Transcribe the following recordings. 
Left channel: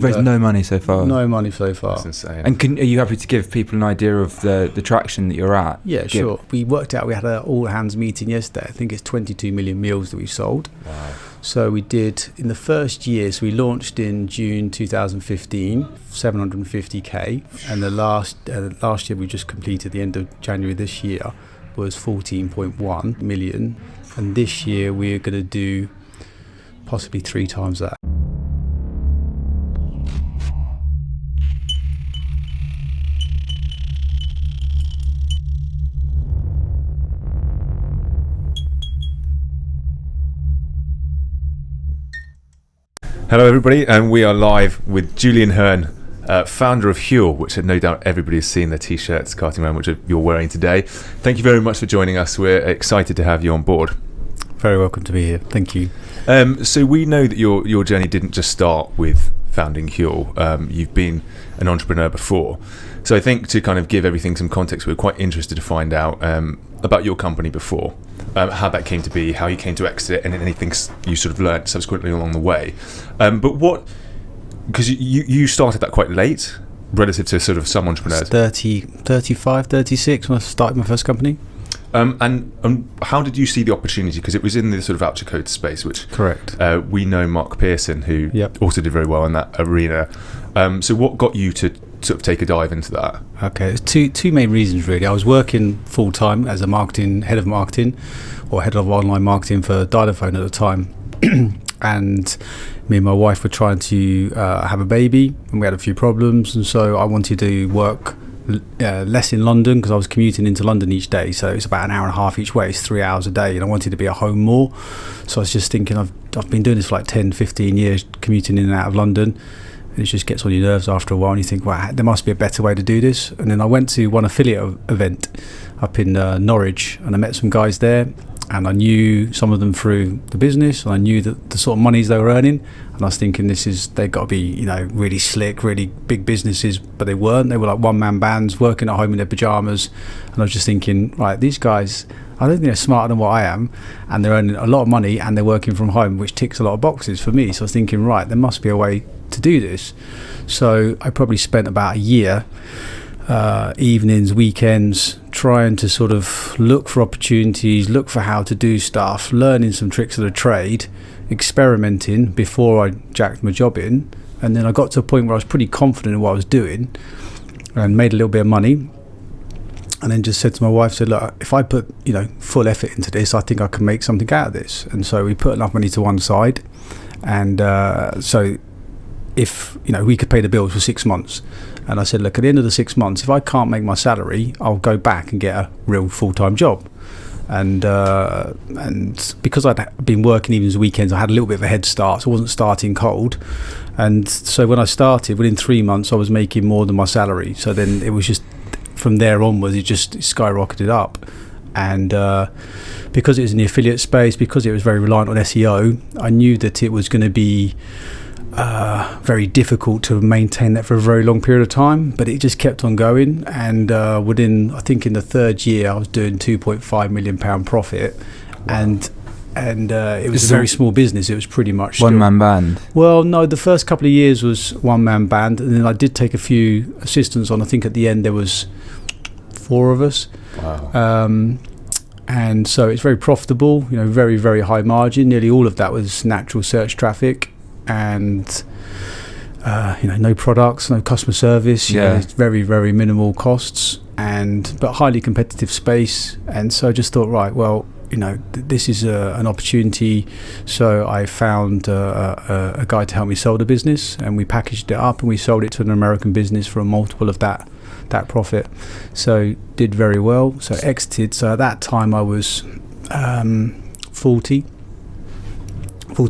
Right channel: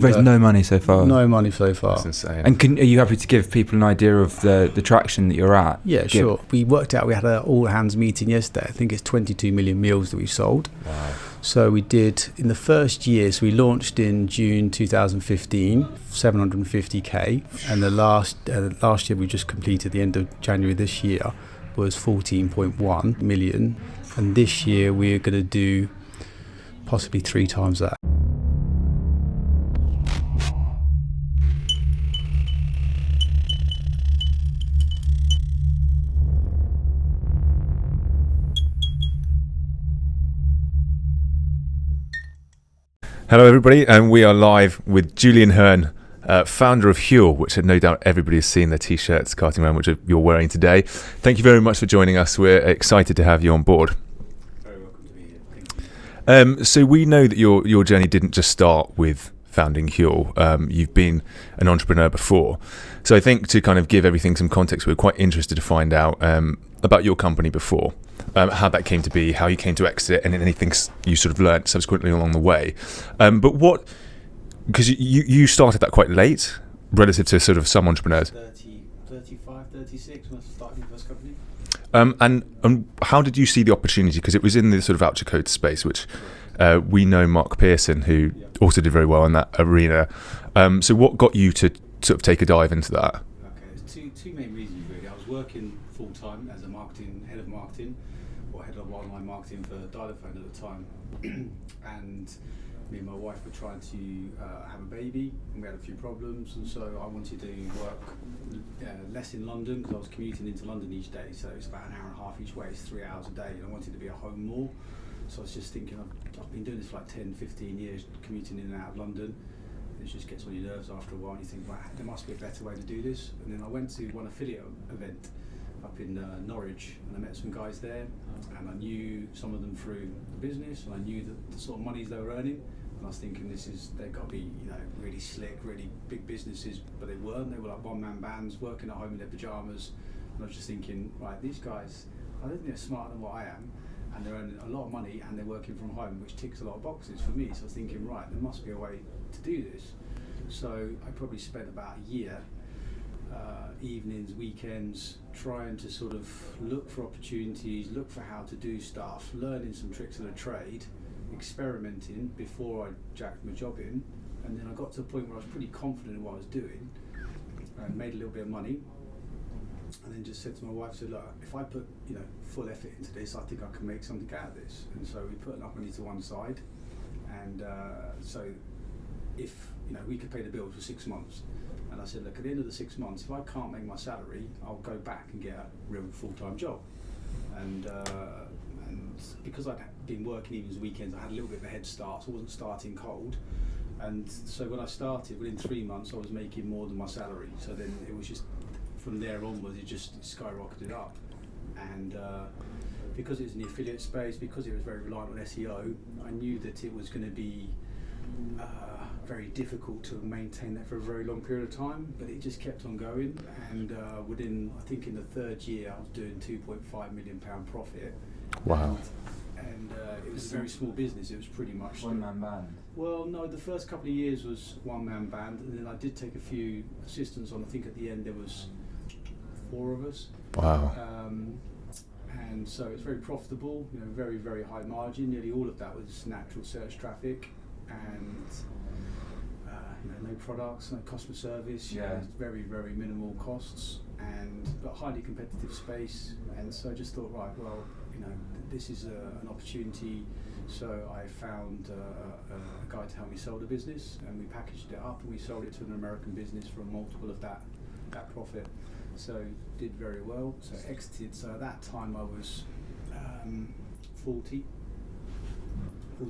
Raised no money so far. No money so far. That's insane. And are you happy to give people an idea of the traction that you're at? Yeah, sure. We worked out, we had an all-hands meeting yesterday. I think it's 22 million meals that we sold. Wow. So we did, in the first year, so we launched in June 2015, 750K. And the last year we just completed, the end of January this year, was 14.1 million. And this year we're going to do possibly 3 times that. Hello everybody, and we are live with Julian Hearn, founder of Huel, which no doubt everybody has seen, the t-shirts carting around which you're wearing today. Thank you very much for joining us. We're excited to have you on board. Very welcome to be here. Thank you. So we know that your journey didn't just start with founding Huel. You've been an entrepreneur before. So I think to kind of give everything some context, we're quite interested to find out about your company before. How that came to be, how you came to exit it, and anything you sort of learned subsequently along the way. But what, because you started that quite late relative to sort of some entrepreneurs. 35, 36 when I started my first company. And how did you see the opportunity? Because it was in the sort of voucher code space, which Correct. We know Mark Pearson, who also did very well in that arena. So what got you to sort of take a dive into that? Okay, there's two main reasons really. I was working full time as a head of marketing, or head of online marketing for Dialophone at the time, and me and my wife were trying to have a baby, and we had a few problems, and so I wanted to work less in London because I was commuting into London each day, so it's about an hour and a half each way. It's 3 hours a day, and I wanted to be at home more. So I was just thinking, I've been doing this for like 10, 15 years, commuting in and out of London. It just gets on your nerves after a while, and you think, wow, there must be a better way to do this. And then I went to one affiliate event up in Norwich, and I met some guys there, and I knew some of them through the business, and I knew that the sort of monies they were earning, and I was thinking, they've got to be, really slick, really big businesses, but they weren't. They were like one-man bands working at home in their pajamas, and I was just thinking, right, these guys, I don't think they're smarter than what I am, and they're earning a lot of money, and they're working from home, which ticks a lot of boxes for me. So I was thinking, right, there must be a way to do this. So I probably spent about a year, evenings, weekends, trying to sort of look for opportunities, look for how to do stuff, learning some tricks of the trade, experimenting before I jacked my job in. And then I got to a point where I was pretty confident in what I was doing and made a little bit of money. And then just said to my wife, look, if I put full effort into this, I think I can make something out of this. And so we put enough money to one side, and so if we could pay the bills for 6 months. And I said, look, at the end of the 6 months, if I can't make my salary, I'll go back and get a real full-time job. And because I'd been working evenings and weekends, I had a little bit of a head start, so I wasn't starting cold. And so when I started, within 3 months, I was making more than my salary. So then it was just, from there onwards, it just skyrocketed up. And because it was in the affiliate space, because it was very reliant on SEO, I knew that it was going to be very difficult to maintain that for a very long period of time, but it just kept on going. And within, I think in the third year, I was doing £2.5 million profit. Wow. And it was a very small business. It was pretty much one-man band. Well, no, the first couple of years was one-man band, and then I did take a few assistants on. I think at the end there was 4 of us. Wow. And so it's very profitable, very, very high margin. Nearly all of that was natural search traffic, and no products, no customer service. It's very, very minimal costs, but highly competitive space. And so I just thought, right, well, this is an opportunity. So I found a guy to help me sell the business, and we packaged it up and we sold it to an American business for a multiple of that profit. So did very well. So exited. So at that time I was 40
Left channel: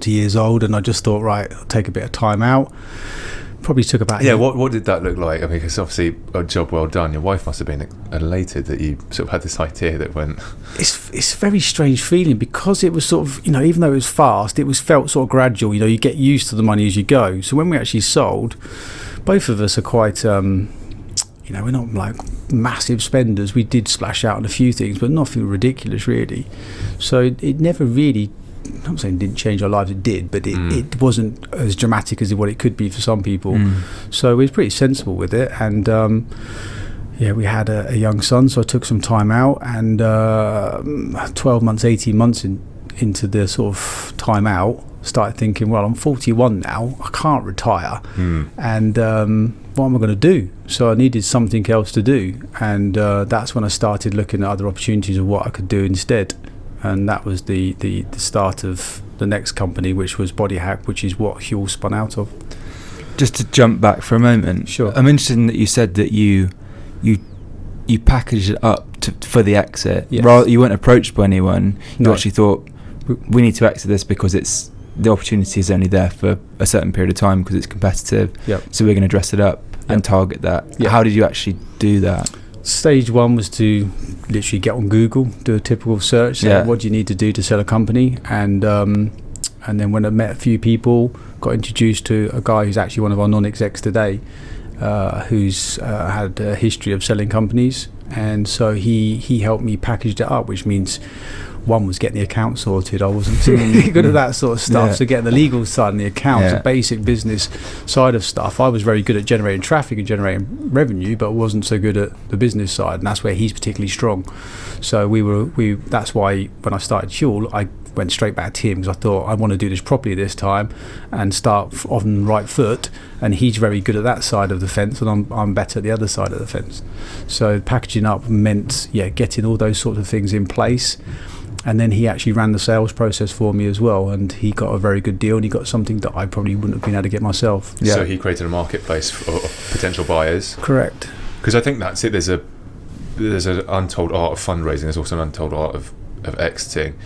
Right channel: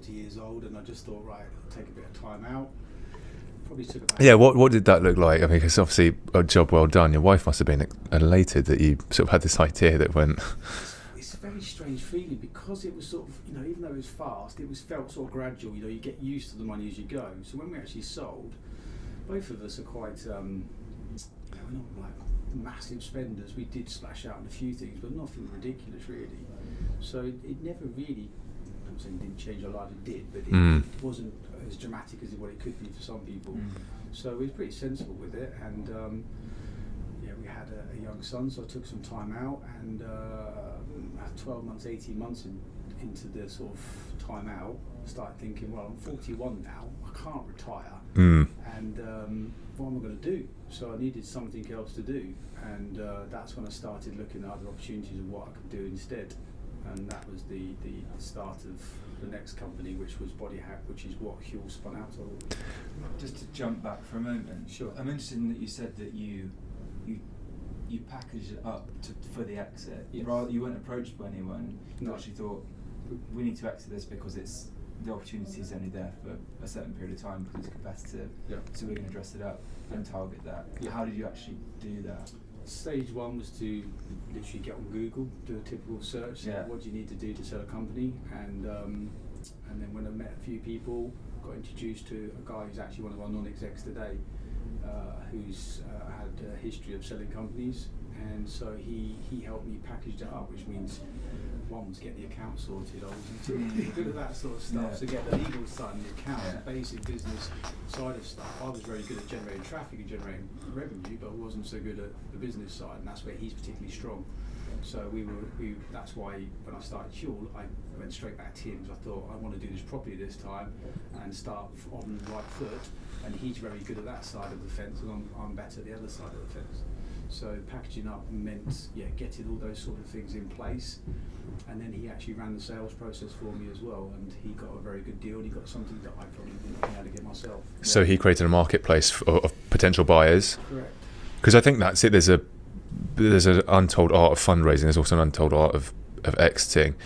years old, and I just thought, right, I'll take a bit of time out. Probably took about what did that look like? I mean, because obviously a job well done. Your wife must have been elated that you sort of had this idea that went. It's a very strange feeling, because it was sort of, even though it was fast, it was felt sort of gradual. You get used to the money as you go. So when we actually sold, both of us are quite we're not like massive spenders. We did splash out on a few things, but nothing ridiculous really. So it never really I'm not saying it didn't change our lives, it did, but it wasn't as dramatic as what it could be for some people. So we were pretty sensible with it, and we had a young son, so I took some time out, and 12 months, 18 months into the sort of time out, started thinking, well, I'm 41 now, I can't retire, and what am I going to do? So I needed something else to do, and that's when I started looking at other opportunities of what I could do instead, and that was the start of the next company, which was Body Hack, which is what Huel spun out of. Just to jump back for a moment, sure. I'm interested in that you said that you packaged it up for the exit. Yes. Rather, you weren't approached by anyone. You No. actually thought, we need to exit this because the opportunity is only there for a certain period of time because it's competitive. Yep. So we're going to dress it up and target that. Yep. How did you actually do that? Stage one was to literally get on Google, do a typical search, say, what do you need to do to sell a company, and then when I met a few people, got introduced to a guy who's actually one of our non-execs today, who's had a history of selling companies, and so he helped me package it up, which means one was getting the account sorted. I wasn't too good at that sort of stuff, so getting the legal side and the accounts, the basic business side of stuff. I was very good at generating traffic and generating revenue, but wasn't so good at the business side, and that's where he's particularly strong. So that's why when I started Huel, I went straight back to him, because I thought I want to do this properly this time and start on the right foot, and he's very good at that side of the fence, and I'm better at the other side of the fence. So packaging up meant getting all those sorts of things in place, and then he actually ran the sales process for me as well, and he got a very good deal, and he got something that I probably wouldn't have been able to get myself. So he created a marketplace of potential buyers. Correct. Because I think that's it. There's an untold art of fundraising. There's also an untold art of exiting.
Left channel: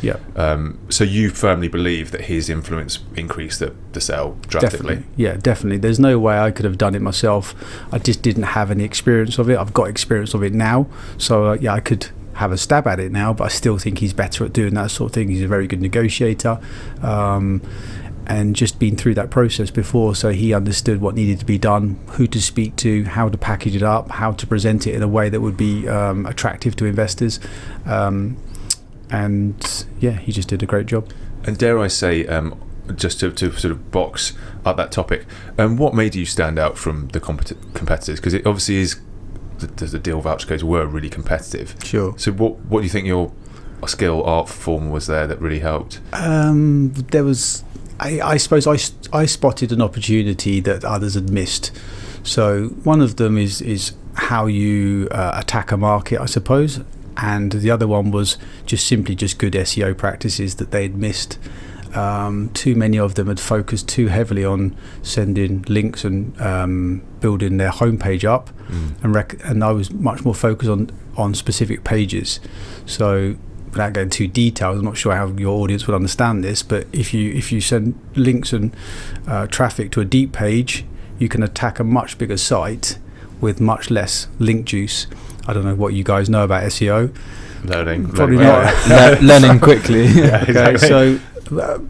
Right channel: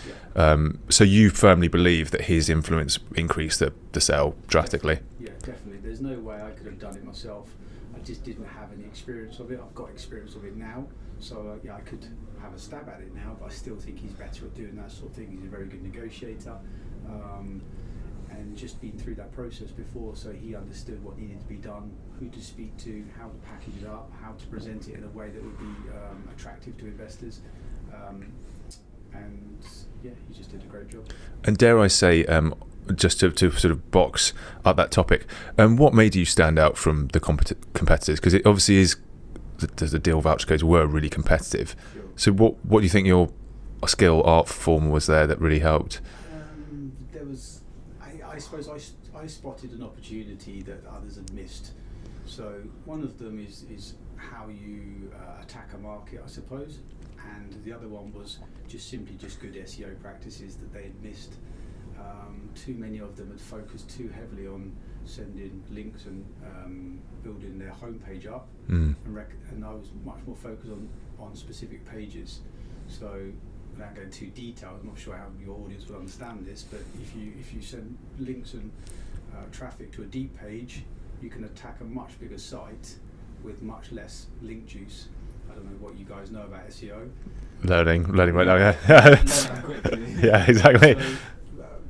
So you firmly believe that his influence increased the sale drastically? Definitely. There's no way I could have done it myself. I just didn't have any experience of it. I've got experience of it now, so I could have a stab at it now, but I still think he's better at doing that sort of thing. He's a very good negotiator, and just been through that process before, so he understood what needed to be done, who to speak to, how to package it up, how to present it in a way that would be attractive to investors, and he just did a great job. And dare I say, just to sort of box up that topic, what made you stand out from the competitors? Because it obviously is the deal voucher codes were really competitive. Sure. So what do you think your skill, art form was there that really helped? There was, I suppose I spotted an opportunity that others had missed. So one of them is how you attack a market, I suppose, and the other one was just good SEO practices that they'd missed. Too many of them had focused too heavily on sending links and building their homepage up, and I was much more focused on specific pages. So without going too detailed, I'm not sure how your audience would understand this, but if you send links and traffic to a deep page, you can attack a much bigger site with much less link juice. I don't know what you guys know about SEO. Learning quickly. Yeah, exactly. So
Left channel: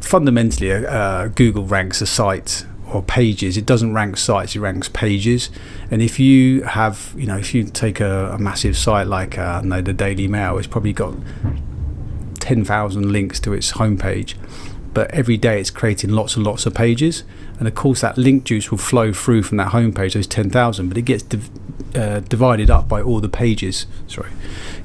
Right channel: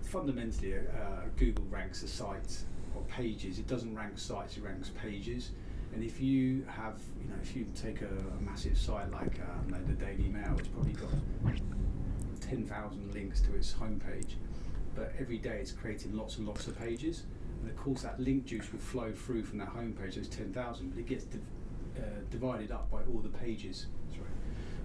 fundamentally, Google ranks a site or pages. It doesn't rank sites; it ranks pages. And if you have, if you take a massive site like the Daily Mail, it's probably got 10,000 links to its homepage, but every day it's creating lots and lots of pages. And of course, that link juice will flow through from that homepage, those 10,000, but it gets divided up by all the pages.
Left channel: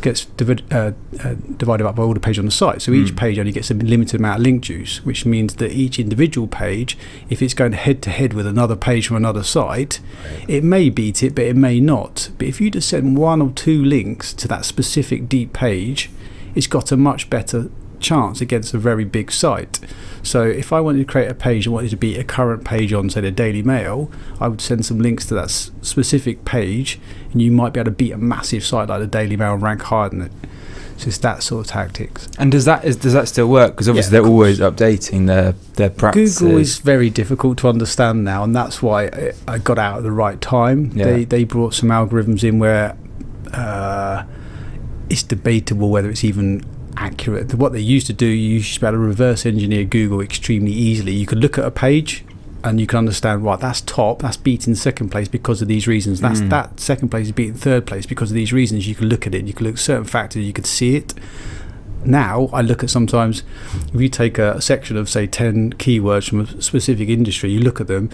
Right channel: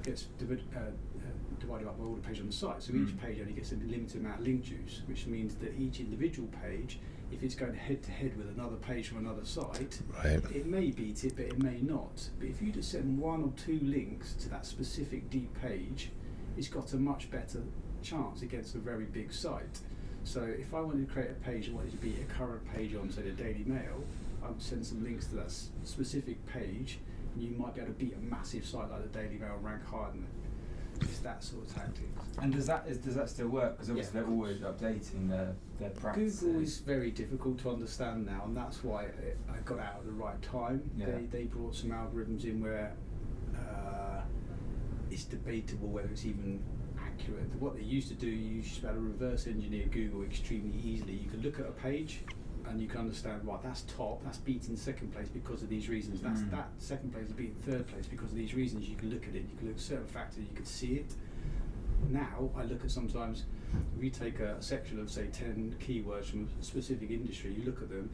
Gets divided up by all the pages on the site. So each page only gets a limited amount of link juice, which means that each individual page, if it's going head to head with another page from another site, it may beat it, but it may not. But if you just send one or two links to that specific deep page, it's got a much better chance against a very big site. So if I wanted to create a page and wanted to beat a current page on, say, the Daily Mail, I would send some links to that specific page, and you might be able to beat a massive site like the Daily Mail and rank higher than it. It's just that sort of tactics. And does that still work? Because obviously they're always updating their practices. Google is very difficult to understand now, and that's why I got out at the right time. They brought some algorithms in where it's debatable whether it's even accurate. What they used to do, you used to be able to reverse engineer Google extremely easily. You could look at a page and you can understand, right, that's top, that's beating second place because of these reasons, that second place is beating third place because of these reasons. You can look at it, you can look at certain factors, you could see it. now I look at sometimes, if you take a section of say 10 keywords from a specific industry, you look at them,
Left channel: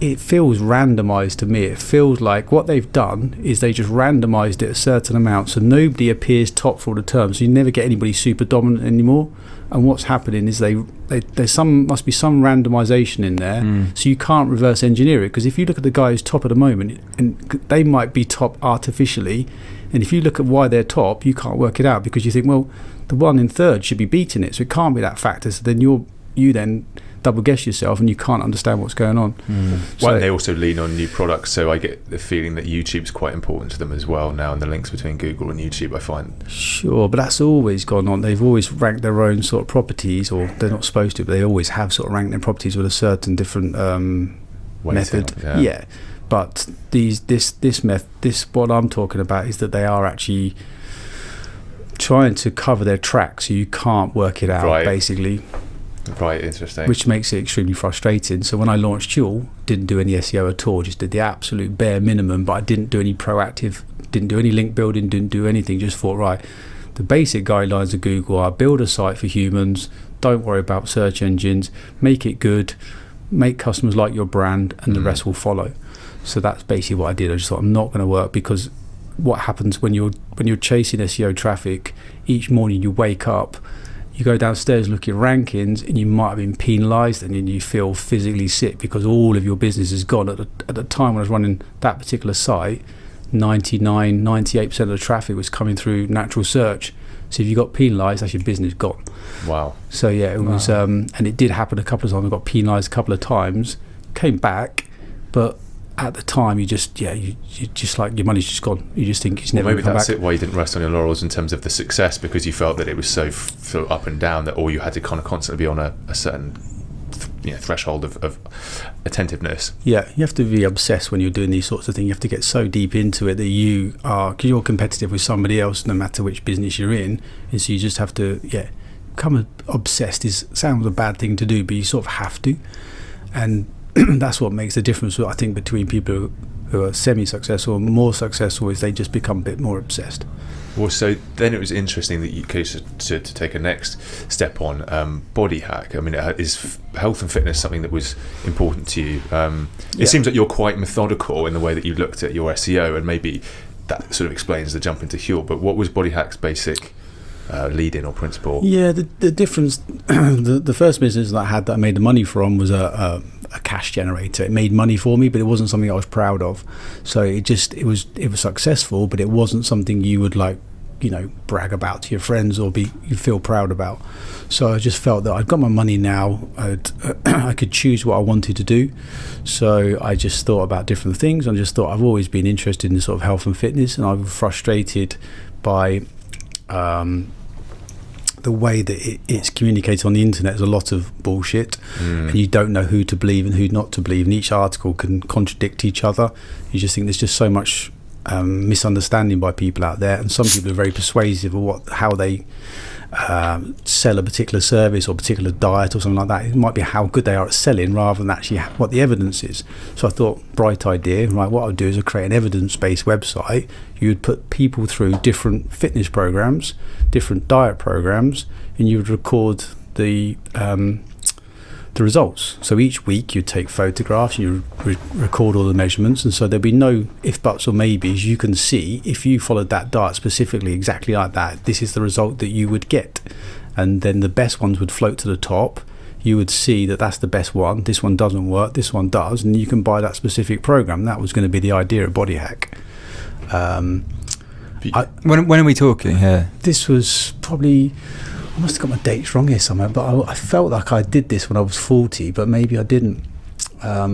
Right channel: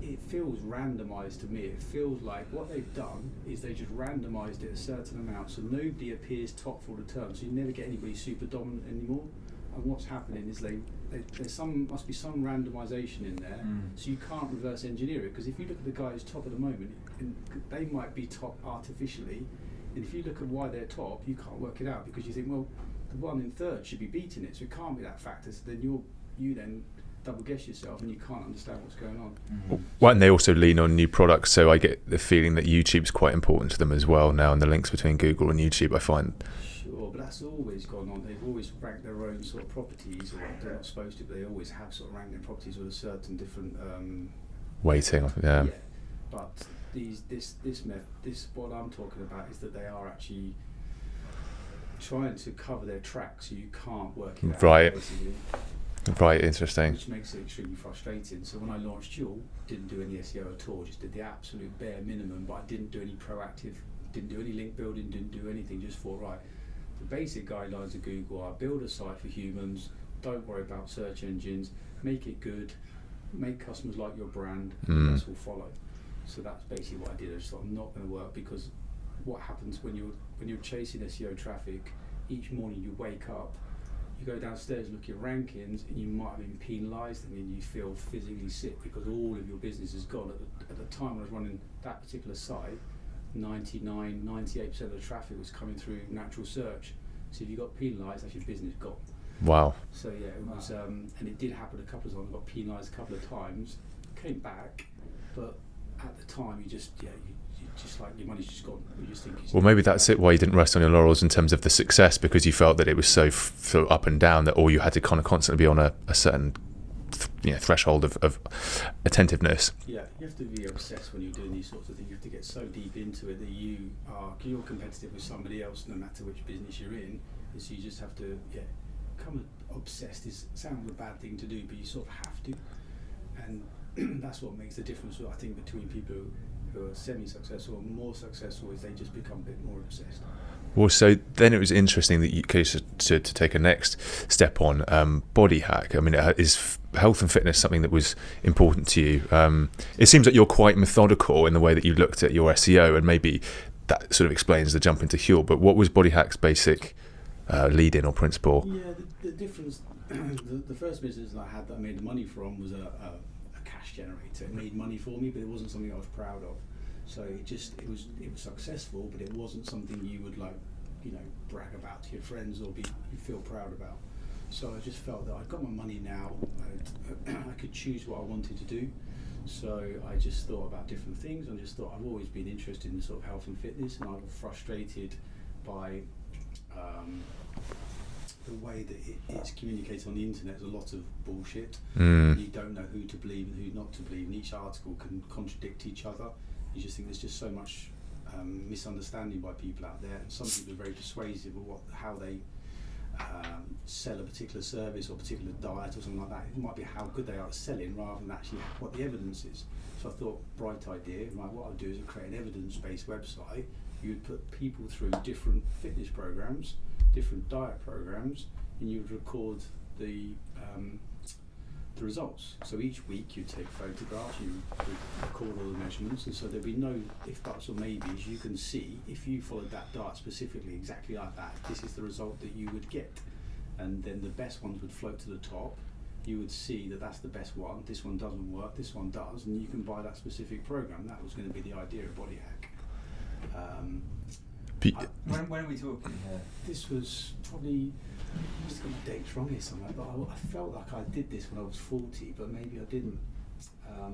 it feels randomized to me. It feels like what they've done is they just randomized it a certain amount, so nobody appears top for all the terms, so you never get anybody super dominant anymore. And what's happening is there's must be some randomization in there, so you can't reverse engineer it, because if you look at the guy who's top at the moment, and they might be top artificially, and if you look at why they're top, you can't work it out, because you think, well, the one in third should be beating it, so it can't be that factor. So then you then double guess yourself, and you can't understand what's going on. Well, and they also lean on new products, so I get the feeling that YouTube's quite important to them as well now, and the links between Google and YouTube, I find. Sure, but that's always gone on. They've always ranked their own sort of properties, or they're not supposed to, but they always have sort of ranked their properties with a certain different weighting, method. yeah. But this what I'm talking about is that they are actually trying to cover their track, so you can't work it out, basically. Right, interesting. Which makes it extremely frustrating. So when I launched Huel, didn't do any SEO at all, just did the absolute bare minimum, but I didn't do any proactive, didn't do any link building, didn't do anything, just thought, right, the basic guidelines of Google are build a site for humans, don't worry about search engines, make it good, make customers like your brand, and the rest will follow. So that's basically what I did. I just thought, I'm not going to work, because what happens when you're chasing SEO traffic, each morning you wake up, you go downstairs, look at your rankings, and you might have been penalised, and then you feel physically sick because all of your business is gone. At the time when I was running that particular site, 98% of the traffic was coming through natural search. So if you got penalised, that's your business gone. Wow. So yeah, it was, and it did happen a couple of times. I got penalised a couple of times, came back, but at the time, you just like, your money's just gone. You just think it's never. Well, maybe that's back. it. Why you didn't rest on your laurels in terms of the success, because you felt that it was so up and down that all you had to kind of constantly be on a certain threshold of attentiveness. Yeah, you have to be obsessed when you're doing these sorts of things. You have to get so deep into it that you are, because you're competitive with somebody else, no matter which business you're in. And so you just have to, become obsessed. Sounds a bad thing to do, but you sort of have to, and that's what makes the difference, I think, between people who are semi-successful and more successful, is they just become a bit more obsessed. Well, so then it was interesting that you chose to take a next step on body hack. I mean, is health and fitness something that was important to you? It seems like you're quite methodical in the way that you looked at your SEO, and maybe that sort of explains the jump into Huel. But what was body hack's basic lead-in or principle? Yeah, the difference, the first business that I had that I made the money from was a cash generator. It made money for me, but it wasn't something I was proud of. So it was successful, but it wasn't something you would brag about to your friends or you feel proud about. So I just felt that I'd got my money now. I could choose what I wanted to do. So I just thought about different things. I just thought, I've always been interested in sort of health and fitness, and I was frustrated by the way that it's communicated on the internet. Is a lot of bullshit, and you don't know who to believe and who not to believe, and each article can contradict each other. You just think there's just so much misunderstanding by people out there, and some people are very persuasive of how they sell a particular service or particular diet or something like that. It might be how good they are at selling rather than actually what the evidence is. So I thought, bright idea, right, what I'll do is I'll create an evidence-based website. You would put people through different fitness programs, different diet programs, and you would record the results. So each week you'd take photographs, you record all the measurements, and so there'd be no if, buts or maybes. You can see if you followed that diet specifically exactly like that, this is the result that you would get. And then the best ones would float to the top. You would see that that's the best one, this one doesn't work, this one does, and you can buy that specific program. That was going to be the idea of Body Hack. When are we talking here? This was probably, I must have got my dates wrong here somewhere, but I felt like I did this when I was 40, but maybe I didn't. A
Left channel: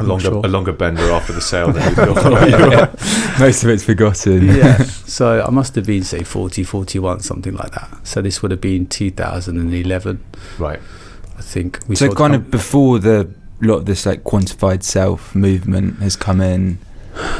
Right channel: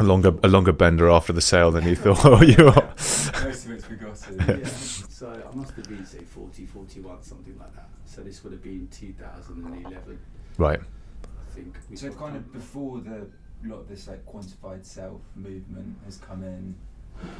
longer bender after the sale than you thought. Most of it's forgotten. Yeah, so I must have been, say, 40, 41, something like that. So this would have been 2011. Right. I think. So kind of before a lot of this quantified self movement has come in.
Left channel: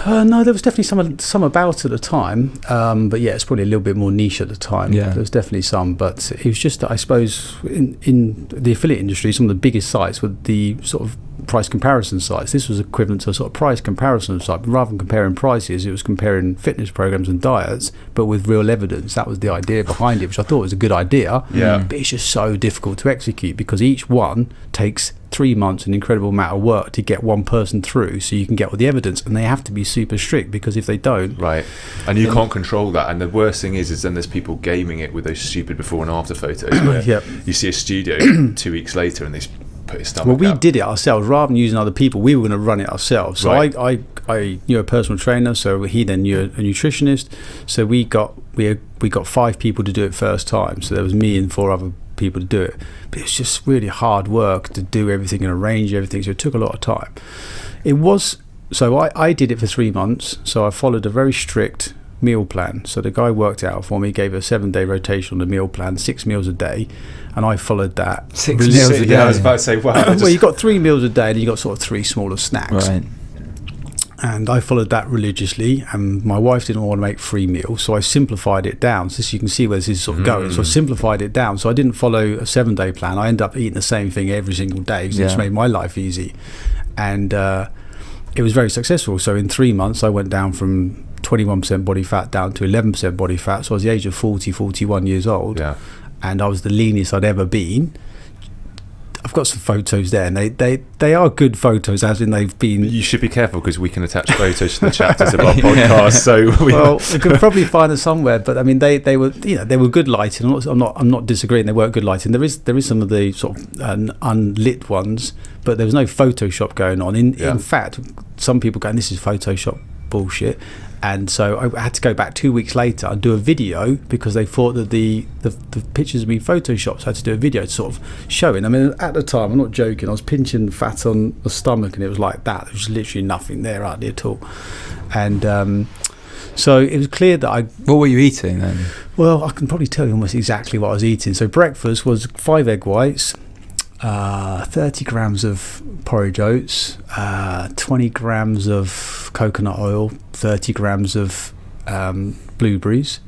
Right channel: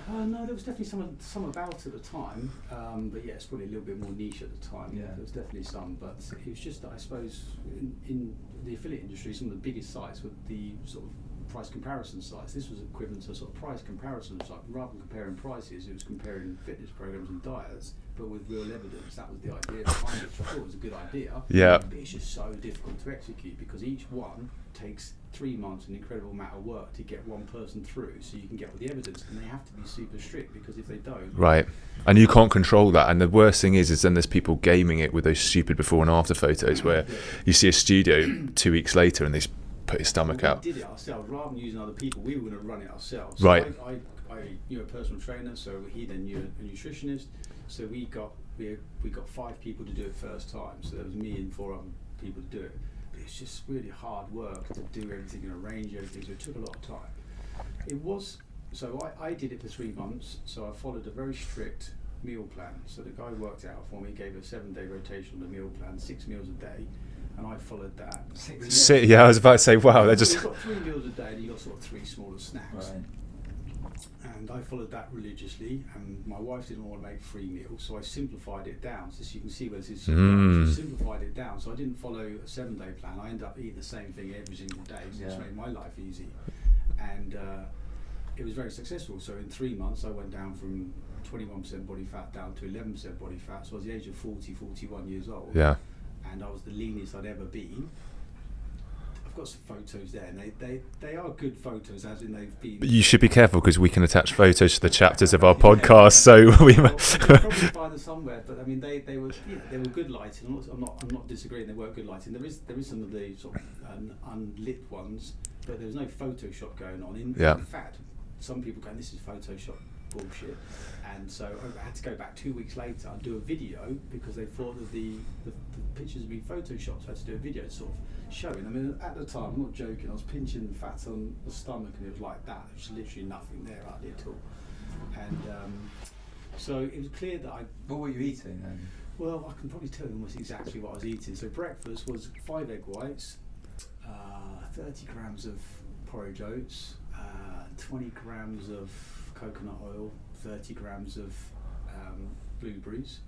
No, there was definitely some about at the time, but yeah, it's probably a little bit more niche at the time. Yeah. There was definitely some, but it was just that I suppose in the affiliate industry, some of the biggest sites were the sort of price comparison sites. This was equivalent to a sort of price comparison site. But rather than comparing prices, it was comparing fitness programs and diets, but with real evidence. That was the idea behind it, which I thought was a good idea. Yeah. But it's just so difficult to execute because each one takes 3 months, an incredible amount of work to get one person through, so you can get all the evidence, and they have to be super strict because if they don't, right, and you can't control that. And the worst thing is then there's people gaming it with those stupid before and after photos where Yep. you see a studio 2 weeks later and they put his stomach well, we out. did it ourselves rather than using other people. We were going to run it ourselves. So Right. I knew a personal trainer, so he then knew a nutritionist. So we got 5 people to do it first time. So there was me and 4 other people to do it. But it's just really hard work to do everything and arrange everything. So it took a lot of time. It was so I did it for 3 months. So I followed a very strict meal plan. So the guy worked out for me, gave a 7-day rotation on the meal plan, 6 meals a day. And I followed that. 6 meals a day. Yeah, I was about to say, wow. Well, you got 3 meals a day, and you got sort of 3 smaller snacks. Right. And I followed that religiously. And my wife didn't want to make 3 meals, so I simplified it down. So you can see where this is sort of going. So I simplified it down. So I didn't follow a 7-day plan. I ended up eating the same thing every single day, because it just made my life easy. And it was very successful. So in 3 months, I went down from 21% body fat down to 11% body fat. So I was the age of 41 years old. Yeah. And I was the leanest I'd ever been. I've got some photos there, and they are good photos, as in they've been. You should be careful because we can attach photos to the chapters of our podcast. So we could probably find them somewhere. But I mean, they were they were good lighting. I'm not disagreeing. They weren't good lighting. There is some of the sort of unlit ones, but there was no Photoshop going on. In fact, some people going, "This is Photoshop bullshit." And so I had to go back 2 weeks later and do a video because they thought that the pictures had been photoshopped. So I had to do a video to sort of show it. I mean, at the time, I'm not joking, I was pinching fat on the stomach and it was like that. There was literally nothing there hardly at all. And so it was clear that What were you eating then? Well, I can probably tell you almost exactly what I was eating. So breakfast was 5 egg whites, 30 grams of porridge oats, 20 grams of coconut oil, 30 grams of blueberries.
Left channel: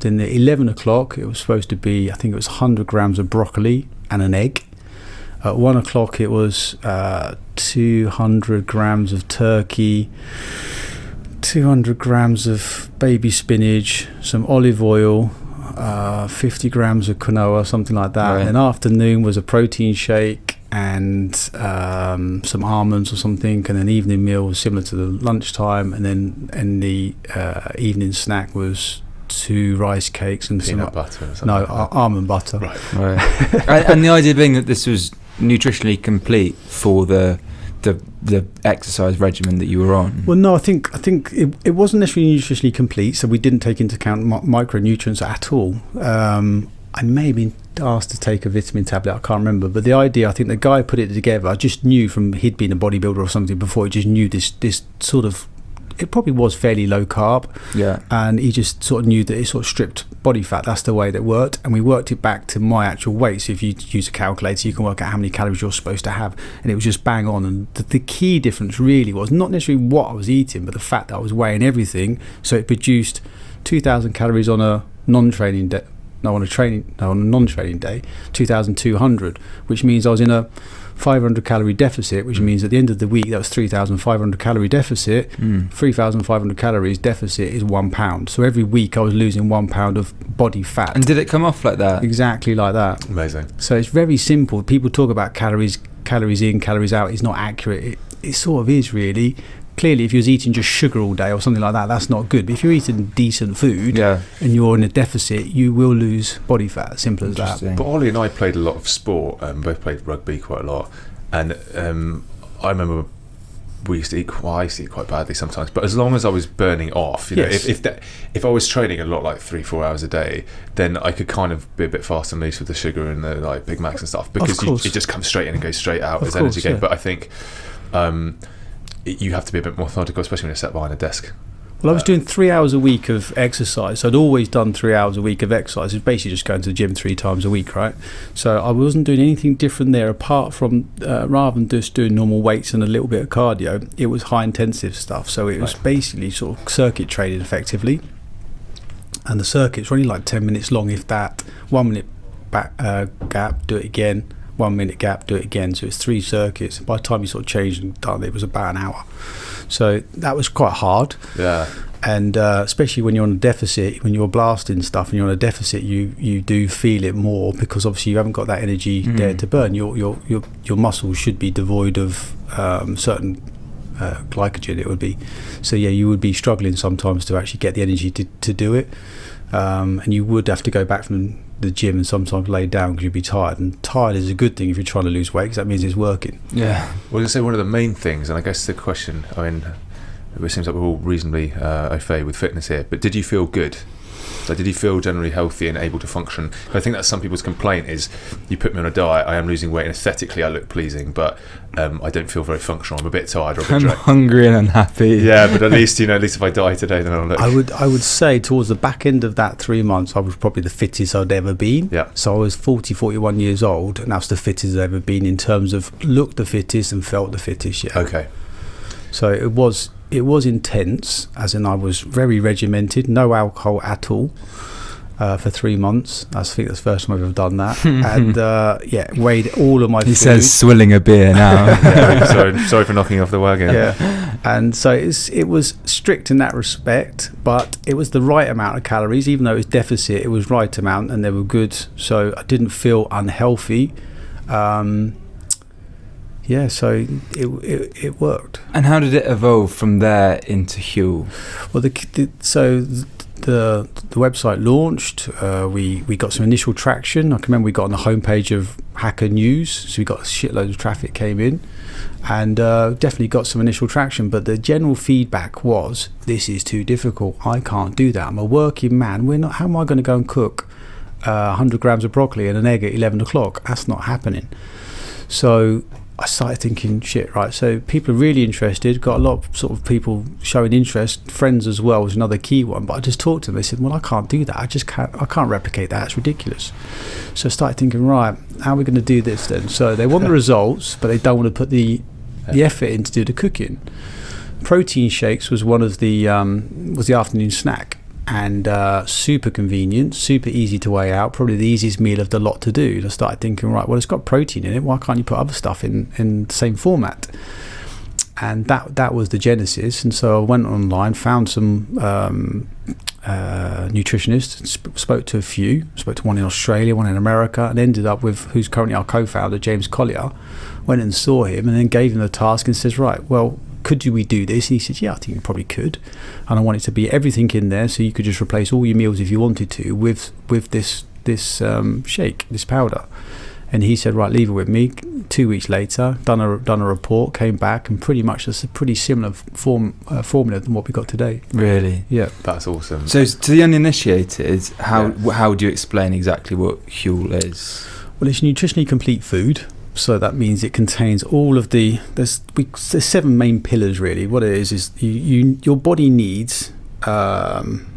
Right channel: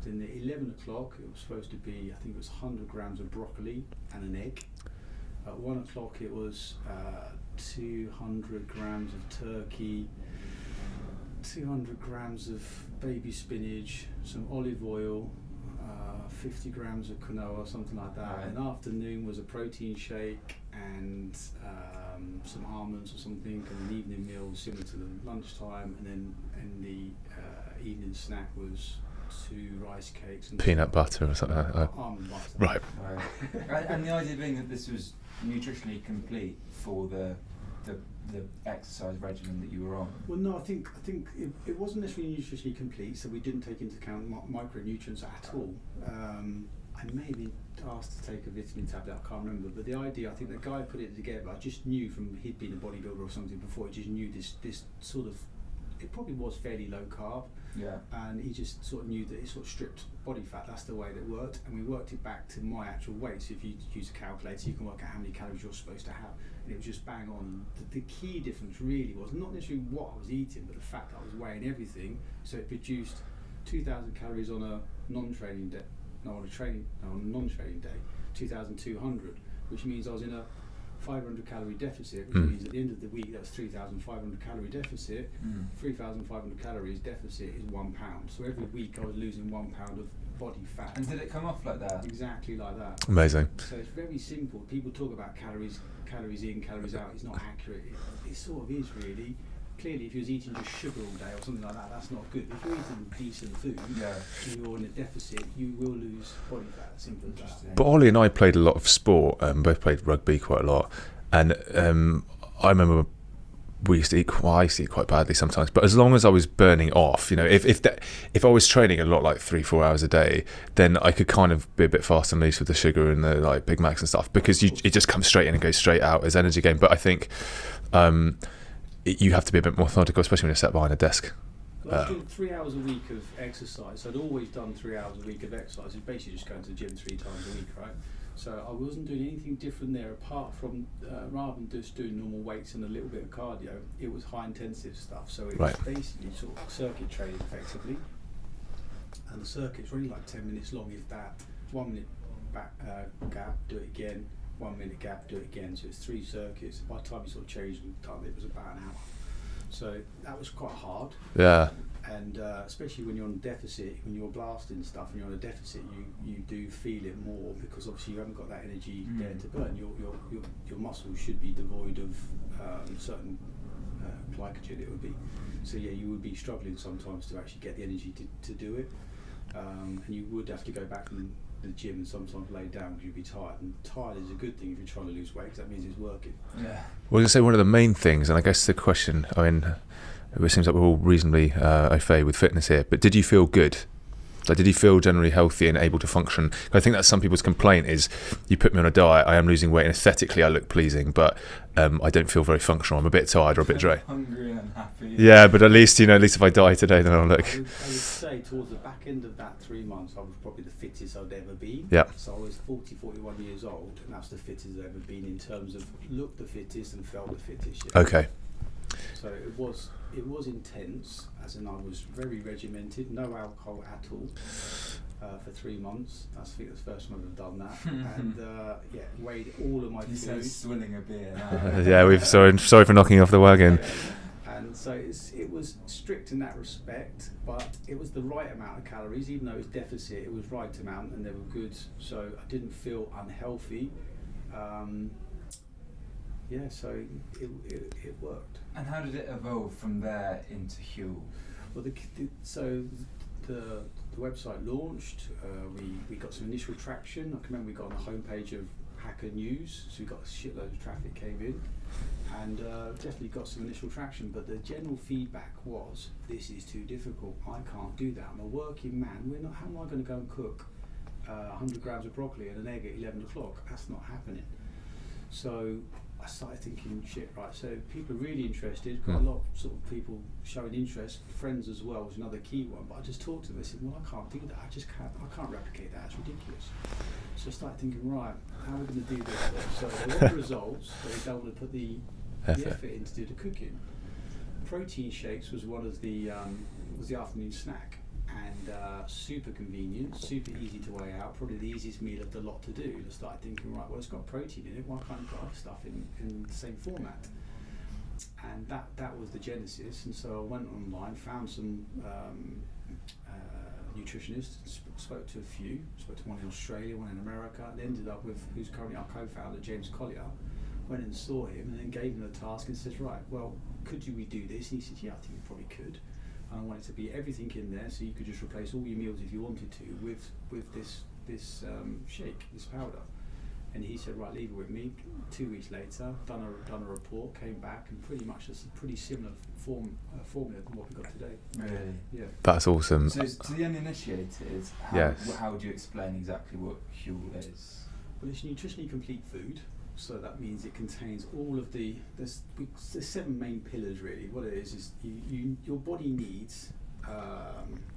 Then at 11 o'clock it was supposed to be, I think it was 100 grams of broccoli and an egg. At 1 o'clock it was 200 grams of turkey, 200 grams of baby spinach, some olive oil, 50 grams of quinoa, something like that. Right. And then afternoon was a protein shake and some almonds or something, and an evening meal was similar to the lunchtime, and then the evening snack was 2 rice cakes and peanut butter or something. Almond butter. Right. And the idea being that this was nutritionally complete for the exercise regimen that you were on. Well, no, I think it wasn't necessarily nutritionally complete, so we didn't take into account micronutrients at all. I may have been asked to take a vitamin tablet, I can't remember, but the idea, I think the guy put it together, I just knew from he'd been a bodybuilder or something before, he just knew this sort of, it probably was fairly low carb, and he just sort of knew that it sort of stripped body fat. That's the way that worked, and we worked it back to my actual weight. So if you use a calculator, you can work out how many calories you're supposed to have, and it was just bang on. And the key difference really was not necessarily what I was eating, but the fact that I was weighing everything. So it produced 2,000 calories on a non-training day. On a non-training day, 2,200, which means I was in a 500 calorie deficit, which means at the end of the week that was 3,500 calorie deficit. 3,500 calories deficit is 1 pound. So every week I was losing 1 pound of body fat. And did it come off like that? Exactly like that. Amazing. So it's very simple. People talk about calories in, calories out. It's not accurate. It sort of is really. Clearly, if you was eating just sugar all day or something like that, that's not good. But if you're eating decent food and you're in a deficit, you will lose body fat. Simple as that. But Ollie and I played a lot of sport. Both played rugby quite a lot, and I remember we used to eat. Well, I used to eat quite badly sometimes. But as long as I was burning off, if I was training a lot, like 3-4 hours a day, then I could kind of be a bit fast and loose with the sugar and the like Big Macs and stuff, because it just comes straight in and goes straight out as energy gain. But I think. You have to be a bit more methodical, especially when you're sat behind a desk. Well, I was doing 3 hours a week of exercise. So I'd always done 3 hours a week of exercise. It's basically just going to the gym 3 times a week, right? So I wasn't doing anything different there apart from, rather than just doing normal weights and a little bit of cardio, it was high intensive stuff. So it was basically sort of circuit training effectively. And the circuit's only like 10 minutes long, if that. 1 minute back, gap, do it again. 1 minute gap, do it again. So it's 3 circuits. By the time you sort of changed and done, it was about an hour. So that was quite hard. Yeah. And especially when you're on a deficit, when you're blasting stuff and you're on a deficit, you do feel it more, because obviously you haven't got that energy there to burn. Your muscles should be devoid of certain glycogen, it would be. So yeah, you would be struggling sometimes to actually get the energy to do it, and you would have to go back from the gym and sometimes lay down because you'd be tired. And tired is a good thing if you're trying to lose weight, because that means it's working. Yeah. Well, I was going to say, one of the main things, and I guess the question, I mean, it seems like we're all reasonably au fait with fitness here, but did you feel good? Like, did you feel generally healthy and able to function? I think that's some people's complaint is, you put me on a diet, I am losing weight, and aesthetically I look pleasing, but I don't feel very functional. I'm a bit tired or a bit I'm drained. hungry and unhappy. Yeah, but at least if I die today, then I'll look. I would say towards the back end of that 3 months, I was probably the fittest I'd ever been. Yeah. So I was 41 years old, and that's the fittest I've ever been in terms of looked the fittest and felt the fittest. Yeah. Okay. So it was intense, as in I was very regimented, no alcohol at all. For 3 months. I think that's the first time I've ever done that. And weighed all of my food. He says swilling a beer now. Yeah, sorry for knocking off the wagon. Yeah. And so it was strict in that respect, but it was the right amount of calories. Even though it was deficit, it was right amount, and they were good. So I didn't feel unhealthy. So it worked. And how did it evolve from there into Huel? Well, the website launched. We got some initial traction. I can remember we got on the homepage of Hacker News, so we got shitloads of traffic came in, and definitely got some initial traction. But the general feedback was, this is too difficult. I can't do that. I'm a working man. How am I going to go and cook 100 grams of broccoli and an egg at 11 o'clock? That's not happening. So I started thinking, shit, right, so people are really interested, got a lot of sort of people showing interest, friends as well was another key one, but I just talked to them, they said, well, I can't do that, I can't replicate that, it's ridiculous. So I started thinking, right, how are we going to do this then? So they want the results, but they don't want to put the effort in to do the cooking. Protein shakes was one of the afternoon snack, and super convenient, super easy to weigh out, probably the easiest meal of the lot to do. And I started thinking, right, well, it's got protein in it, why can't you put other stuff in the same format? And that was the genesis. And so I went online, found some nutritionists, spoke to a few, spoke to one in Australia, one in America, and ended up with who's currently our co-founder, James Collier. Went and saw him and then gave him the task and says, right, well, could we do this? And he said, yeah, I think you probably could. And I want it to be everything in there, so you could just replace all your meals if you wanted to with this shake, this powder. And he said, right, leave it with me. 2 weeks later, done a report, came back, and pretty much it's a pretty similar formula than what we got today. Really? Yeah. That's awesome. So to the uninitiated, how do you explain exactly what Huel is? Well, it's nutritionally complete food. So that means it contains all of there's 7 main pillars really. What it is your body needs protein,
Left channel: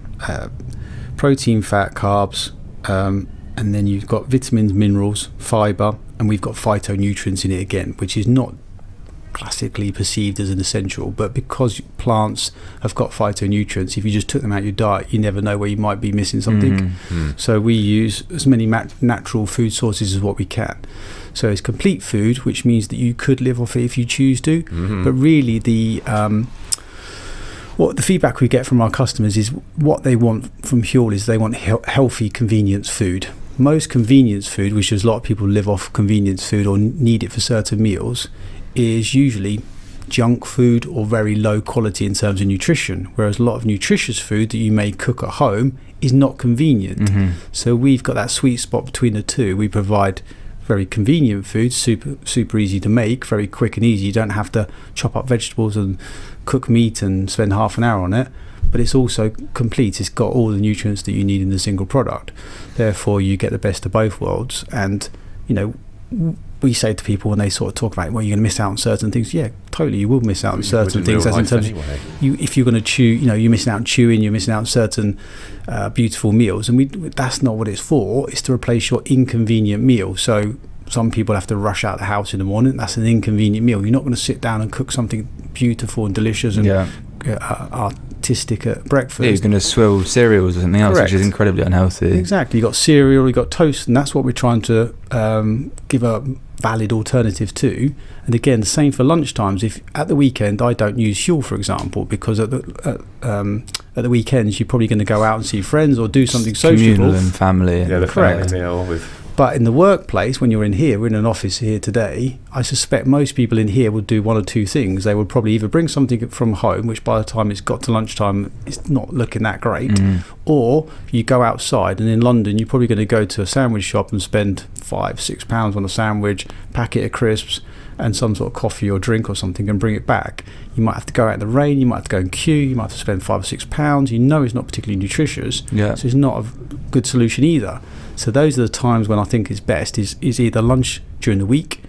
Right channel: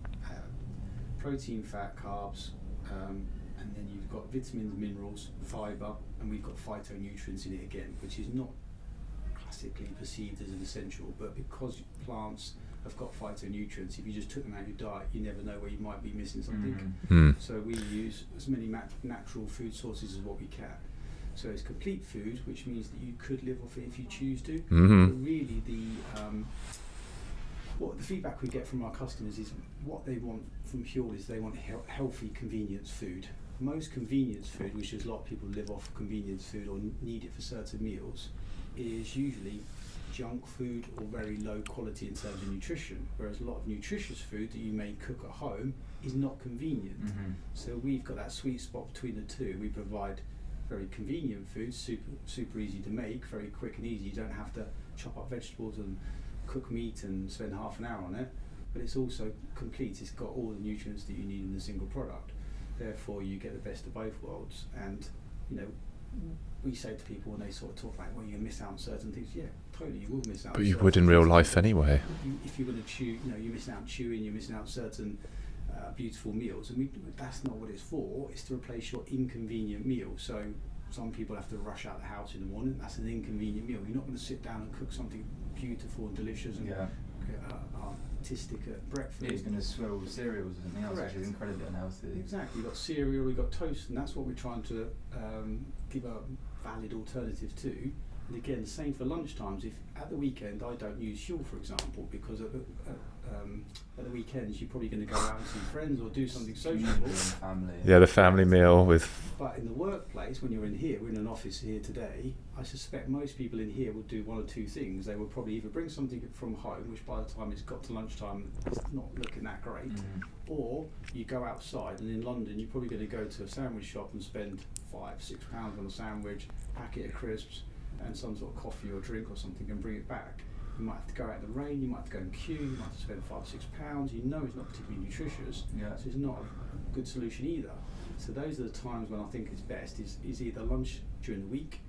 fat, carbs, and then you've got vitamins, minerals, fibre, and we've got phytonutrients in it again, which is not classically perceived as an essential, but because plants have got phytonutrients, if you just took them out of your diet, you never know where you might be missing something. So we use as many natural food sources as what we can. So it's complete food, which means that you could live off it if you choose to. But really, what the feedback we get from our customers is what they want from Huel is they want healthy convenience food. Most convenience food, which is a lot of people live off convenience food or need it for certain meals, is usually junk food or very low quality in terms of nutrition, whereas a lot of nutritious food that you may cook at home is not convenient. So we've got that sweet spot between the two. We provide very convenient food, super easy to make, very quick and easy. You don't have to chop up vegetables and cook meat and spend half an hour on it, but it's also complete. It's got all the nutrients that you need in the single product. Therefore, you get the best of both worlds. And we say to people when they sort of talk about, well, you're going to miss out on certain things. Yeah, totally, you will miss out on certain things. In real life anyway. If you're going to chew, you're missing out on chewing, you're missing out on certain beautiful meals. And that's not what it's for. It's to replace your inconvenient meal. So some people have to rush out the house in the morning. That's an inconvenient meal. You're not going to sit down and cook something beautiful and delicious and tistic at breakfast. Yeah, you're going to swill cereals or something else, Correct. which is incredibly unhealthy. Exactly. You got cereal, you got toast, and that's what we're trying to give a valid alternative to. And again, the same for lunchtimes. If at the weekend I don't use Huel, for example, because at the weekends you're probably going to go out and see friends or do something sociable. Communal and family. Yeah, the family Correct. meal with. But in the workplace, when you're in here, we're in an office here today, I suspect most people in here would do one or two things. They would probably either bring something from home, which by the time it's got to lunchtime, it's not looking that great, or you go outside, and in London, you're probably going to go to a sandwich shop and spend £5-6 on a sandwich, packet of crisps, and some sort of coffee or drink or something, and bring it back. You might have to go out in the rain, you might have to go and queue, you might have to spend £5 or £6. You know it's not particularly nutritious, Yeah. so it's not a good solution either. So those are the times when I think it's best is either lunch during the week.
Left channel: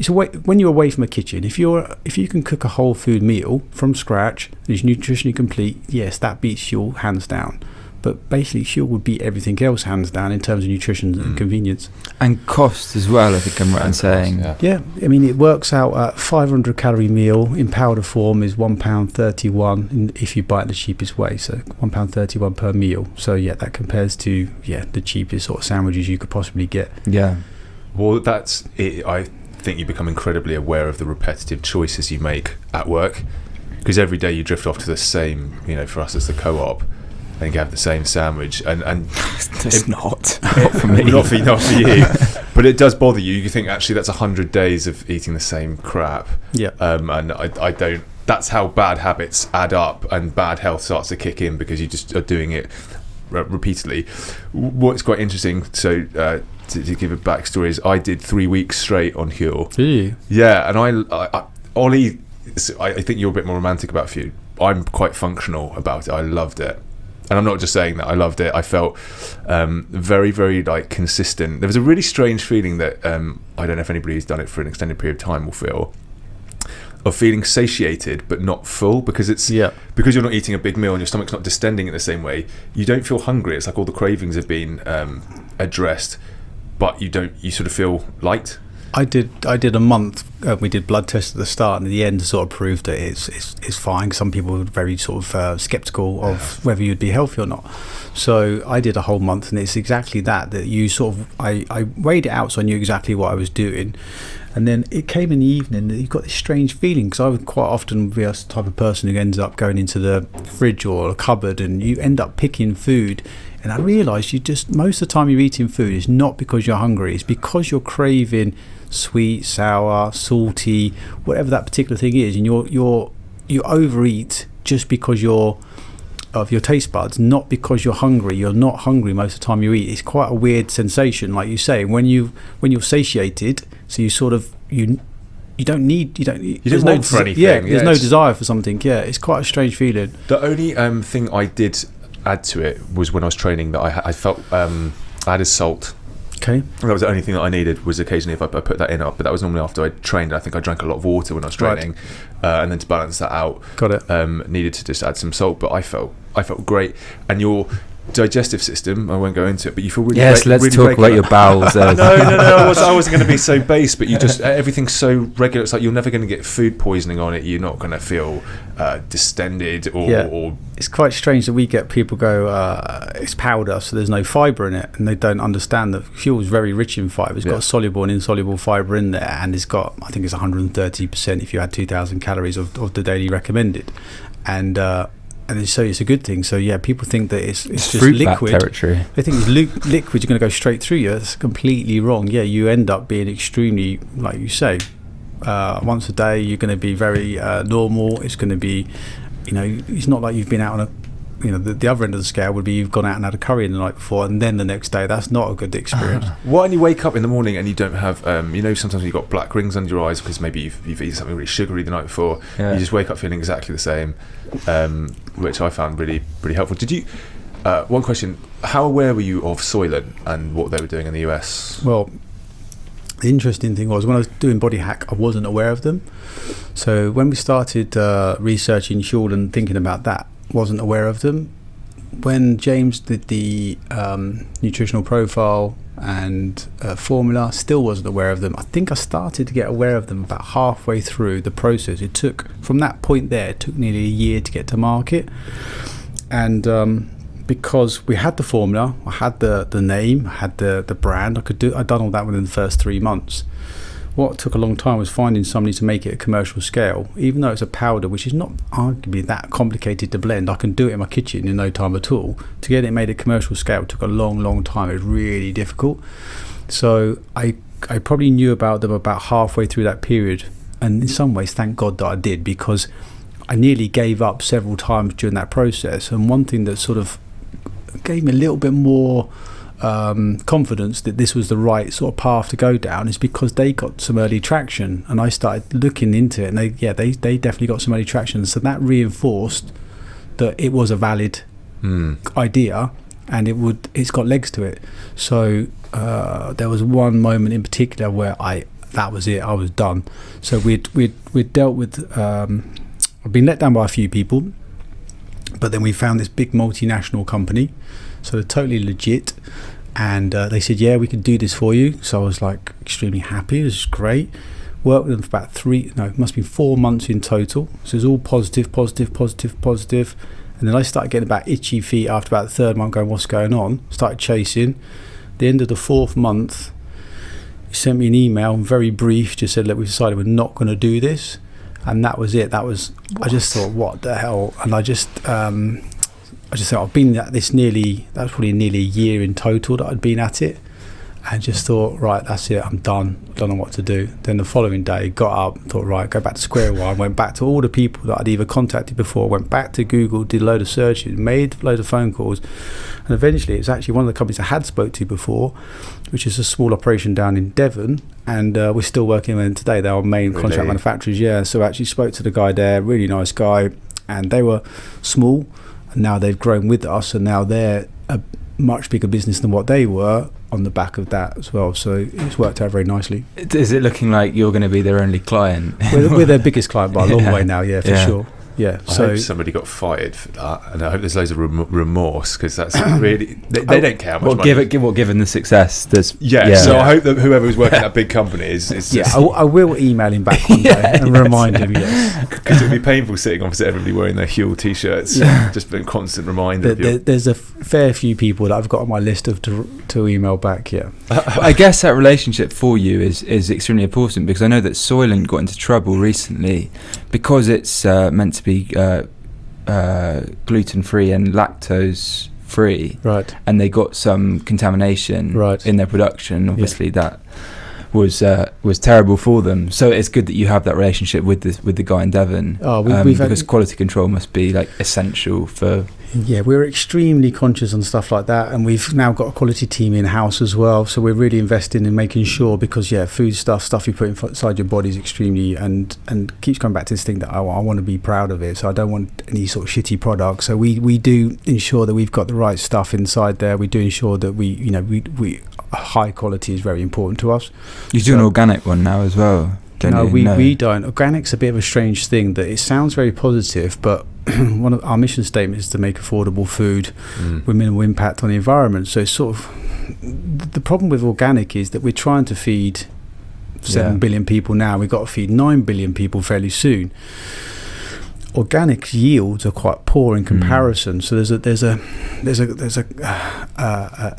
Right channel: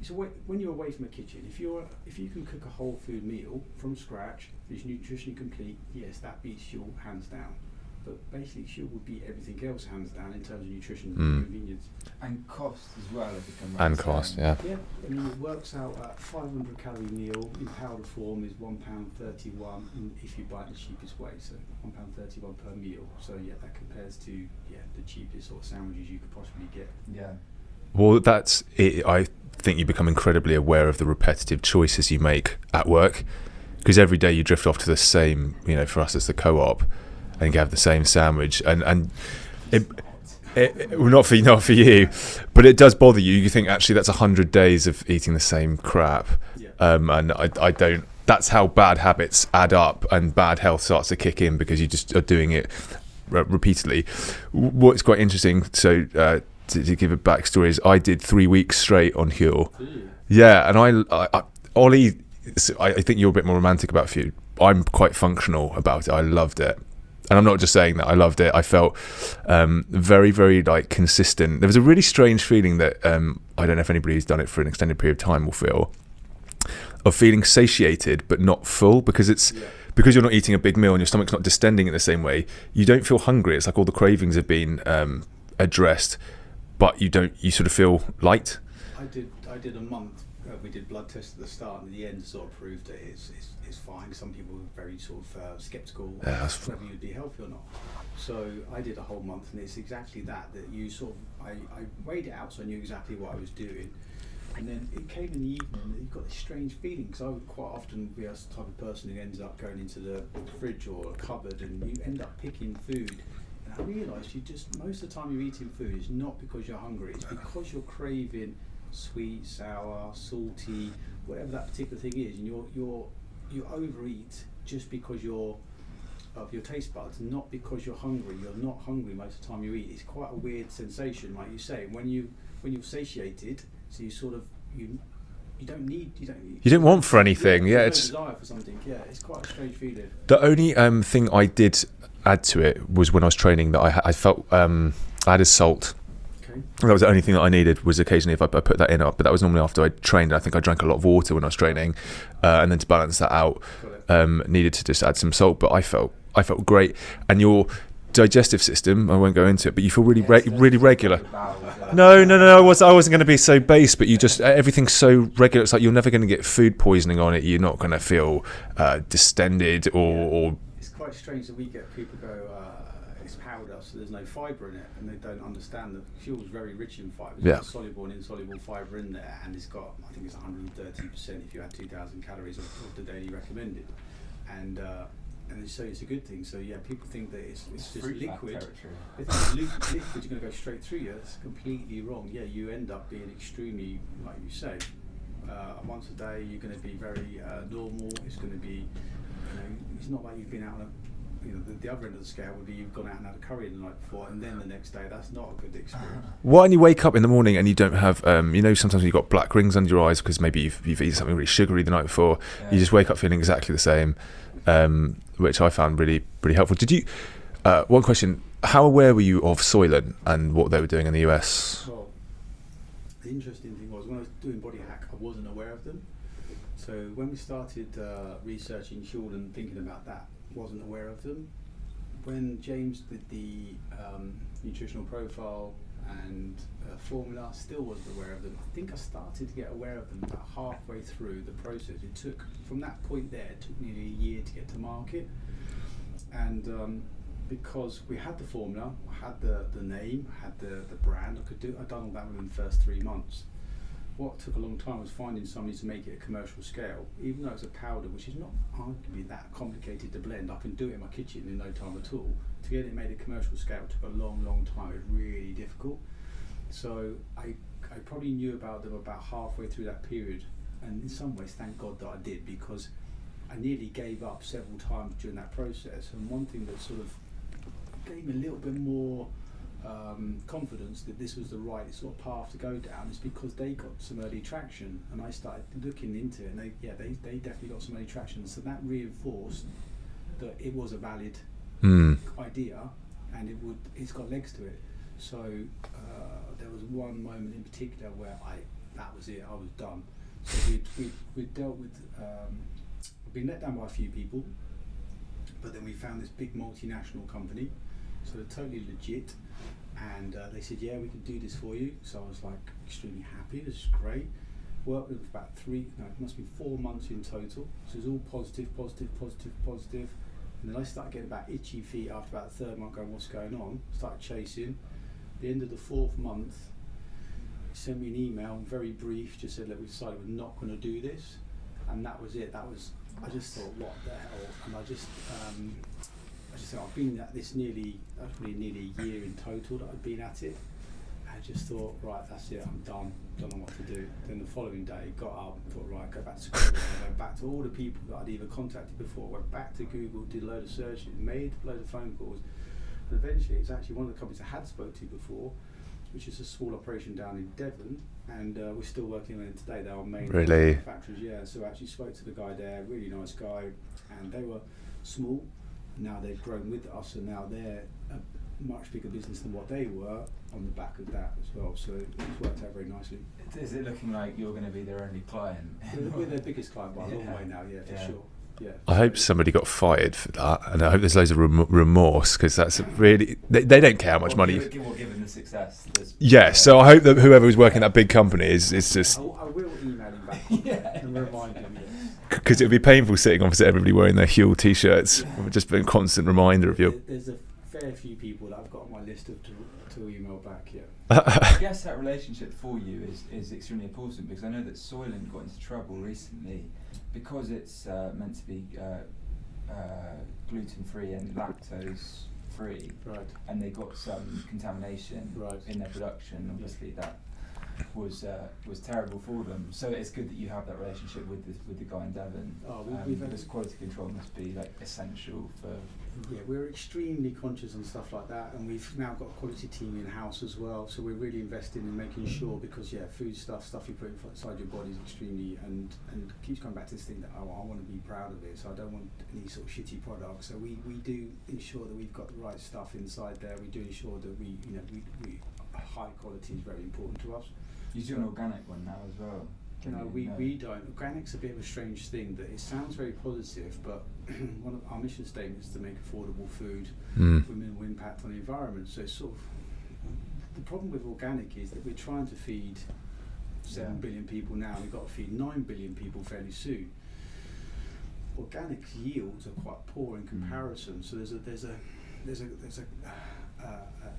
It's when you're away from a kitchen. If you can cook a whole food meal from scratch and it's nutritionally complete, yes, that beats Huel hands down. But basically, Huel would beat everything else hands down in terms of nutrition and convenience. And cost as well, I think I'm right in saying. Yeah, I mean, it works out at 500 calorie meal in powder form is £1.31 if you buy it the cheapest way, so £1.31 per meal. So yeah, that compares to the cheapest sort of sandwiches you could possibly get. Yeah. Well, that's it. I think you become incredibly aware of the repetitive choices you make at work, because every day you drift off to the same, for us it's the co-op, and you have the same sandwich, and It's not. not for you, but it does bother you. You think actually that's 100 days of eating the same crap. Yeah. And I don't. That's how bad habits add up, and bad health starts to kick in because you just are doing it repeatedly. What's quite interesting, so to give a backstory, is I did 3 weeks straight on Huel. Do you? Yeah, and Ollie, I think you're a bit more romantic about food. I'm quite functional about it. I loved it. And I'm not just saying that, I loved it. I felt very, very consistent. There was a really strange feeling that I don't know if anybody who's done it for an extended period of time will feel, of feeling satiated but not full, because because you're not eating a big meal and your stomach's not distending in the same way. You don't feel hungry. It's like all the cravings have been addressed, but you sort of feel light. I did a month. We did blood tests at the start, and at the end sort of proved that it's fine. Some people were very sort of skeptical of whether you'd be healthy or not. So I did a whole month, and it's exactly that you sort of I weighed it out, so I knew exactly what I was doing. And then it came in the evening that you got this strange feeling, because I would quite often be a type of person who ends up going into the fridge or a cupboard, and you end up picking food. And I realised most of the time you're eating food is not because you're hungry, it's because you're craving sweet, sour, salty, whatever that particular thing is, and you overeat just because of your taste buds, not because you're hungry. You're not hungry most of the time you eat. It's quite a weird sensation, like you say, when you're satiated, so you sort of you don't want for anything. There's no desire for something. Yeah, it's quite a strange feeling. The only thing I did add to it was when I was training that I felt I added salt. Okay. That was the only thing that I needed, was occasionally if I put that in, but that was normally after I trained. I think I drank a lot of water when I was training, and then to balance that out, got it. Needed to just add some salt. But I felt great, and your digestive system, I won't go into it, but you feel really let's really talk regular. about your bowels. No, I wasn't going to be so base, but you just everything's so regular. It's like you're never going to get food poisoning on it. You're not going to feel distended or. It's quite strange that we get people go, it's powder, so there's no fibre in it, and they don't understand that Huel is very rich in fibre. It's got soluble and insoluble fibre in there, and it's got, I think it's 130% if you had 2,000 calories of the daily recommended, and so it's a good thing. So yeah, people think that it's just fruit liquid. bat territory. They think it's liquid. You're going to go straight through you. That's completely wrong. Yeah, you end up being extremely, like you say, once a day. You're going to be very normal. It's going to be. It's not like you've been out on the other end of the scale would be you've gone out and had a curry the night before, and then the next day. That's not a good experience. What, and you wake up in the morning and you don't have, sometimes you've got black rings under your eyes because maybe you've eaten something really sugary the night before. Yeah. You just wake up feeling exactly the same, which I found really, really helpful. Did you, one question, how aware were you of Soylent and what they were doing in the US? Well, the interesting thing was when I was doing Body Hack, I wasn't aware of them. So when we started researching Huel and thinking about that, wasn't aware of them. When James did the nutritional profile and formula. Still wasn't aware of them. I think I started to get aware of them about halfway through the process. It took, from that point there, it took nearly a year to get to market. And because we had the formula, I had the name, I had the brand, I'd done all that within the first 3 months. What took a long time was finding somebody to make it a commercial scale. Even though it's a powder, which is not arguably that complicated to blend, I can do it in my kitchen in no time at all. To get it made at commercial scale took a long time. It was really difficult. So I probably knew about them about halfway through that period. And in some ways, thank God that I did, because I nearly gave up several times during that process. And one thing that sort of gave me a little bit more confidence that this was the right sort of path to go down is because they got some early traction, and I started looking into it, and they definitely got some early traction. So that reinforced that it was a valid idea, and it's got legs to it. So there was one moment in particular where that was it. I was done. So we'd dealt with I've been let down by a few people, but then we found this big multinational company, so they're totally legit, and they said, yeah, we can do this for you. So I was like extremely happy. This is great. Worked with them for about it must be 4 months in total. So it was all positive. And then I started getting about itchy feet after about the third month, going, what's going on? Started chasing. The end of the 4th month, he sent me an email, very brief, just said, look, we've decided we're not going to do this. And that was it. I just thought, what the hell? And I just thought, I've been at this that was probably nearly a year in total that I'd been at it. And just thought, right, that's it, I'm done. Don't know what to do. Then the following day, got up, thought, right, go back to square one. Went back to all the people that I'd either contacted before, went back to Google, did a load of searches, made a load of phone calls. And eventually, it was actually one of the companies I had spoke to before, which is a small operation down in Devon. And we're still working with them today. They're our main contract manufacturers, yeah. So I actually spoke to the guy there, really nice guy. And they were small, and now they've grown with us, and now they're a much bigger business than what they were on the back of that as well. So it's worked out very nicely. Is it looking like you're going to be their only client? We're their biggest client by a long way now, for sure. Yeah, I hope somebody got fired for that, and I hope there's loads of remorse, because that's really they don't care how much money. Given the success, there's So I hope that whoever was working at that big company is just. I will email him back one day and remind him. Yes, because it would be painful sitting opposite everybody wearing their Huel t-shirts. Just a constant reminder of you. There's a fair few people that I've got on my list to email back. Yeah, I guess that relationship for you is extremely important, because I know that Soylent got into trouble recently because it's meant to be gluten-free and lactose-free, right? And they got some contamination in their production. Obviously, that was terrible for them. So it's good that you have that relationship with the guy in Devon, because quality control must be like essential for. Yeah, we're extremely conscious on stuff like that, and we've now got a quality team in-house as well, so we're really investing in making sure, because food stuff you put inside your body is extremely, and keeps coming back to this thing that I want to be proud of it, so I don't want any sort of shitty product. So we do ensure that we've got the right stuff inside there. We do ensure that we high quality is very important to us. You do an organic one now as well? We don't. Organic's a bit of a strange thing, that it sounds very positive, but one of our mission statements is to make affordable food with minimal impact on the environment. So it's sort of the problem with organic is that we're trying to feed 7 billion people now. We've got to feed 9 billion people fairly soon. Organic yields are quite poor in comparison. So there's a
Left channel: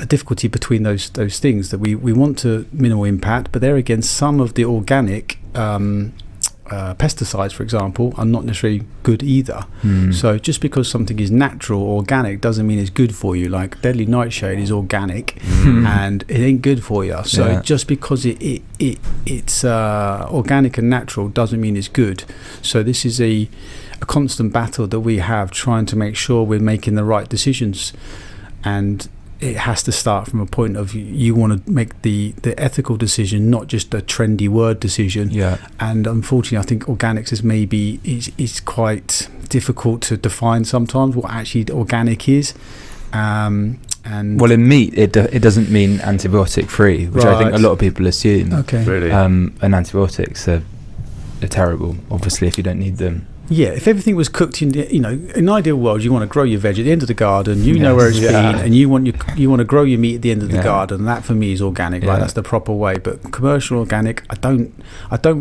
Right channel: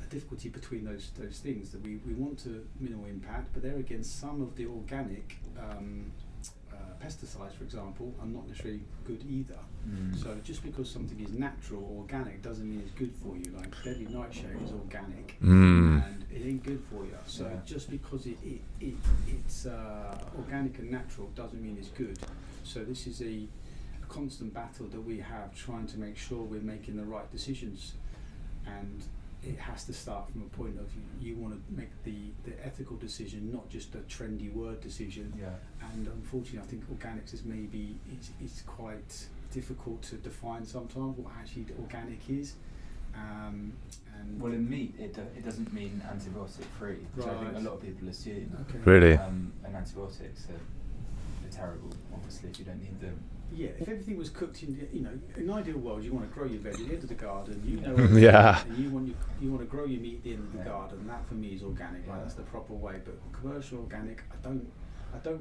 difficulty between those things, that we want to minimal impact, but there again, some of the organic pesticides, for example, are not necessarily good either. So just because something is natural or organic doesn't mean it's good for you. Like deadly nightshade is organic and it ain't good for you. So just because it's organic and natural doesn't mean it's good. So this is a constant battle that we have, trying to make sure we're making the right decisions, and it has to start from a point of you want to make the ethical decision, not just a trendy word decision. And unfortunately, I think organics is quite difficult to define sometimes what actually organic is. And well, in meat, it doesn't mean antibiotic free, which I think a lot of people assume. Okay, really, and antibiotics are terrible, obviously, if you don't need them. Yeah, if everything was cooked in, in an ideal world, you want to grow your veg at the end of the garden. You know where it's been, and you want to grow your meat at the end of the garden. That for me is organic, right? That's the proper way. But commercial organic, I don't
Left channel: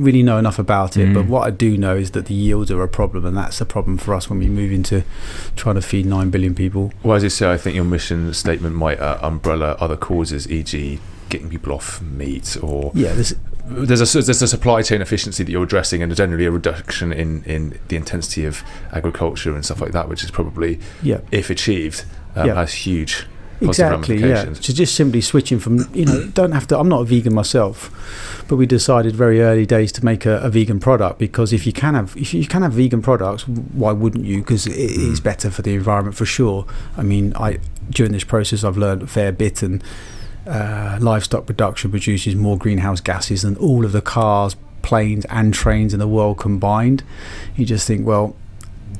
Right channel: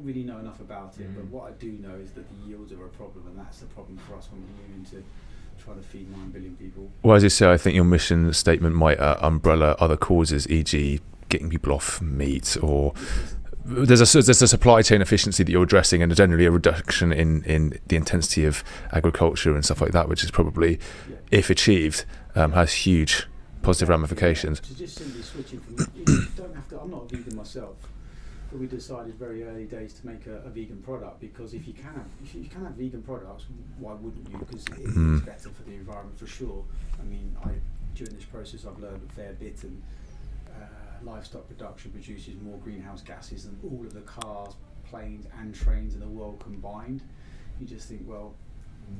really know enough about it. But what I do know is that the yields are a problem, and that's a problem for us when we move into trying to feed 9 billion people. Well, as you say, I think your mission statement might umbrella other causes, e.g., getting people off meat, or there's a supply chain efficiency that you're addressing, and generally a reduction in the intensity of agriculture and stuff like that, which is probably, if achieved, has huge positive ramifications. So just simply switching from, don't have to. I'm not a vegan myself, but we decided very early days to make a vegan product, because if you can have vegan products, why wouldn't you? Because it is better for the environment for sure. I mean, during this process I've learned a fair bit, and livestock production produces more greenhouse gases than all of the cars, planes and trains in the world combined. You just think, well,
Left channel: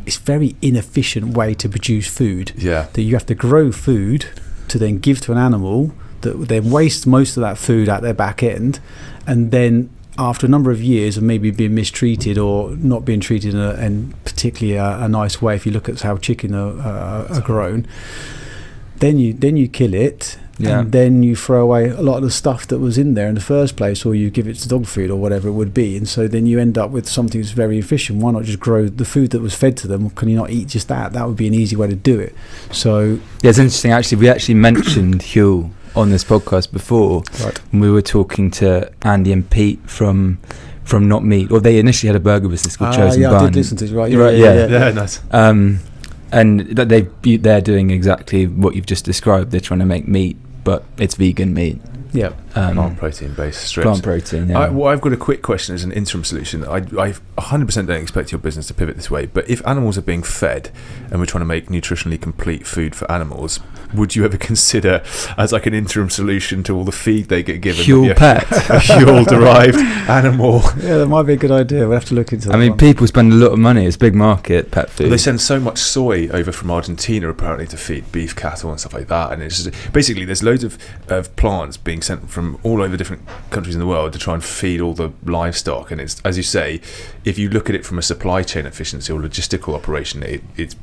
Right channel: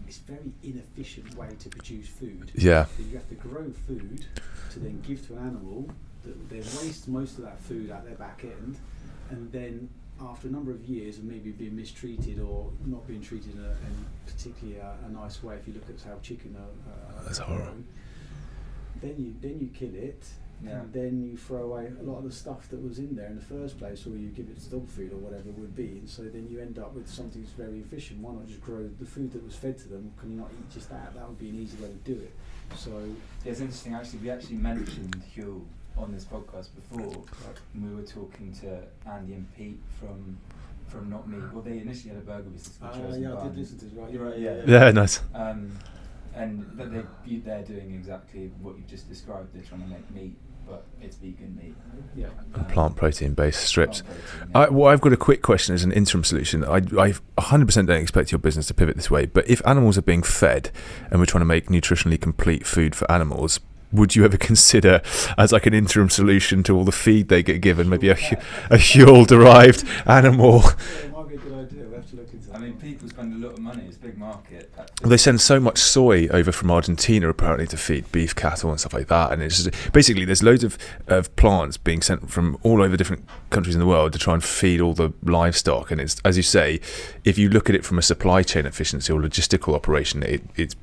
it's a very inefficient way to produce food. That you have to grow food to then give to an animal that then wastes most of that food at their back end, and then after a number of years of maybe being mistreated or not being treated in particularly a nice way, if you look at how chicken are grown, then you kill it. And then you throw away a lot of the stuff that was in there in the first place, or you give it to dog food or whatever it would be, and so then you end up with something that's very efficient. Why not just grow the food that was fed to them? Can you not eat just that? That would be an easy way to do it. So it's interesting, actually. We actually mentioned Huel on this podcast before, when we were talking to Andy and Pete from Not Meat, or they initially had a burger business called Chosen Bun. I did listen to it, right? Yeah, nice. And that they're doing exactly what you've just described. They're trying to make meat, but it's vegan meat. Plant protein based strips. Plant protein. I've got a quick question as an interim solution. I 100% don't expect your business to pivot this way, but if animals are being fed and we're trying to make nutritionally complete food for animals, would you ever consider, as like an interim solution to all the feed they get given, Huel pet, a Huel-derived animal? Yeah, that might be a good idea. We'll have to look into that. I mean, people spend a lot of money. It's a big market, pet food. Well, they send so much soy over from Argentina, apparently, to feed beef cattle and stuff like that. And it's just, basically, there's loads of plants being sent from all over different countries in the world to try and feed all the livestock. And it's, as you say, if you look at it from a supply chain efficiency or logistical operation, it's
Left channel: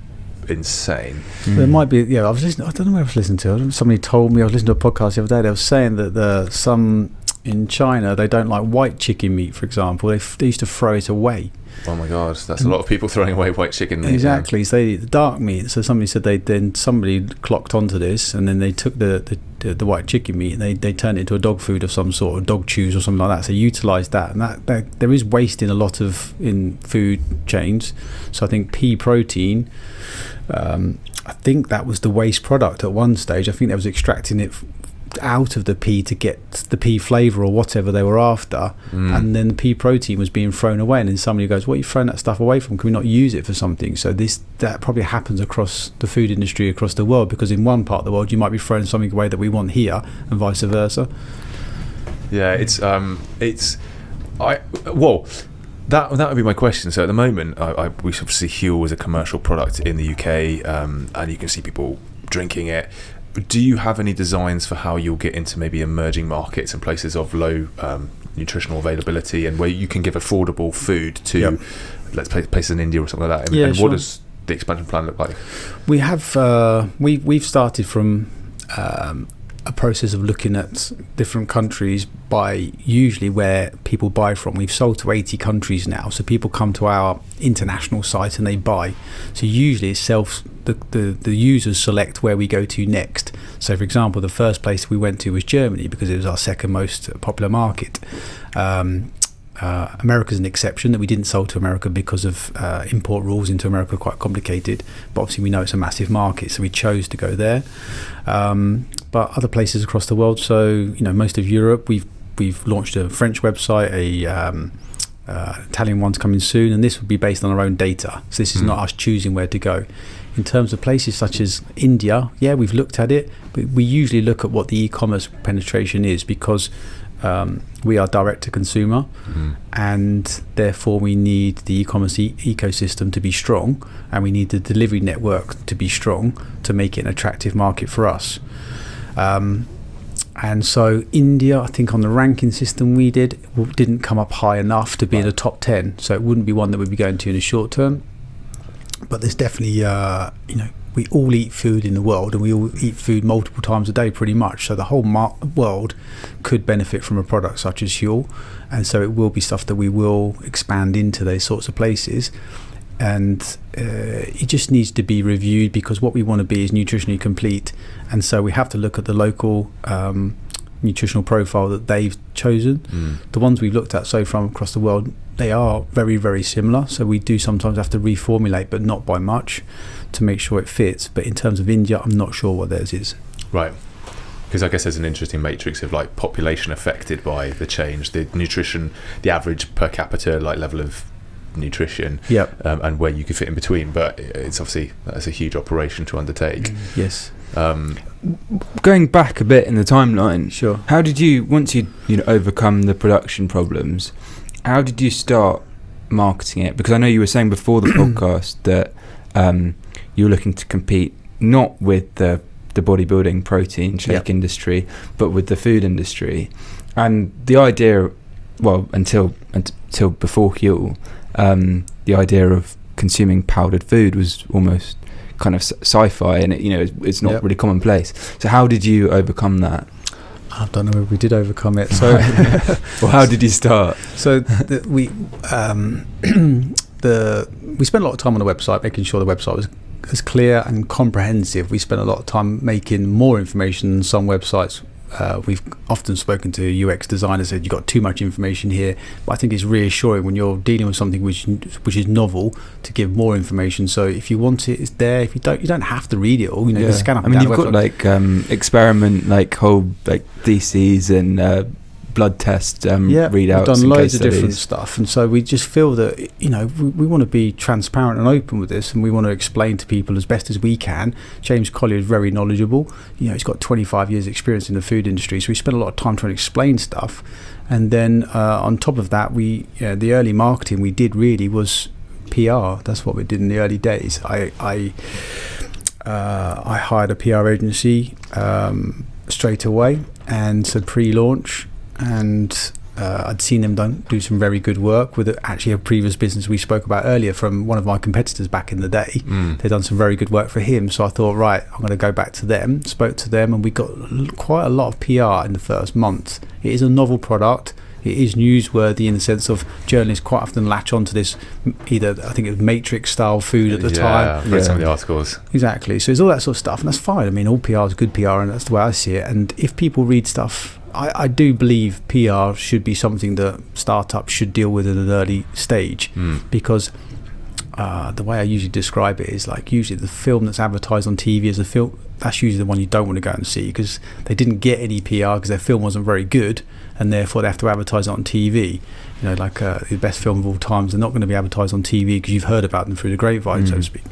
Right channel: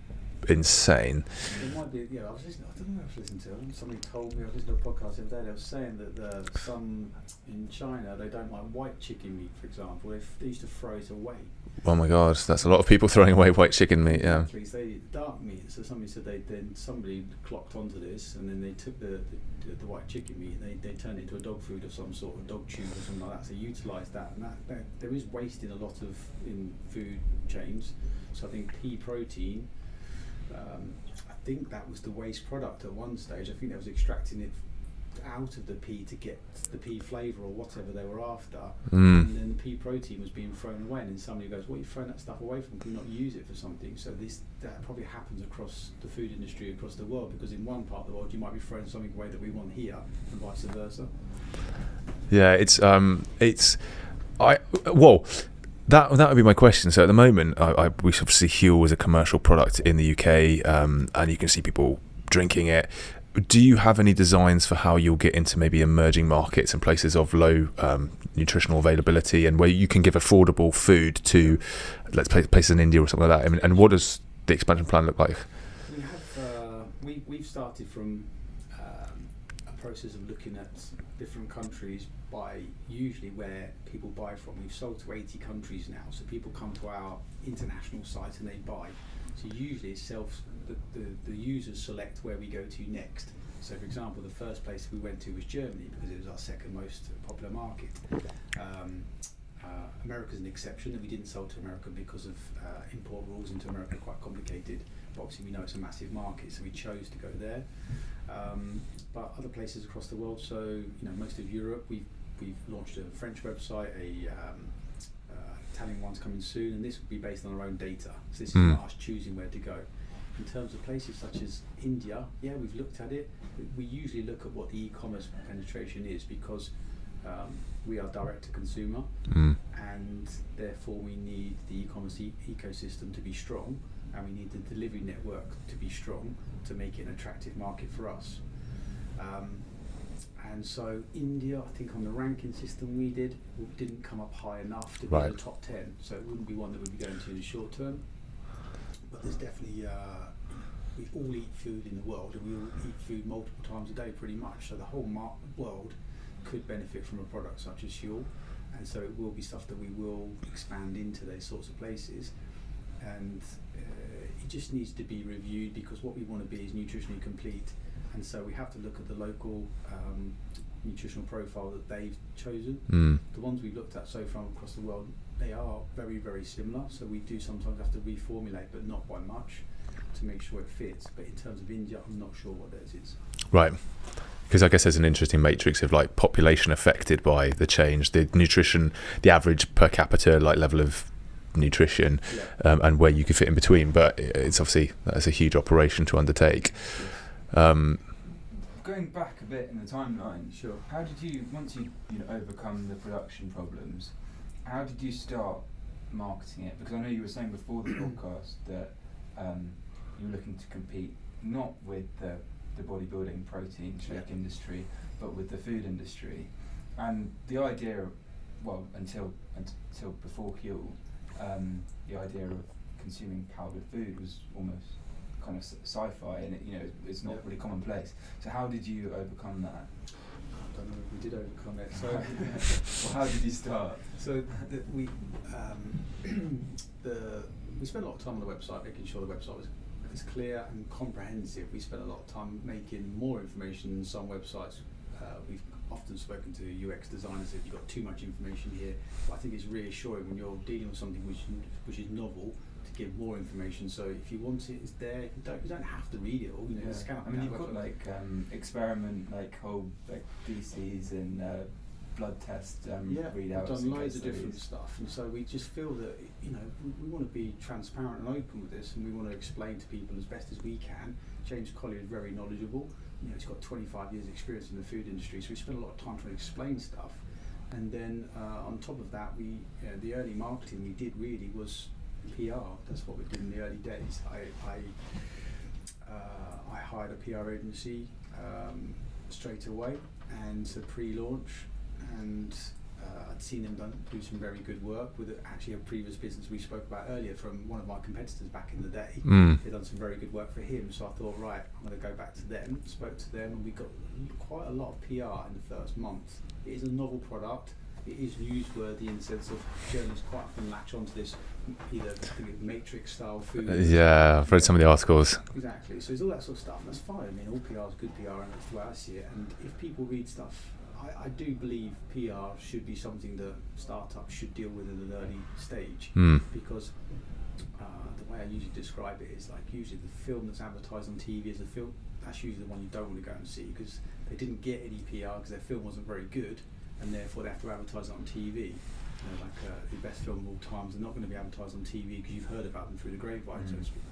insane. There might be, I was listening. I don't know where I was listening to. Somebody told me, I was listening to a podcast the other day. They were saying that some in China, they don't like white chicken meat, for example. They used to throw it away. Oh my God, that's a lot of people throwing away white chicken meat. Exactly. So they eat the dark meat. So somebody said somebody clocked onto this, and then they took the white chicken meat and they turned it into a dog food of some sort, or dog chews or something like that. So utilised that, and that there is waste in a lot of in food chains. So I think pea protein. I think that was the waste product at one stage. I think they was extracting it out of the pea to get the pea flavour or whatever they were after, and then the pea protein was being thrown away, and then somebody goes, what are you throwing that stuff away from? Can we not use it for something? So that probably happens across the food industry across the world, because in one part of the world you might be throwing something away that we want here, and vice versa. That would be my question. So at the moment, we obviously Huel is a commercial product in the UK, and you can see people drinking it. Do you have any designs for how you'll get into maybe emerging markets and places of low nutritional availability, and where you can give affordable food to, let's say, places in India or something like that? And what does the expansion plan look like? We have we've started from a process of looking at different countries by usually where people buy from. We've sold to 80 countries now, so people come to our international site and they buy. So usually it's the users select where we go to next. So for example, the first place we went to was Germany, because it was our second most popular market. America's an exception, that we didn't sell to America because of import rules into America are quite complicated, but obviously we know it's a massive market, so we chose to go there. But other places across the world, so most of Europe, we've launched a French website, Italian one's coming soon, and this would be based on our own data. So this is not us choosing where to go. In terms of places such as India, we've looked at it, but we usually look at what the e-commerce penetration is, because we are direct to consumer, and therefore we need the e-commerce ecosystem to be strong, and we need the delivery network to be strong to make it an attractive market for us. And so India, I think on the ranking system we didn't come up high enough to be in the top 10, so it wouldn't be one that we'd be going to in the short term. but there's definitely we all eat food in the world, and we all eat food multiple times a day pretty much, so the whole world could benefit from a product such as Huel, and so it will be stuff that we will expand into those sorts of places. And it just needs to be reviewed, because what we want to be is nutritionally complete, and so we have to look at the local nutritional profile that they've chosen. The ones we've looked at so far across the world, they are very, very similar, so we do sometimes have to reformulate, but not by much, to make sure it fits. But in terms of India, I'm not sure what theirs is. Right. Because I guess there's an interesting matrix of like population affected by the change, the nutrition, the average per capita like level of nutrition, and where you could fit in between. But it's obviously, that's a huge operation to undertake. Yes. Going back a bit in the timeline, sure. How did you, once you overcome the production problems, how did you start marketing it? Because I know you were saying before the podcast that you were looking to compete not with the bodybuilding protein shake industry, but with the food industry. And the idea, well, until before Huel, the idea of consuming powdered food was almost kind of sci-fi, and it's not really commonplace. So how did you overcome that? I don't know if we did overcome it. So, well, how did you start? So we spent a lot of time on the website, making sure the website was as clear and comprehensive. We spent a lot of time making more information than some websites. We've often spoken to UX designers, said you've got too much information here, but I think it's reassuring when you're dealing with something which is novel to give more information. So if you want it, it's there. If you don't have to read it all. You can scan up. I mean, you've got like experiment, like whole like theses and blood test readouts. We've done loads of studies. Different stuff, and so we just feel that we want to be transparent and open with this, and we want to explain to people as best as we can. James Collier is very knowledgeable. He's got 25 years experience in the food industry, so we spent a lot of time trying to explain stuff. And then on top of that, the early marketing we did really was PR. That's what we did in the early days. I hired a PR agency straight away, and so pre-launch. And I'd seen them do some very good work with actually a previous business we spoke about earlier from one of my competitors back in the day. They'd done some very good work for him, so I thought, right, I'm going to go back to them. Spoke to them, and we got quite a lot of PR in the first month. It is a novel product. It is newsworthy in the sense of journalists quite often latch onto this, either I think it was Matrix style food at the time. Yeah, I've read some of the articles. Exactly. So it's all that sort of stuff, and that's fine. I mean, all PR is good PR, and that's the way I see it. And if people read stuff, I do believe PR should be something that startups should deal with at an early stage, because the way I usually describe it is like usually the film that's advertised on TV as a film, that's usually the one you don't want to go and see, because they didn't get any PR because their film wasn't very good, and therefore they have to advertise it on TV. Like the best film of all times, they're not going to be advertised on TV because you've heard about them through the grapevine, so to speak.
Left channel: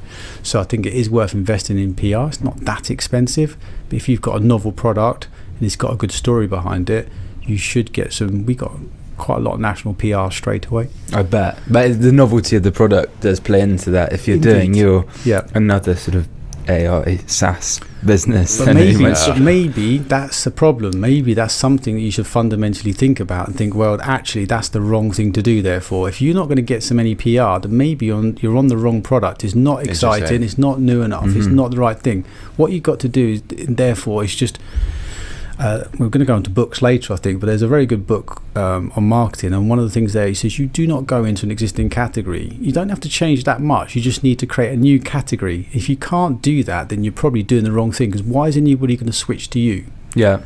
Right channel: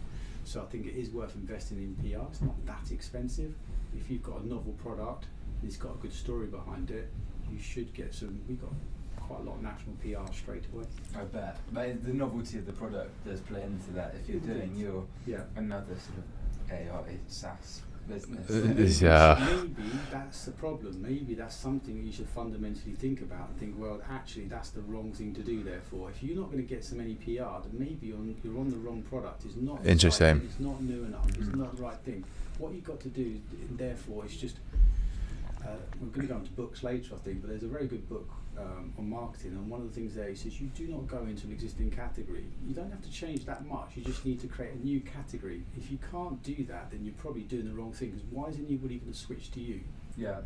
So I think it is worth investing in PR. It's not that expensive, but if you've got a novel product and it's got a good story behind it, you should get some. We got quite a lot of national PR straight away. I bet. But the novelty of the product does play into that. If you're doing your another sort of AI SaaS business, but maybe that's the problem. Maybe that's something that you should fundamentally think about and think, well, actually that's the wrong thing to do. Therefore, if you're not going to get so many PR, then maybe you're on the wrong product. It's not exciting, it's not new enough, it's not the right thing. What you've got to do therefore is just we're going to go into books later, I think, but there's a very good book on marketing, and one of the things there, he says you do not go into an existing category. You don't have to change that much. You just need to create a new category. If you can't do that, then you're probably doing the wrong thing, because why is anybody going to switch to you? Yeah.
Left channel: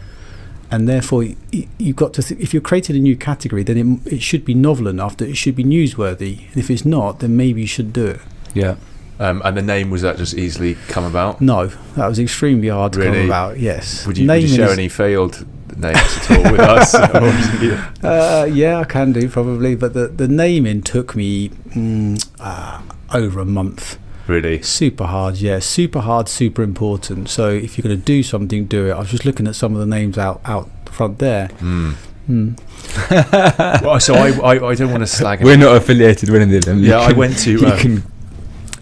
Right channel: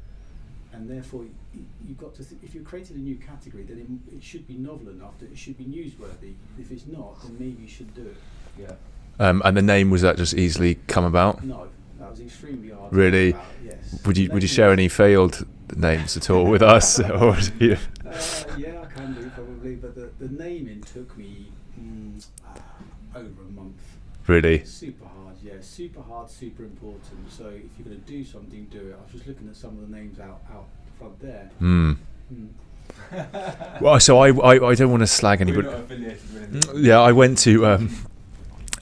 And therefore, you've got to if you're creating a new category, then it should be novel enough that it should be newsworthy. And if it's not, then maybe you should do it. Yeah. And the name, was that just easily come about? No, that was extremely hard to come about. Yes. Would you share any failed names at all with us? Yeah, I can do probably, but the naming took me over a month. Really? Super hard, yeah. Super hard, super important. So if you're going to do something, do it. I was just looking at some of the names out front there. Well, so I don't want to slag anyone. We're not affiliated with any of them. Yeah, I went to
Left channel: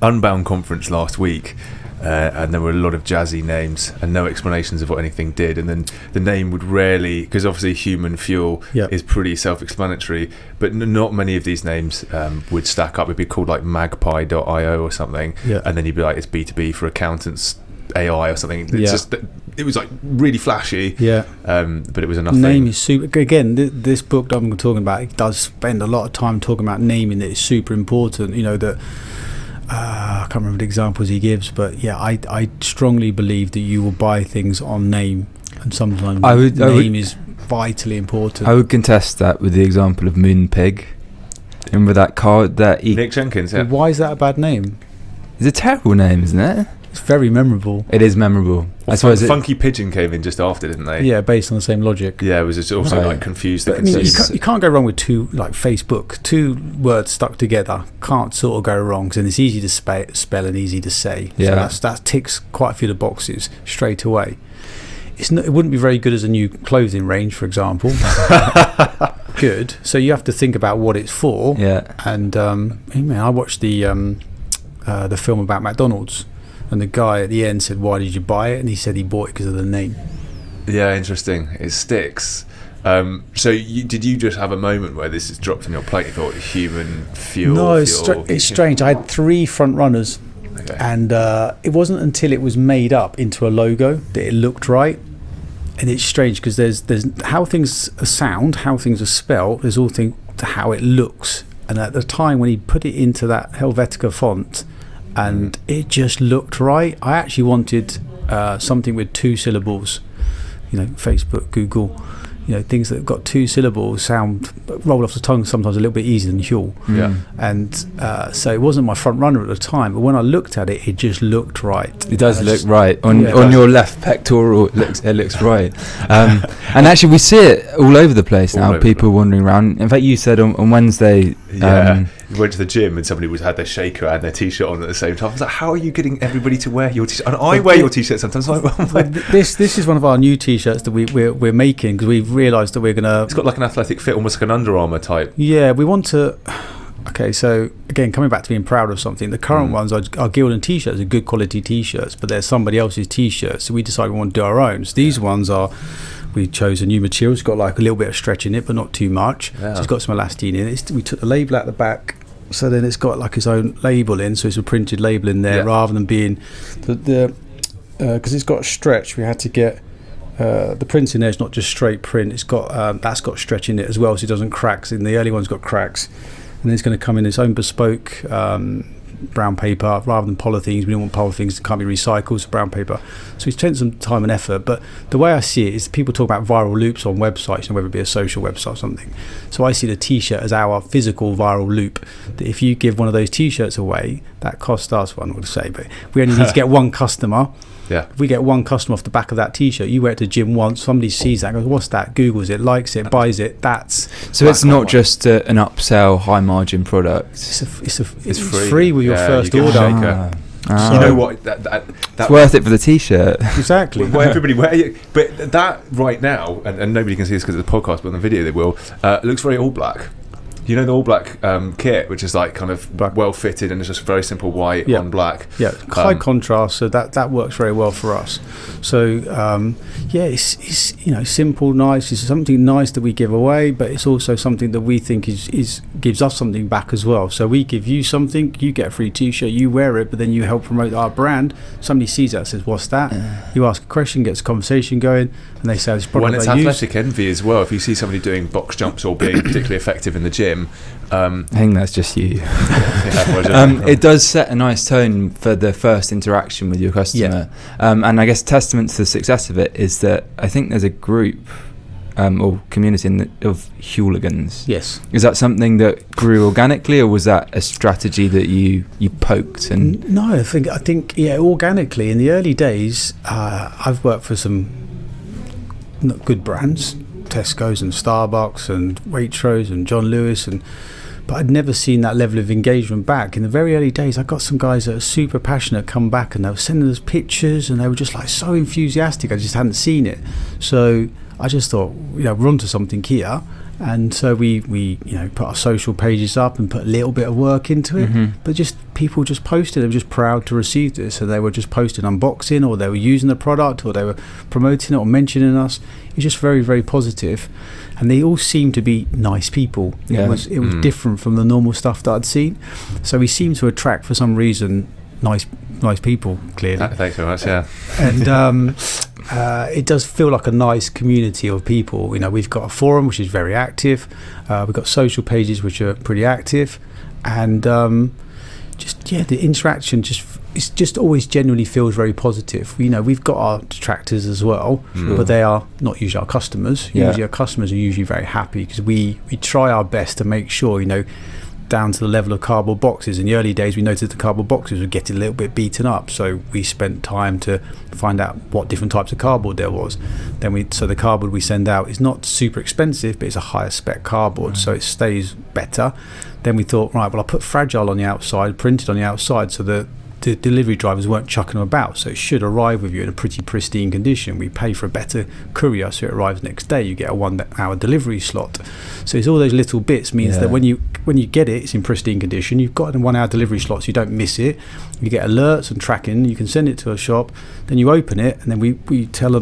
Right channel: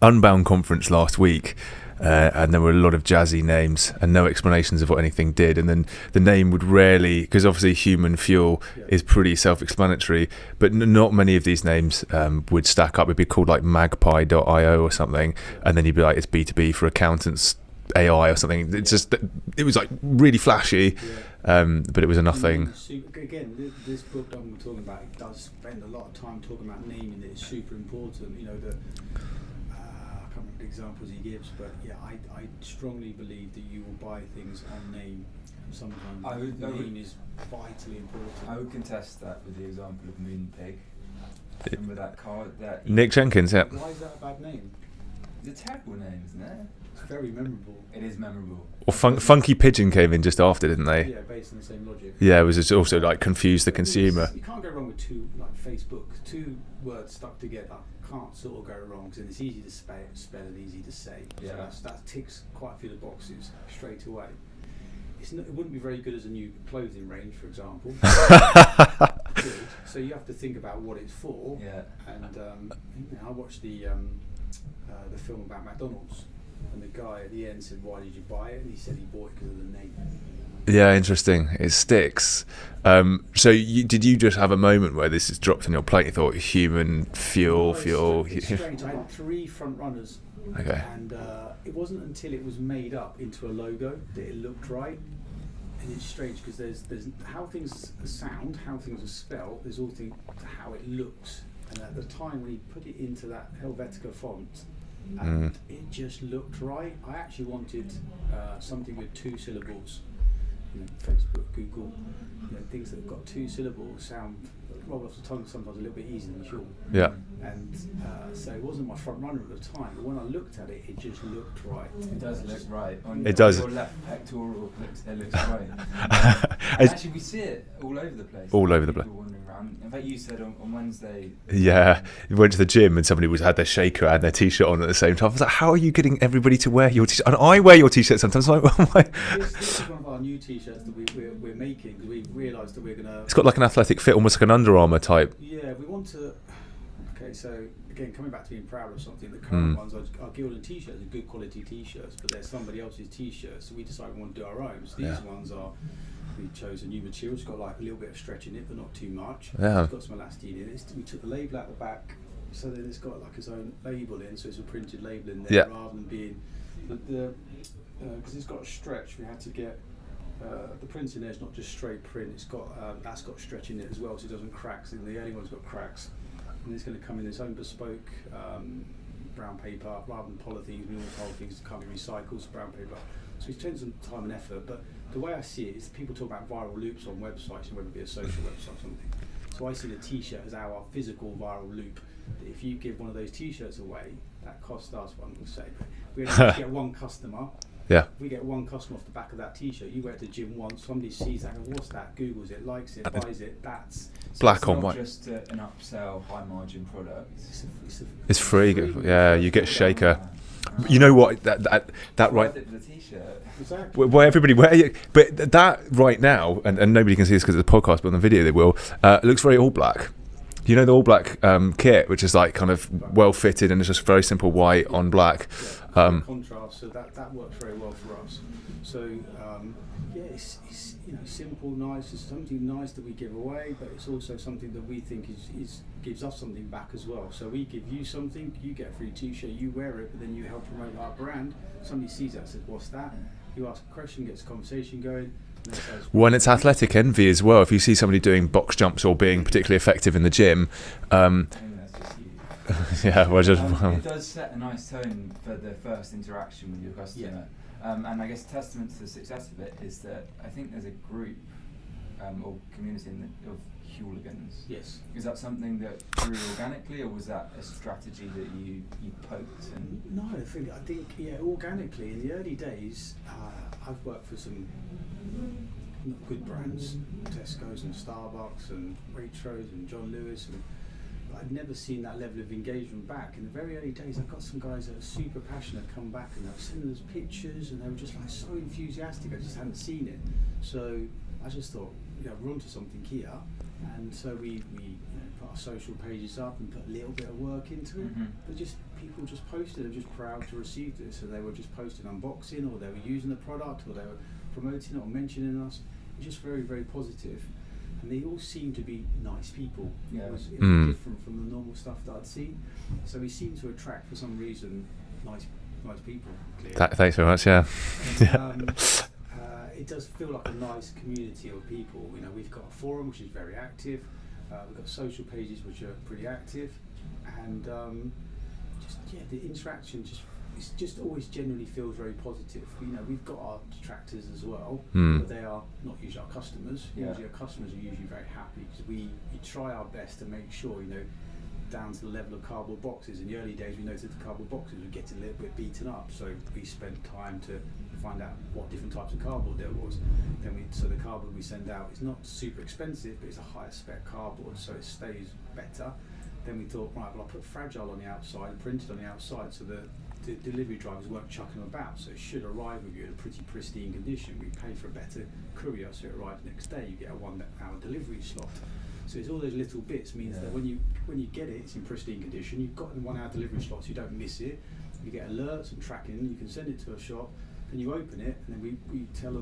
Unbound conference last week, and there were a lot of jazzy names and no explanations of what anything did, and then the name would rarely, because obviously human fuel is pretty self-explanatory, but not many of these names would stack up. It'd be called like magpie.io or something, and then you'd be like, it's B2B for accountants AI or something. It's just, it was like really flashy, but it was nothing. Name is super. Again, this book that I'm talking about, it does spend a lot of time talking about naming. That is super important. You know that. I can't remember the examples he gives, but I strongly believe that you will buy things on name, and sometimes name is vitally important. I would contest that with the example of Moonpig. Remember that card that Nick Jenkins? Yeah. Why is that a bad name? It's a terrible name, isn't it? It's very memorable. It is memorable. Well, Funky Pigeon came in just after, didn't they? Yeah, based on the same logic. Yeah, it was also like confused the consumer. You can't go wrong with two, like Facebook, two words stuck together. Can't sort of go wrong, and it's easy to spell and easy to say. Yeah, so that ticks quite a few of the boxes straight away. It wouldn't be very good as a new clothing range, for example. Good. So you have to think about what it's for. Yeah. And I watched the film about McDonald's. And the guy at the end said, "Why did you buy it?" And he said he bought it because of the name. Yeah, interesting. It sticks. So did you just have a moment where this is dropped on your plate? You thought human fuel? No, it's strange. I had 3 front runners, and it wasn't until it was made up into a logo that it looked right. And it's strange because there's how things sound, how things are spelled. There's all things to how it looks. And at the time when he put it into that Helvetica font, and it just looked right. I actually wanted something with 2 syllables, Facebook, Google, things that have got 2 syllables sound roll off the tongue sometimes a little bit easier than Huel. Yeah. And so it wasn't my front runner at the time, but when I looked at it, it just looked right. It does look right on your left pectoral. It looks right. And actually, we see it all over the place now. People wandering around. In fact, you said on Wednesday. You went to the gym and somebody had their shaker and their t-shirt on at the same time. I was like, how are you getting everybody to wear your t-shirt? And I wear your t-shirt sometimes. This is one of our new t-shirts that we're making because we've realised that we're going to... It's got like an athletic fit, almost like an Under Armour type. Yeah, we want to... Okay, so again, coming back to being proud of something, the current ones are Gildan t-shirts, are good quality t-shirts, but they're somebody else's t-shirts, so we decided we want to do our own. So these ones are... We chose a new material. It's got like a little bit of stretch in it, but not too much. Yeah. So it's got some elastine in it. We took the label out the back, so then it's got like its own label in, so it's a printed label in there rather than being because it's got a stretch. We had to get the print in there. It's not just straight print. It's got that's got stretch in it as well, so it doesn't crack. So in the early one's got cracks, and then it's going to come in its own bespoke brown paper rather than polythenes. We don't want polythenes that can't be recycled, so brown paper. So we spent some time and effort, but the way I see it is people talk about viral loops on websites, whether it be a social website or something. So I see the t-shirt as our physical viral loop, that if you give one of those t-shirts away, that costs us, well, I'm not going to say, but we only need to get one customer. Yeah. If we get one customer off the back of that t-shirt, you wear it to the gym once, somebody sees that and goes, what's that? Googles it, likes it, buys it. That's so it's not just an upsell high margin product. It's free with your first you get order. A shaker. You know what? That's worth it for the t-shirt. Exactly. Well, everybody but that right now, and nobody can see this because it's a podcast, but on the video they will. It looks very all black. You know the all black kit, which is like kind of well fitted and it's just very simple white on black. Yeah, high contrast, so that works very well for us. So it's simple, nice. It's something nice that we give away, but it's also something that we think is gives us something back as well. So we give you something, you get a free t-shirt, you wear it, but then you help promote our brand. Somebody sees that and says, "What's that?" You ask a question, gets a conversation going. And they say when it's athletic envy as well. If you see somebody doing box jumps or being particularly effective in the gym, I think that's just you. It does set a nice tone for the first interaction with your customer, and I guess testament to the success of it is that I think there's a group or community of hooligans. Yes. Is that something that grew organically, or was that a strategy that you poked? And no, I think organically. In the early days, I've worked for some good brands, Tesco's and Starbucks and Waitrose and John Lewis, but I'd never seen that level of engagement back. In the very early days, I got some guys that are super passionate come back and they were sending us pictures and they were just like so enthusiastic. I just hadn't seen it. So I just thought, we're onto something here. And so we put our social pages up and put a little bit of work into it, but just people just posted. They were just proud to receive this, so they were just posting unboxing, or they were using the product, or they were promoting it or mentioning us. It was just very, very positive, and they all seemed to be nice people. It was different from the normal stuff that I'd seen, so we seemed to attract, for some reason, nice people. Clearly, thanks very much. Yeah, and. It does feel like a nice community of people. We've got a forum which is very active. We've got social pages which are pretty active, and the interaction just always genuinely feels very positive. We've got our detractors as well, but they are not usually our customers. Usually our customers are usually very happy, because we try our best to make sure, down to the level of cardboard boxes. In the early days, we noticed the cardboard boxes were getting a little bit beaten up, so we spent time to find out what different types of cardboard there was. So the cardboard we send out is not super expensive, but it's a higher spec cardboard, so it stays better. Then we thought, right, well, I'll put fragile on the outside, printed on the outside, so the delivery drivers weren't chucking them about, so it should arrive with you in a pretty pristine condition. We pay for a better courier, so it arrives next day. You get a 1 hour delivery slot. So it's all those little bits means that when you get it, it's in pristine condition. You've got a 1 hour delivery slot, so you don't miss it. You get alerts and tracking. You can send it to a shop, then you open it, and then we tell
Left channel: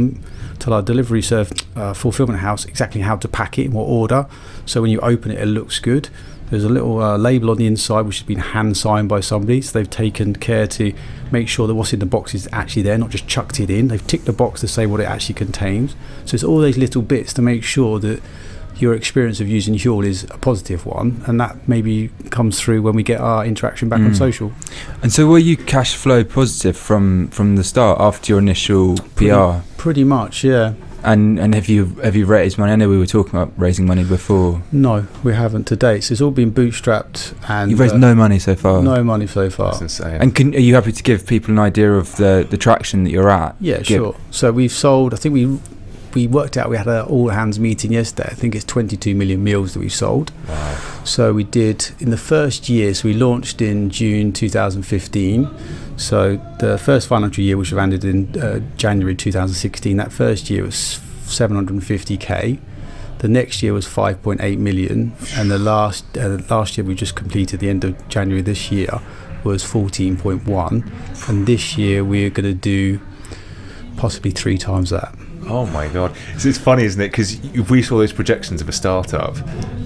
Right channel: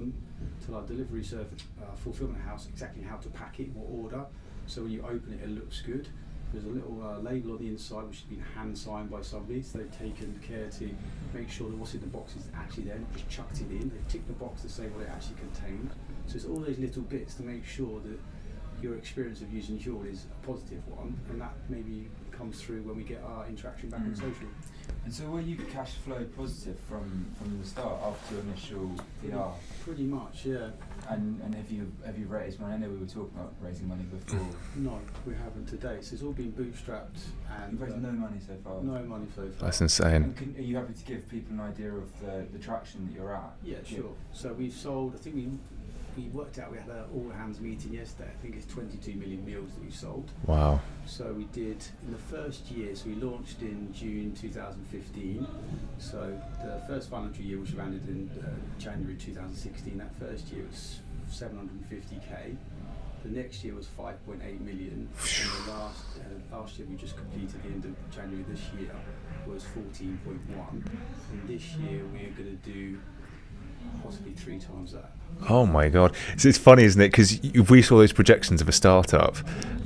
our delivery fulfillment house exactly how to pack it in what order. So when you open it, it looks good. There's a little label on the inside which has been hand signed by somebody, so they've taken care to make sure that what's in the box is actually there, not just chucked it in. They've ticked the box to say what it actually contains. So it's all those little bits to make sure that your experience of using Huel is a positive one, and that maybe comes through when we get our interaction back on social. And so were you cash flow positive from the start after your initial PR? Pretty much, yeah. And have you raised money? I know we were talking about raising money before. No, we haven't to date. So it's all been bootstrapped, and you've raised no money so far. No money so far. That's insane. And are you happy to give people an idea of the traction that you're at? Yeah, sure. So we've sold. I think we worked out. We had an all hands meeting yesterday. I think it's 22 million meals that we've sold. Wow. So we did in the first year. So we launched in June 2015. So the first financial year, which landed in January 2016, that first year was 750k. The next year was 5.8 million, and the last year we just completed, the end of January this year, was 14.1, and this year we're going to do possibly 3 times that. Oh my god, it's funny, isn't it? Because we saw those projections of a startup,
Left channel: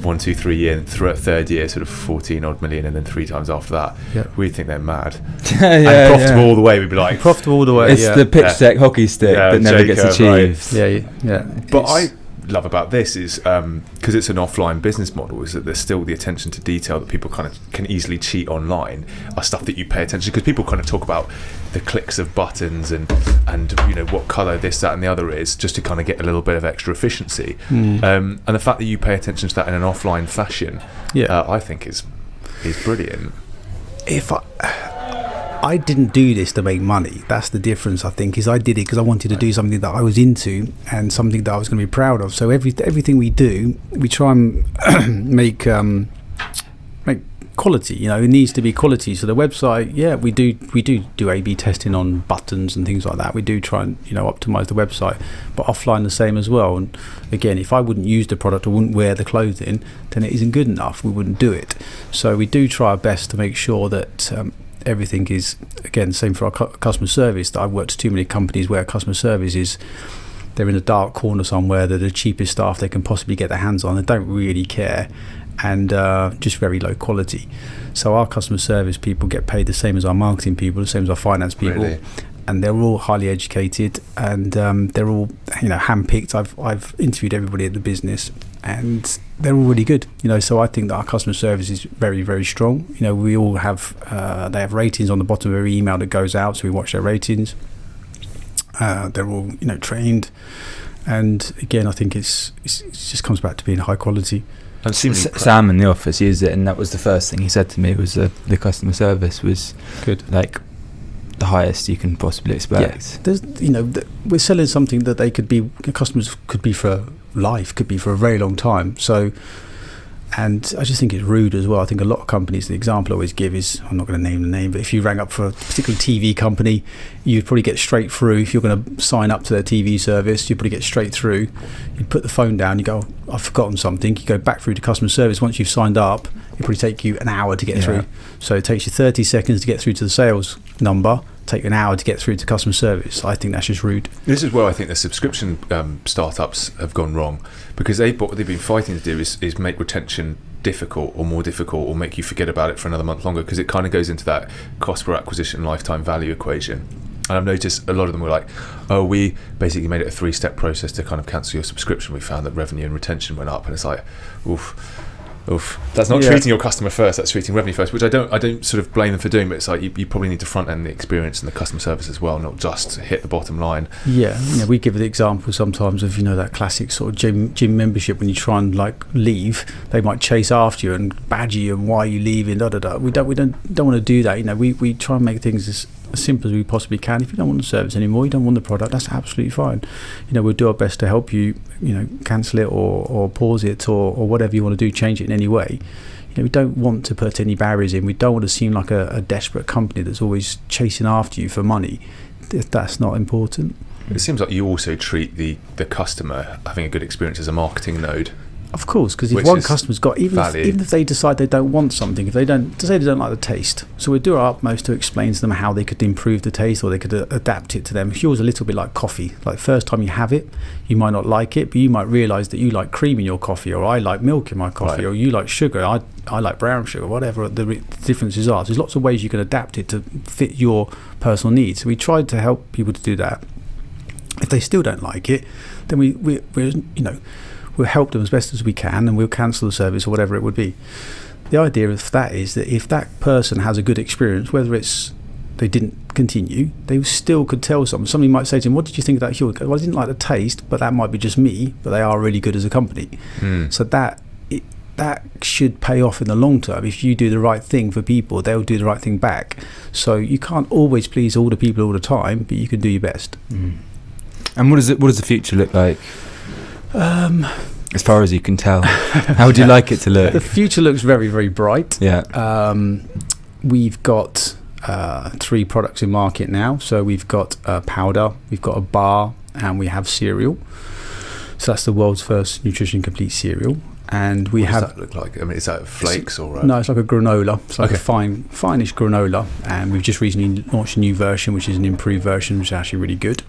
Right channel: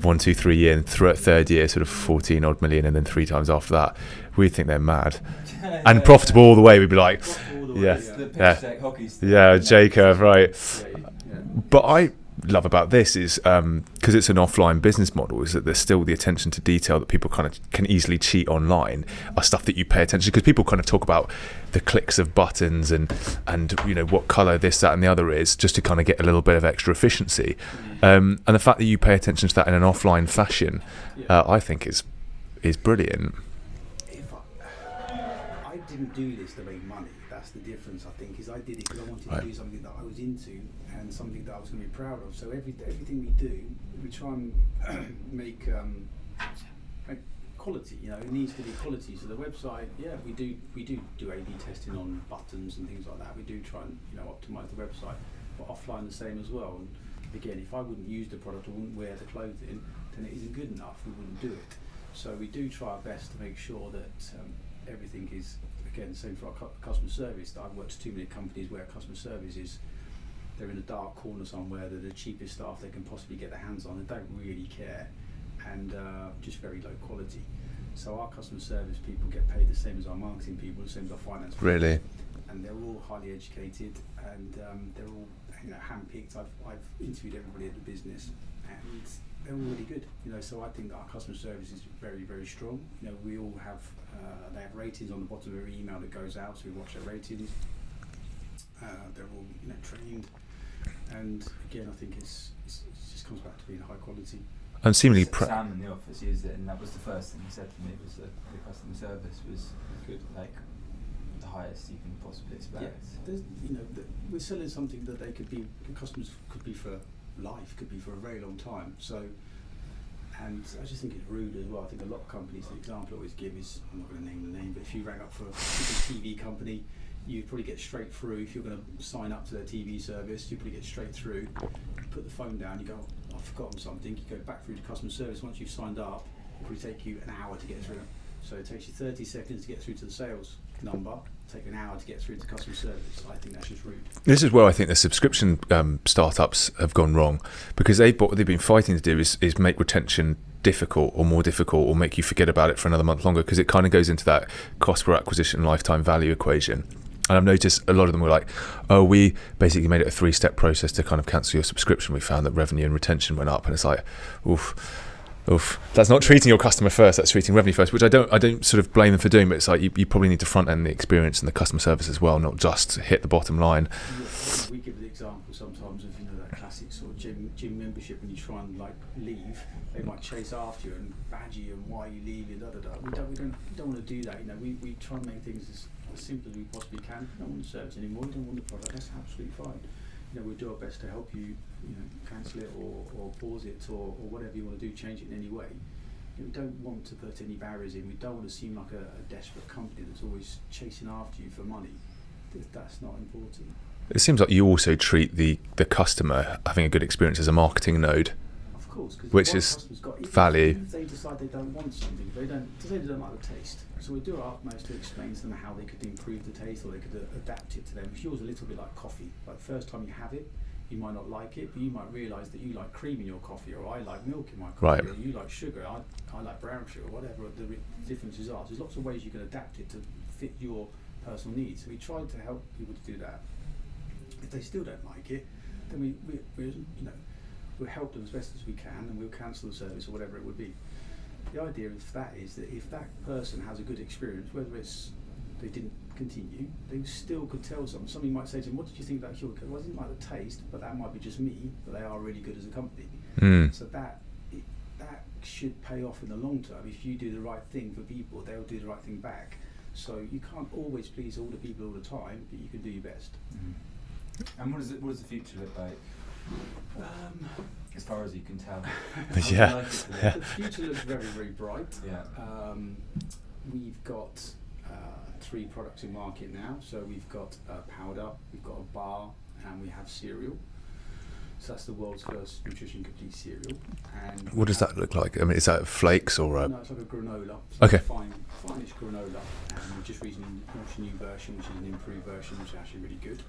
1, 2, 3 year, and third year sort of 14 odd million, and then 3 times after that. We think they're mad. And profitable all the way. We'd be like, profitable all the way. It's the pitch deck hockey stick. J-curve, right? Yeah. But I love about this is because it's an offline business model, is that there's still the attention to detail that people kind of can easily cheat online are stuff that you pay attention, because people kind of talk about the clicks of buttons and what color this, that and the other is, just to kind of get a little bit of extra efficiency, and the fact that you pay attention to that in an offline fashion, I think is brilliant. If I didn't do this to make money. That's the difference, I think, is I did it because I wanted to do something that I was into and something that I was going to be proud of. So everything we do, we try and make quality. It needs to be quality. So the website, we do A/B testing on buttons and things like that. We do try and optimize the website, but offline the same as well. And again, if I wouldn't use the product or wouldn't wear the clothing, then it isn't good enough. We wouldn't do it. So we do try our best to make sure that everything is, again, same for our customer service. That I've worked at too many companies where customer service is, they're in a dark corner somewhere. They're the cheapest staff they can possibly get their hands on. They don't really care, and just very low quality. So our customer service people get paid the same as our marketing people, the same as our finance people. Really? And they're all highly educated, and they're all handpicked. I've interviewed everybody at the business, and they're all really good. So I think that our customer service is very, very strong. We all have they have ratings on the bottom of every email that goes out, so we watch their ratings. They're all trained, and again, I think it just comes back to being high quality. And Sam in the office used it, and that was the first thing he said to me, was the customer service was good, like the highest you can possibly expect. There's we're selling something that customers could be for life, could be for a very long time. So And I just think it's rude as well. I think a lot of companies, the example I always give is, I'm not going to name the name, but if you rang up for a particular TV company, you'd probably get straight through. If you're going to sign up to their TV service, you'd probably get straight through. You put the phone down, you go, I've forgotten something. You go back through to customer service. Once you've signed up, it'll probably take you an hour to get through. So it takes you 30 seconds to get through to the sales number, take you an hour to get through to customer service. I think that's just rude. This is where I think the subscription startups have gone wrong, because what they've been fighting to do is make retention difficult or more difficult, or make you forget about it for another month longer, because it kind of goes into that cost per acquisition lifetime value equation. And I've noticed a lot of them were like, oh, we basically made it a 3-step process to kind of cancel your subscription. We found that revenue and retention went up, and it's like, oof. That's not treating your customer first, that's treating revenue first, which I don't sort of blame them for doing, but it's like you probably need to front end the experience and the customer service as well, not just hit the bottom line. We give the example sometimes of that classic sort of gym membership. When you try and like leave, they might chase after you and badger you and why are you leaving, we don't want to do that. We try and make things as simple as we possibly can. If you don't want the service anymore, you don't want the product, that's absolutely fine. We'll do our best to help you, cancel it or pause it or whatever you want to do, change it in any way. We don't want to put any barriers in. We don't want to seem like a desperate company that's always chasing after you for money. That's not important. It seems like you also treat the customer having a good experience as a marketing node. Of course, because if one customer's got, even if they decide they don't want something, if they don't like the taste, so we do our utmost to explain to them how they could improve the taste or they could adapt it to them. Huel's a little bit like coffee. Like first time you have it, you might not like it, but you might realise that you like cream in your coffee, or I like milk in my coffee, or you like sugar, I like brown sugar, whatever the differences are. So there's lots of ways you can adapt it to fit your personal needs. So we tried to help people to do that. If they still don't like it, then we'll help them as best as we can, and we'll cancel the service or whatever it would be. The idea of that is that if that person has a good experience, whether it's they didn't continue, they still could tell someone. Somebody might say to them, what did you think of that Huel? Well, I didn't like the taste, but that might be just me, but they are really good as a company. So that should pay off in the long term. If you do the right thing for people, they'll do the right thing back. So you can't always please all the people all the time, but you can do your best. And what does the future look like? As far as you can tell, how would you like it to look? The future looks very, very bright. We've got 3 products in market now. So we've got a powder, we've got a bar, and we have cereal. So that's the world's first nutrition complete cereal. And what does that look like? I mean, is that flakes or? No, it's like a granola. It's like a finish granola. And we've just recently launched a new version, which is an improved version, which is actually really good.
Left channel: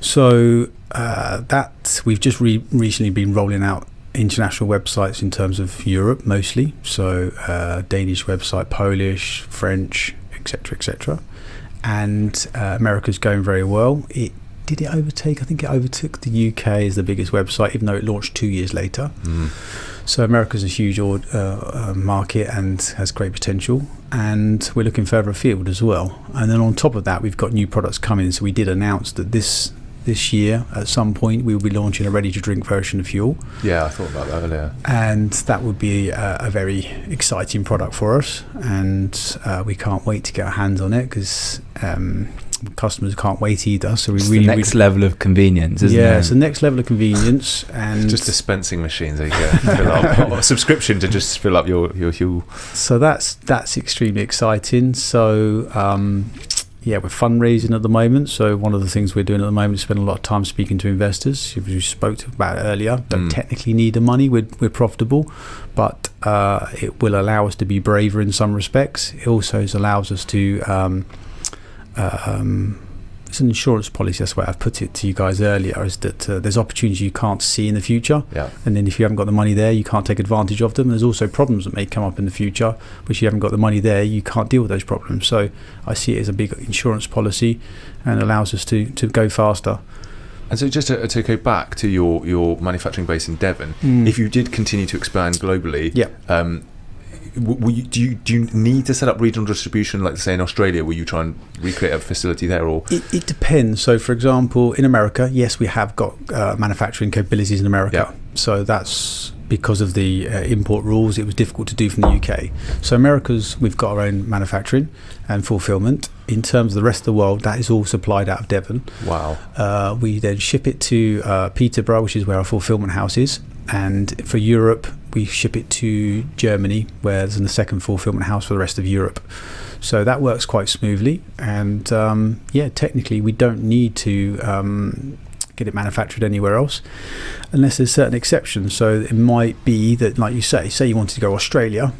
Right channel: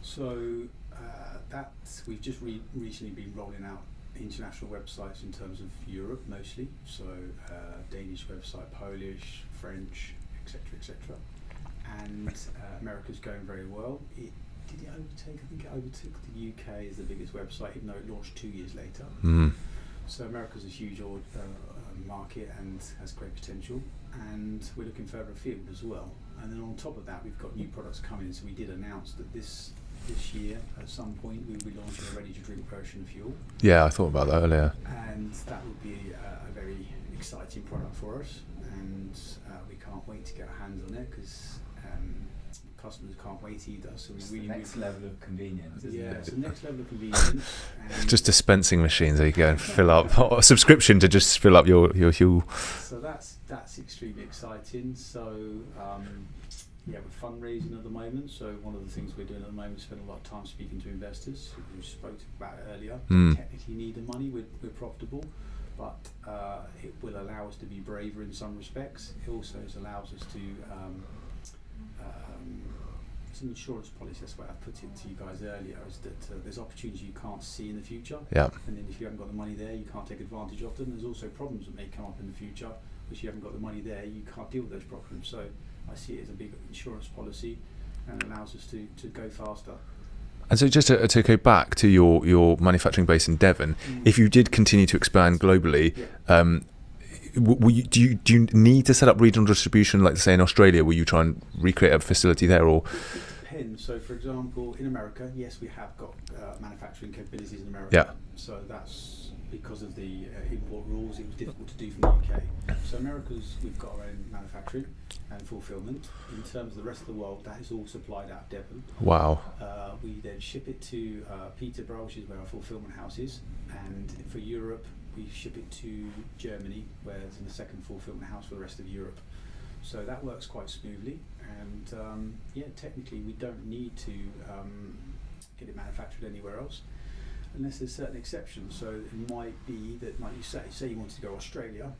So that we've just recently been rolling out international websites in terms of Europe mostly. So Danish website, Polish, French, etc. And America's going very well. Did it overtake? I think it overtook the UK as the biggest website, even though it launched 2 years later. So America's a huge market and has great potential. And we're looking further afield as well. And then on top of that, we've got new products coming. So we did announce that this year, at some point, we will be launching a ready-to-drink version of Huel. Yeah, I thought about that earlier. And that would be a very exciting product for us. And we can't wait to get our hands on it, because customers can't wait either. So it's the next level of convenience, isn't it? Yeah, it's the next level of convenience. And just dispensing machines there you go, fill up, or a subscription to just fill up your Huel. So that's extremely exciting. So we're fundraising at the moment. So one of the things we're doing at the moment is spending a lot of time speaking to investors, who we spoke about earlier. Don't technically need the money. We're profitable, but it will allow us to be braver in some respects. It also allows us to it's an insurance policy, that's the way I've put it to you guys earlier, is that there's opportunities you can't see in the future, and then if you haven't got the money there, you can't take advantage of them. There's also problems that may come up in the future, which you haven't got the money there, you can't deal with those problems. So I see it as a big insurance policy, and allows us to go faster. And so just to go back to your manufacturing base in Devon, if you did continue to expand globally, do you need to set up regional distribution, like say in Australia? Will you try and recreate a facility there, or? It depends. So for example, in America, yes, we have got manufacturing capabilities in America. So that's because of the import rules. It was difficult to do from the UK. So we've got our own manufacturing and fulfillment. In terms of the rest of the world, that is all supplied out of Devon. Wow. We then ship it to Peterborough, which is where our fulfillment house is. and for Europe we ship it to Germany, where there's a second fulfillment house for the rest of Europe. So that works quite smoothly, and technically we don't need to get it manufactured anywhere else unless there's certain exceptions. So it might be that, like you say you wanted to go Australia,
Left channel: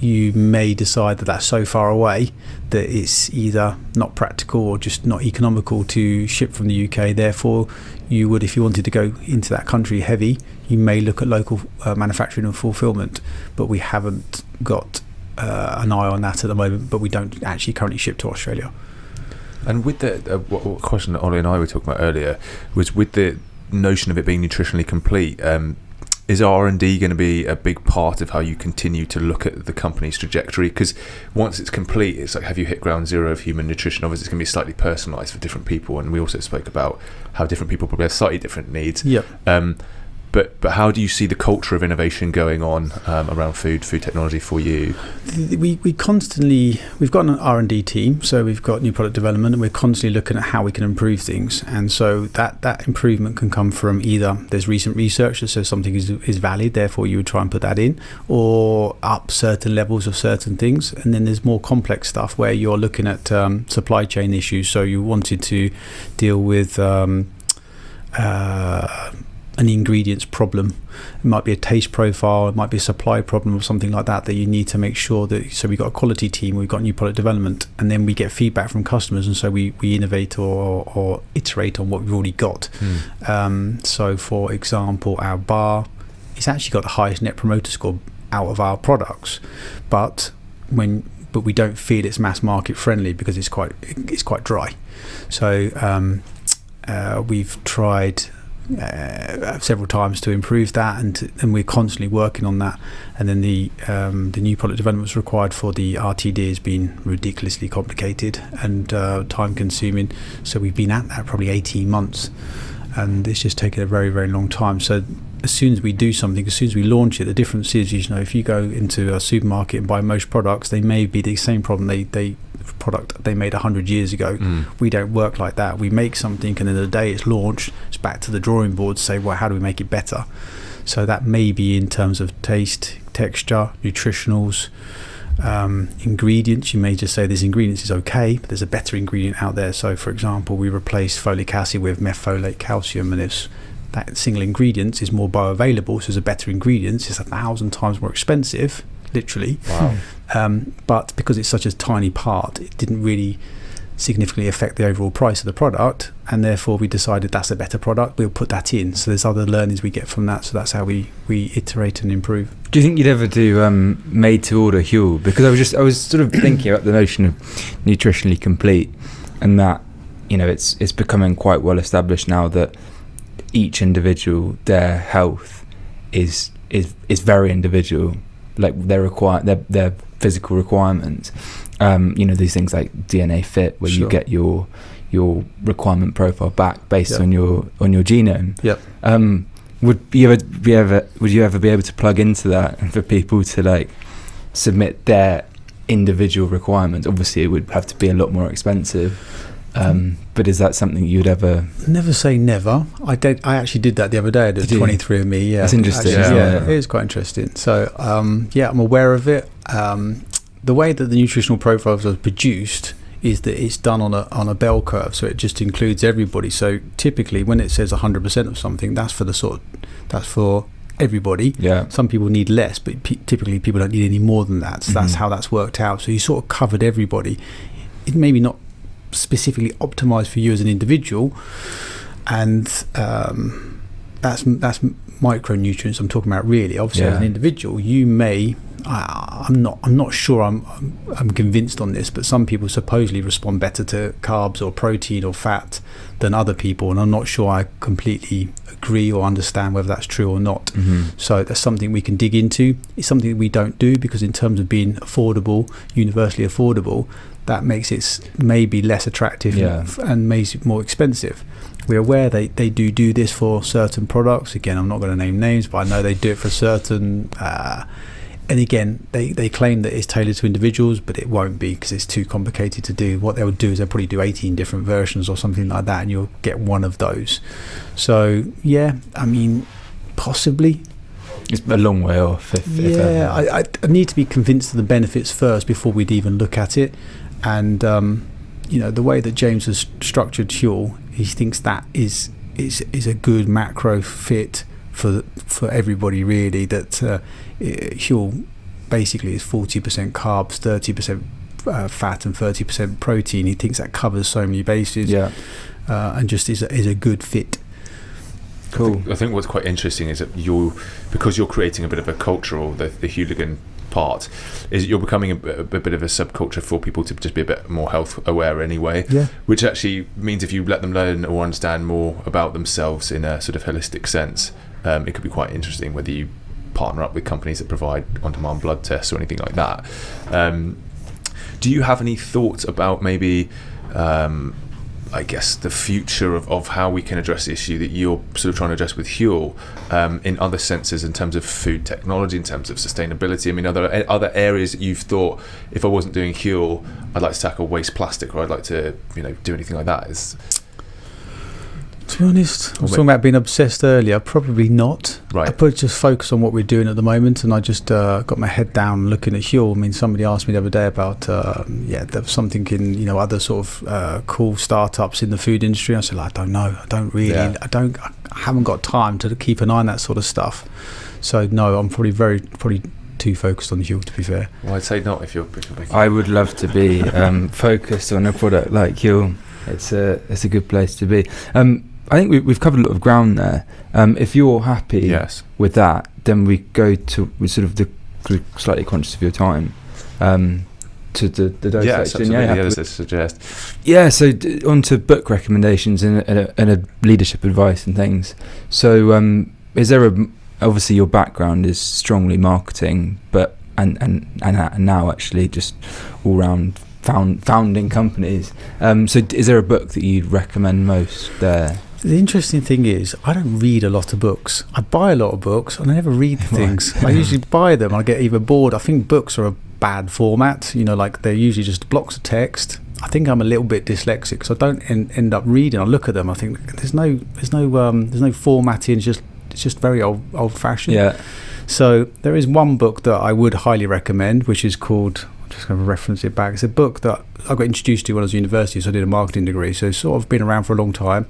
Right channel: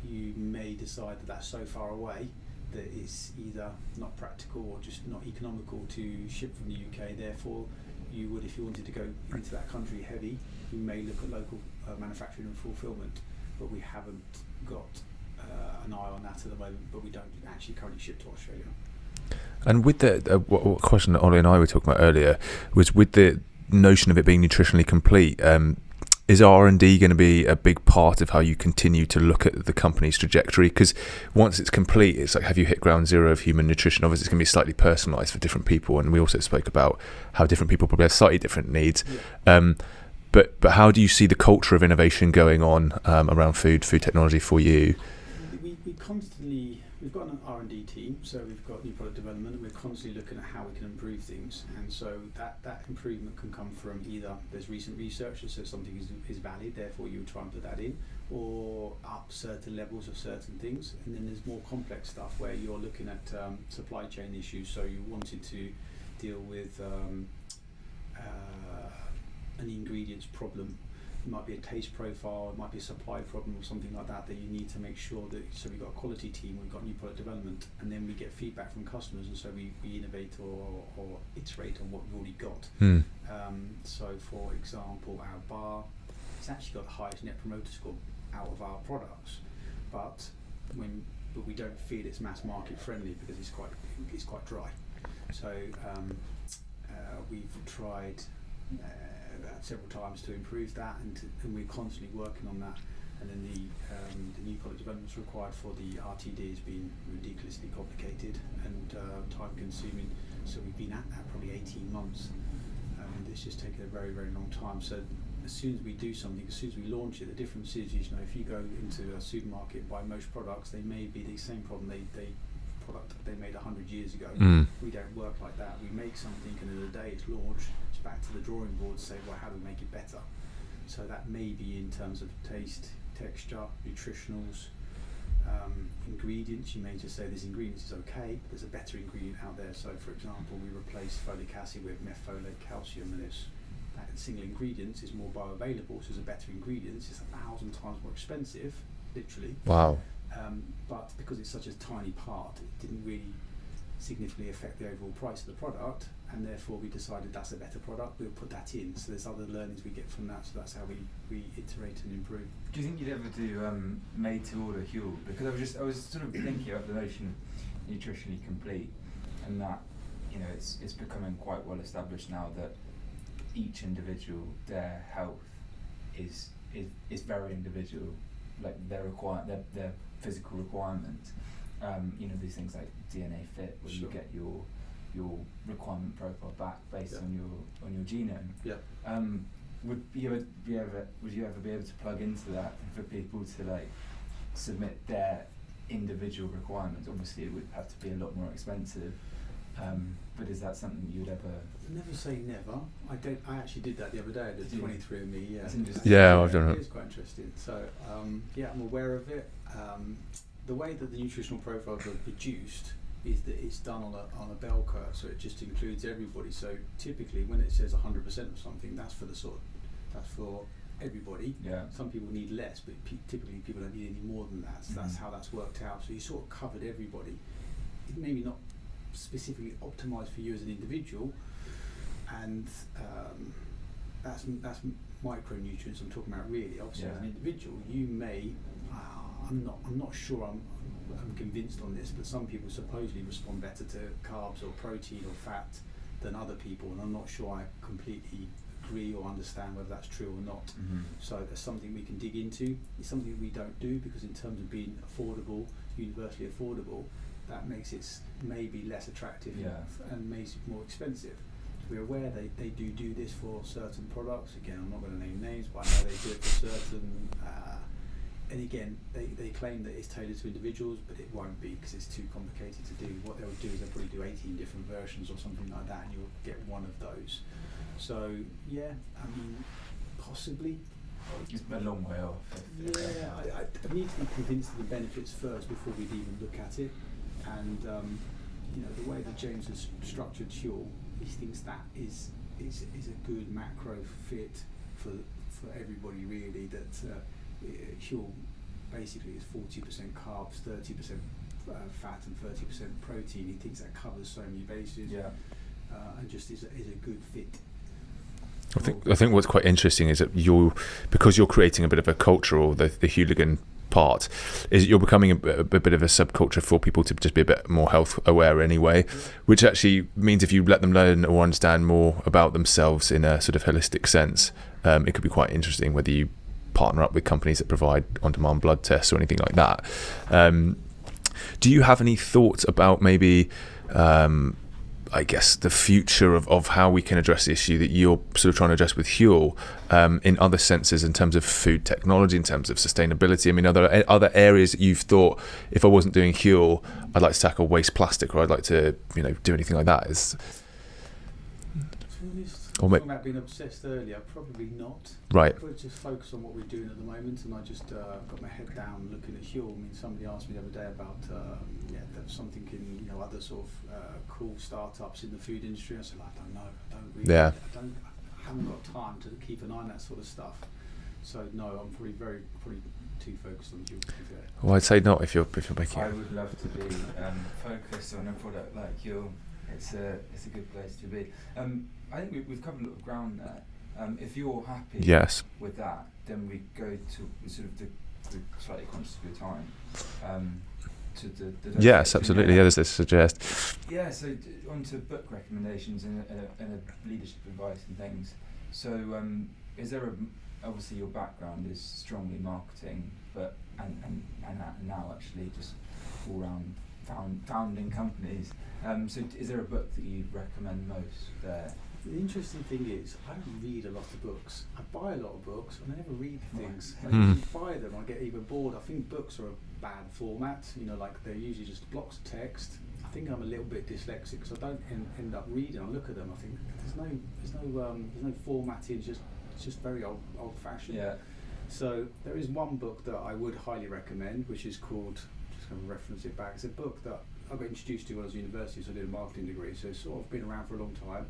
you may decide that that's so far away that it's either not practical or just not economical to ship from the UK. Therefore, you would, if you wanted to go into that country heavy, you may look at local manufacturing and fulfillment. But we haven't got an eye on that at the moment, but we don't actually currently ship to Australia. And with the what question that Ollie and I were talking about earlier was with the notion of it being nutritionally complete, is R&D going to be a big part of how you continue to look at the company's trajectory? Because once it's complete, it's like, have you hit ground zero of human nutrition? Obviously, it's going to be slightly personalised for different people, and we also spoke about how different people probably have slightly different needs. Yep. But how do you see the culture of innovation going on around food technology for you? We've got an R&D team, so we've got new product development, and we're constantly looking at how we can improve things. And so that improvement can come from either there's recent research that says something is valid, therefore you would try and put that in, or up certain levels of certain things. And then there's more complex stuff where you're looking at supply chain issues. So you wanted to deal with an ingredients problem. It might be a taste profile, it might be a supply problem or something like that you need to make sure that. So we've got a quality team, we've got new product development, and then we get feedback from customers, and so we innovate or iterate on what we've already got. So for example, our bar, it's actually got the highest net promoter score out of our products, but we don't feel it's mass market friendly because it's quite dry. So we've tried several times to improve that, and we're constantly working on that. And then the new product developments required for the RTD has been ridiculously complicated and time consuming. So we've been at that probably 18 months, and it's just taken a very, very long time. So as soon as we do something, as soon as we launch it, the difference is, if you go into a supermarket and buy most products, they may be the same problem product they made 100 years ago. We don't work like that. We make something, and then the day it's launched, it's back to the drawing board to say, well, how do we make it better? So that may be in terms of taste, texture, nutritionals, ingredients. You may just say this ingredient is okay, but there's a better ingredient out there. So for example, we replaced folic acid with methfolate calcium, and that single ingredient is more bioavailable, so it's a better ingredient. It's 1,000 times more expensive, literally. Wow. But because it's such a tiny part, it didn't really significantly affect the overall price of the product, and therefore we decided that's a better product, we'll put that in. So there's other learnings we get from that, so that's how we iterate and improve. Do you think you'd ever do made to order Huel? Because I was sort of thinking about the notion of nutritionally complete, and that it's becoming quite well established now that each individual, their health is very individual, like their physical requirements. These things like DNA Fit, where you get your requirement profile back based on your genome. Yep. Would you ever be able to plug into that and for people to like submit their individual requirements? Obviously, it would have to be a lot more expensive. But is that something you'd ever? Never say never. I actually did that the other day. I did 23andMe. Yeah, that's interesting. It is quite interesting. So I'm aware of it. The way that the nutritional profiles are produced is that it's done on a bell curve, so it just includes everybody. So typically, when it says 100% of something, that's for everybody. Yeah. Some people need less, but typically people don't need any more than that. So that's how that's worked out. So you sort of covered everybody. It maybe not specifically optimized for you as an individual, and that's micronutrients I'm talking about, really. Obviously, as an individual, you may. I'm not sure. I'm convinced on this, but some people supposedly respond better to carbs or protein or fat than other people, and I'm not sure I completely agree or understand whether that's true or not. So that's something we can dig into. It's something that we don't do because, in terms of being affordable, universally affordable, that makes it maybe less attractive and makes it more expensive. We're aware they do this for certain products. Again, I'm not going to name names, but I know they do it for certain. And again, they claim that it's tailored to individuals, but it won't be because it's too complicated to do. What they'll do is they'll probably do 18 different versions or something like that, and you'll get one of those. So, Possibly. It's a long way off. I need to be convinced of the benefits first before we'd even look at it. And the way that James has structured Huel, he thinks that is a good macro fit for everybody, really. That Huel basically is 40% carbs, 30% fat, and 30% protein. He thinks that covers so many bases, and just is a good fit. Cool. I think what's quite interesting is that because you're creating a bit of a cultural, the hooligan part, is you're becoming a bit of a subculture for people to just be a bit more health aware anyway, which actually means if you let them learn or understand more about themselves in a sort of holistic sense, it could be quite interesting whether you partner up with companies that provide on-demand blood tests or anything like that. Do you have any thoughts about maybe I guess the future of how we can address the issue that you're sort of trying to address with Huel, in other senses, in terms of food technology, in terms of sustainability? I mean, are there other areas that you've thought, if I wasn't doing Huel, I'd like to tackle waste plastic, or I'd like to do anything like that? To be honest, I was talking about being obsessed earlier. Probably not. Right. I probably just focus on what we're doing at the moment, and I just got my head down looking at Huel. I mean, somebody asked me the other day about there's something in other sort of cool startups in the food industry. I said, I don't know. I don't really. I haven't got time to keep an eye on that sort of stuff. So no, I'm probably too focused on Huel, to be fair. Well, I'd say not if you're making. I would love to be focused on a product like Huel. It's a good place to be. I think we've covered a lot of ground there. If you're happy with that, then we go to slightly conscious of your time. To the dose yes, section. absolutely. As I suggest. Yeah. So on to book recommendations and a leadership advice and things. So is there obviously your background is strongly marketing, but and now actually just all round founding companies. So is there a book that you'd recommend most there? The interesting thing is, I don't read a lot of books. I buy a lot of books, and I never read the things. I usually buy them, and I get either bored. I think books are a bad format. Like they're usually just blocks of text. I think I'm a little bit dyslexic, so I don't end up reading. I look at them. I think there's no formatting. It's just very old-fashioned. Yeah. So there is one book that I would highly recommend, which is called. I'm just going to reference it back. It's a book that I got introduced to when I was at university. So I did a marketing degree. So it's sort of been around for a long time.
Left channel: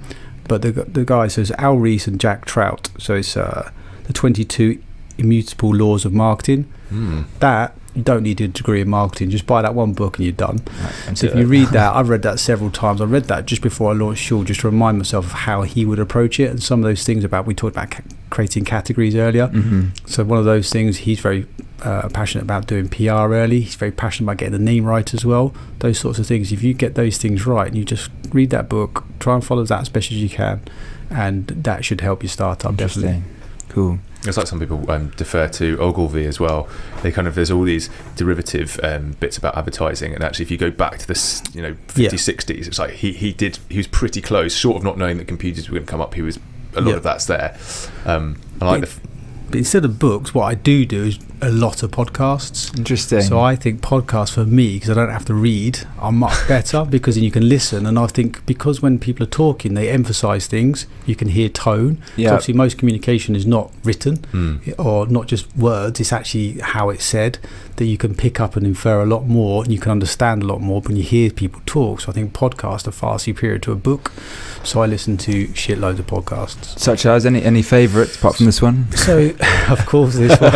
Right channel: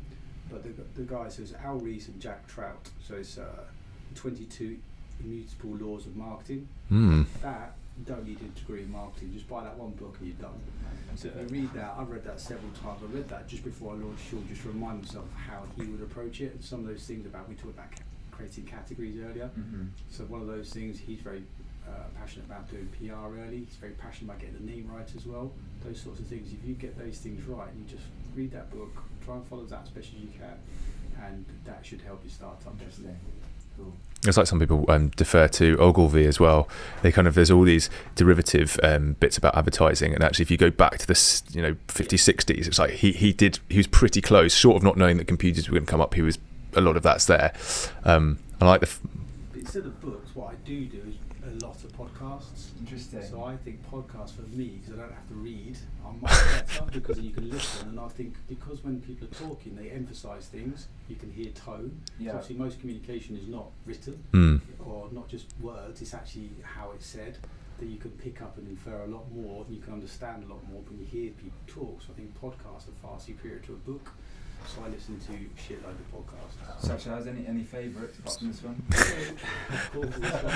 But the guy says Al Rees and Jack Trout. So it's the 22 Immutable Laws of Marketing. That you don't need a degree in marketing. Just buy that one book and you're done. Right, so if you read that, I've read that several times. I read that just before I launched Huel, just to remind myself of how he would approach it, and some of those things we talked about creating categories earlier. So one of those things, he's very passionate about doing PR early. He's very passionate about getting the name right as well. Those sorts of things. If you get those things right and you just read that book, try and follow that as best as you can, and that should help your startup. Definitely. Cool. It's like some people defer to Ogilvy as well. There's all these derivative bits about advertising, and actually if you go back to the 50s, 60s, it's like he was pretty close, short of not knowing that computers were going to come up. He was a lot of that's there. But instead of books, what I do is a lot of podcasts. Interesting. So I think podcasts for me, because I don't have to read, are much better because then you can listen. And I think because when people are talking, they emphasise things. You can hear tone. Yeah. Obviously, most communication is not written or not just words. It's actually how it's said that you can pick up and infer a lot more, and you can understand a lot more when you hear people talk. So I think podcasts are far superior to a book. So I listen to shitloads of podcasts. Such as any favourites apart from this one? So, of course, this one.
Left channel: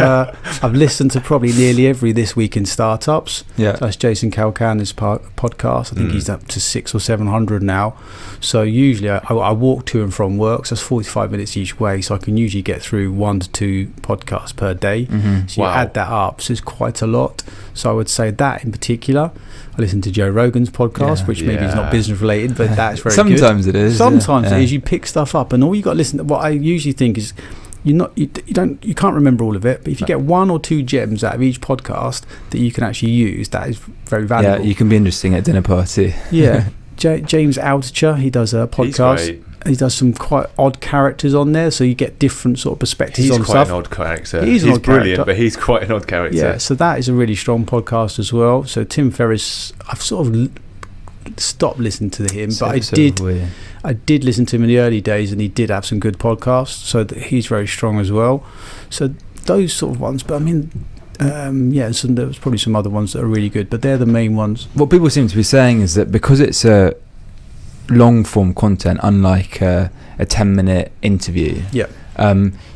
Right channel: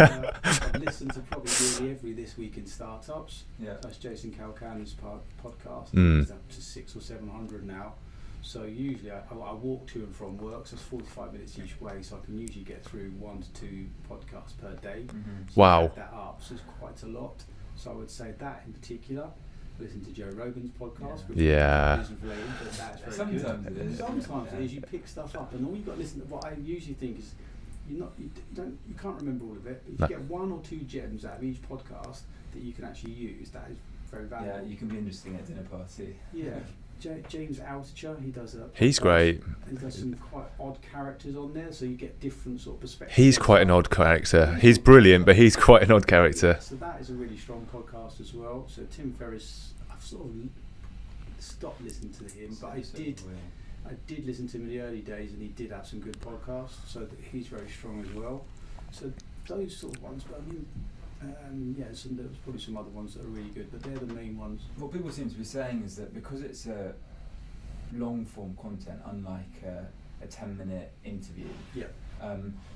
I've listened to probably nearly every This Week in Startups. Yeah. So that's Jason Calcan's podcast. I think he's up to 600 or 700 now. So usually I walk to and from work. So that's 45 minutes each way. So I can usually get through 1 to 2 podcasts per day. So you add that up. So it's quite a lot. So I would say that in particular. I listen to Joe Rogan's podcast, which maybe is not business related, but that's very good. Sometimes it is. Sometimes it is. You pick stuff up, and all you got to listen to. What I usually think is, you can't remember all of it, but if you get 1 or 2 gems out of each podcast that you can actually use, that is very valuable. Yeah, you can be interesting at dinner party. Yeah. James Altucher, he does a podcast. He's great. He does some quite odd characters on there, so you get different sort of perspectives. He's on quite stuff. an odd character. He's brilliant, but he's quite an odd character. Yeah, so that is a really strong podcast as well. So Tim Ferriss, I've sort of stopped listening to him, but I did listen to him in the early days, and he did have some good podcasts, so that he's very strong as well. So those sort of ones, but I mean, there was probably some other ones that are really good, but they're the main ones. What people seem to be saying is that because it's a long form content, unlike a 10-minute interview,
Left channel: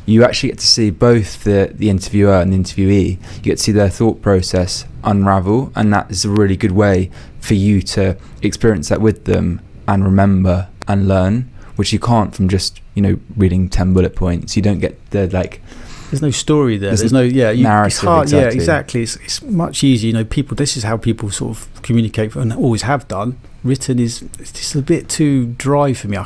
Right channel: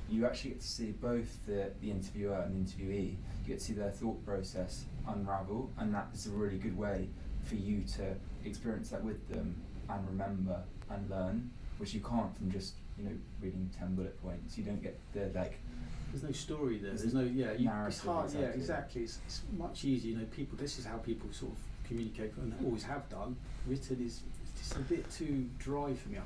you actually get to see both the interviewer and the interviewee. You get to see their thought process unravel, and that is a really good way for you to experience that with them and remember and learn, which you can't from just reading 10 bullet points. You don't get the there's no story there. There's no narrative. It's hard, exactly. Yeah, exactly. It's much easier. People. This is how people sort of communicate, and always have done. Written it's just a bit too dry for me. I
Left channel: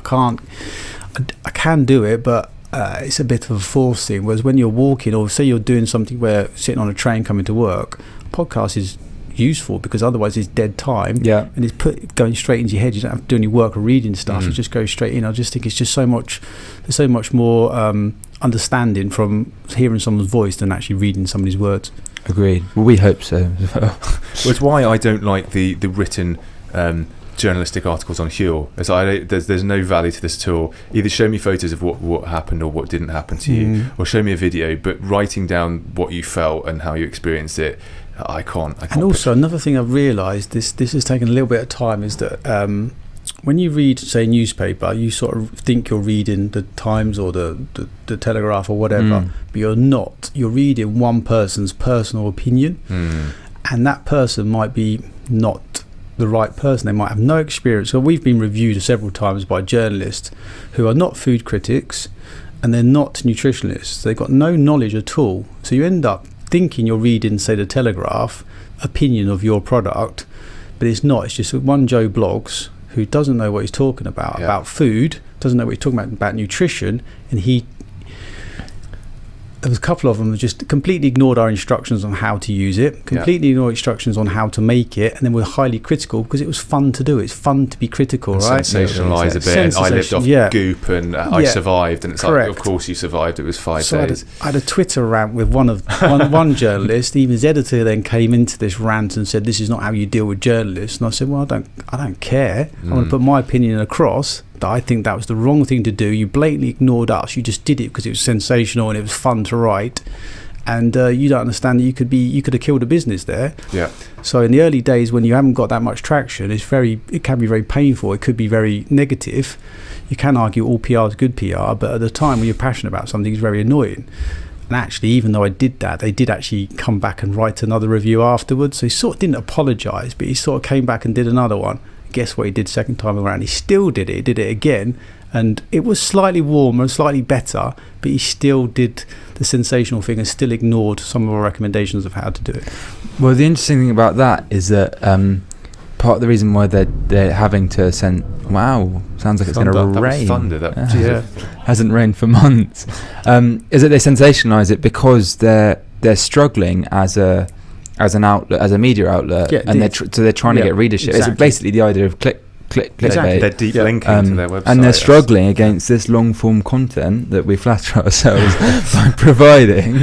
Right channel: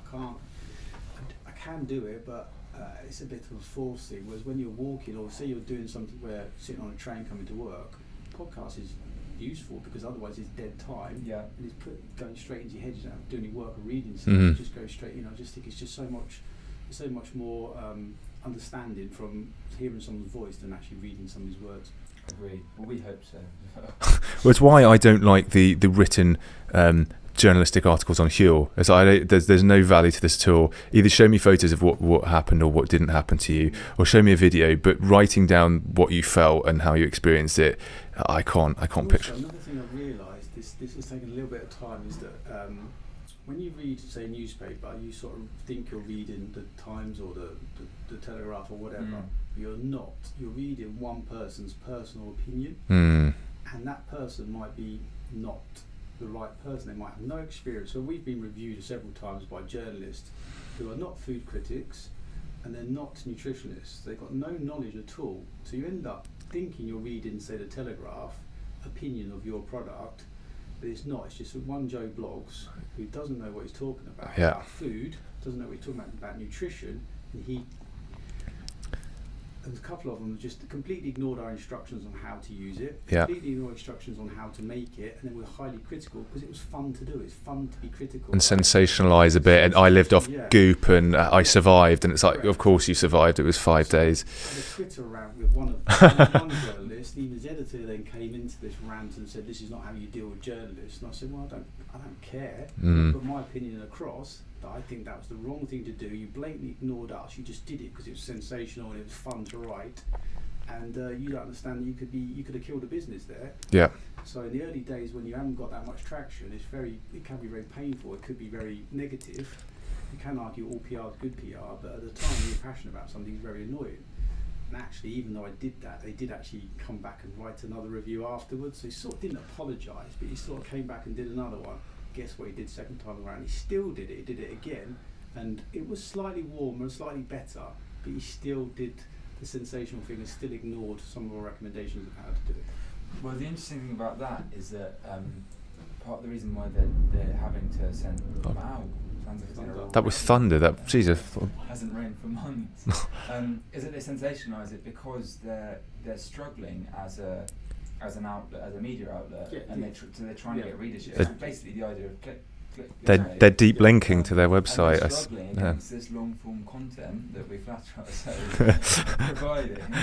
can do it, but it's a bit of a forced thing. Whereas when you're walking, or say you're doing something where sitting on a train coming to work, podcast is useful because otherwise it's dead time, and it's going straight into your head. You don't have to do any work or reading stuff. It just goes straight in. I just think it's just there's so much more understanding from hearing someone's voice than actually reading somebody's words. Agreed. Well, we hope so as well. Well, it's why I don't like the written journalistic articles on Huel. There's no value to this at all. Either show me photos of what happened or what didn't happen to you, or show me a video, but writing down what you felt and how you experienced it, I can't. And also another thing I've realised, this has taken a little bit of time, is that when you read, say, a newspaper, you sort of think you're reading the Times or the Telegraph or whatever, but you're not. You're reading one person's personal opinion, and that person might be not the right person. They might have no experience. So we've been reviewed several times by journalists who are not food critics, and they're not nutritionalists. They've got no knowledge at all. So you end up thinking you're reading, say, the Telegraph opinion of your product, but it's not. It's just one Joe Blogs who doesn't know what he's talking about food, doesn't know what he's talking about nutrition, and there was a couple of them that just completely ignored our instructions on how to use it, completely ignored instructions on how to make it, and then were highly critical because it was fun to do. It's fun to be critical, and right? Sensationalise a bit. And I lived off goop, and I survived, and it's correct. Like, of course you survived. It was 5 days. I had a Twitter rant with one journalist. Even his editor then came into this rant and said, "This is not how you deal with journalists." And I said, "Well, I don't care. I want to put my opinion across. That I think that was the wrong thing to do. You blatantly ignored us. You just did it because it was sensational and it was fun to write, and you don't understand that you could have killed a business there." Yeah. So in the early days, when you haven't got that much traction, it can be very painful. It could be very negative. You can argue all PR is good PR, but at the time when you're passionate about something, it's very annoying. And actually, even though I did that, they did actually come back and write another review afterwards. So he sort of didn't apologise, but he sort of came back and did another one. Guess what he did second time around? He still did it. He did it again, and it was slightly warmer and slightly better, but he still did the sensational thing and still ignored some of our recommendations of how to do it. Well, the interesting thing about that is that part of the reason why they're having to send... Wow, sounds like it's going to rain. That was thunder. Hasn't rained for months. Is that they sensationalise it because they're struggling as an outlet, as a media outlet, and they're trying to get readership. Exactly. It's basically the idea of clickbait. Exactly. They're deep linking to their website, and they're struggling against this long form content that we flatter ourselves by providing.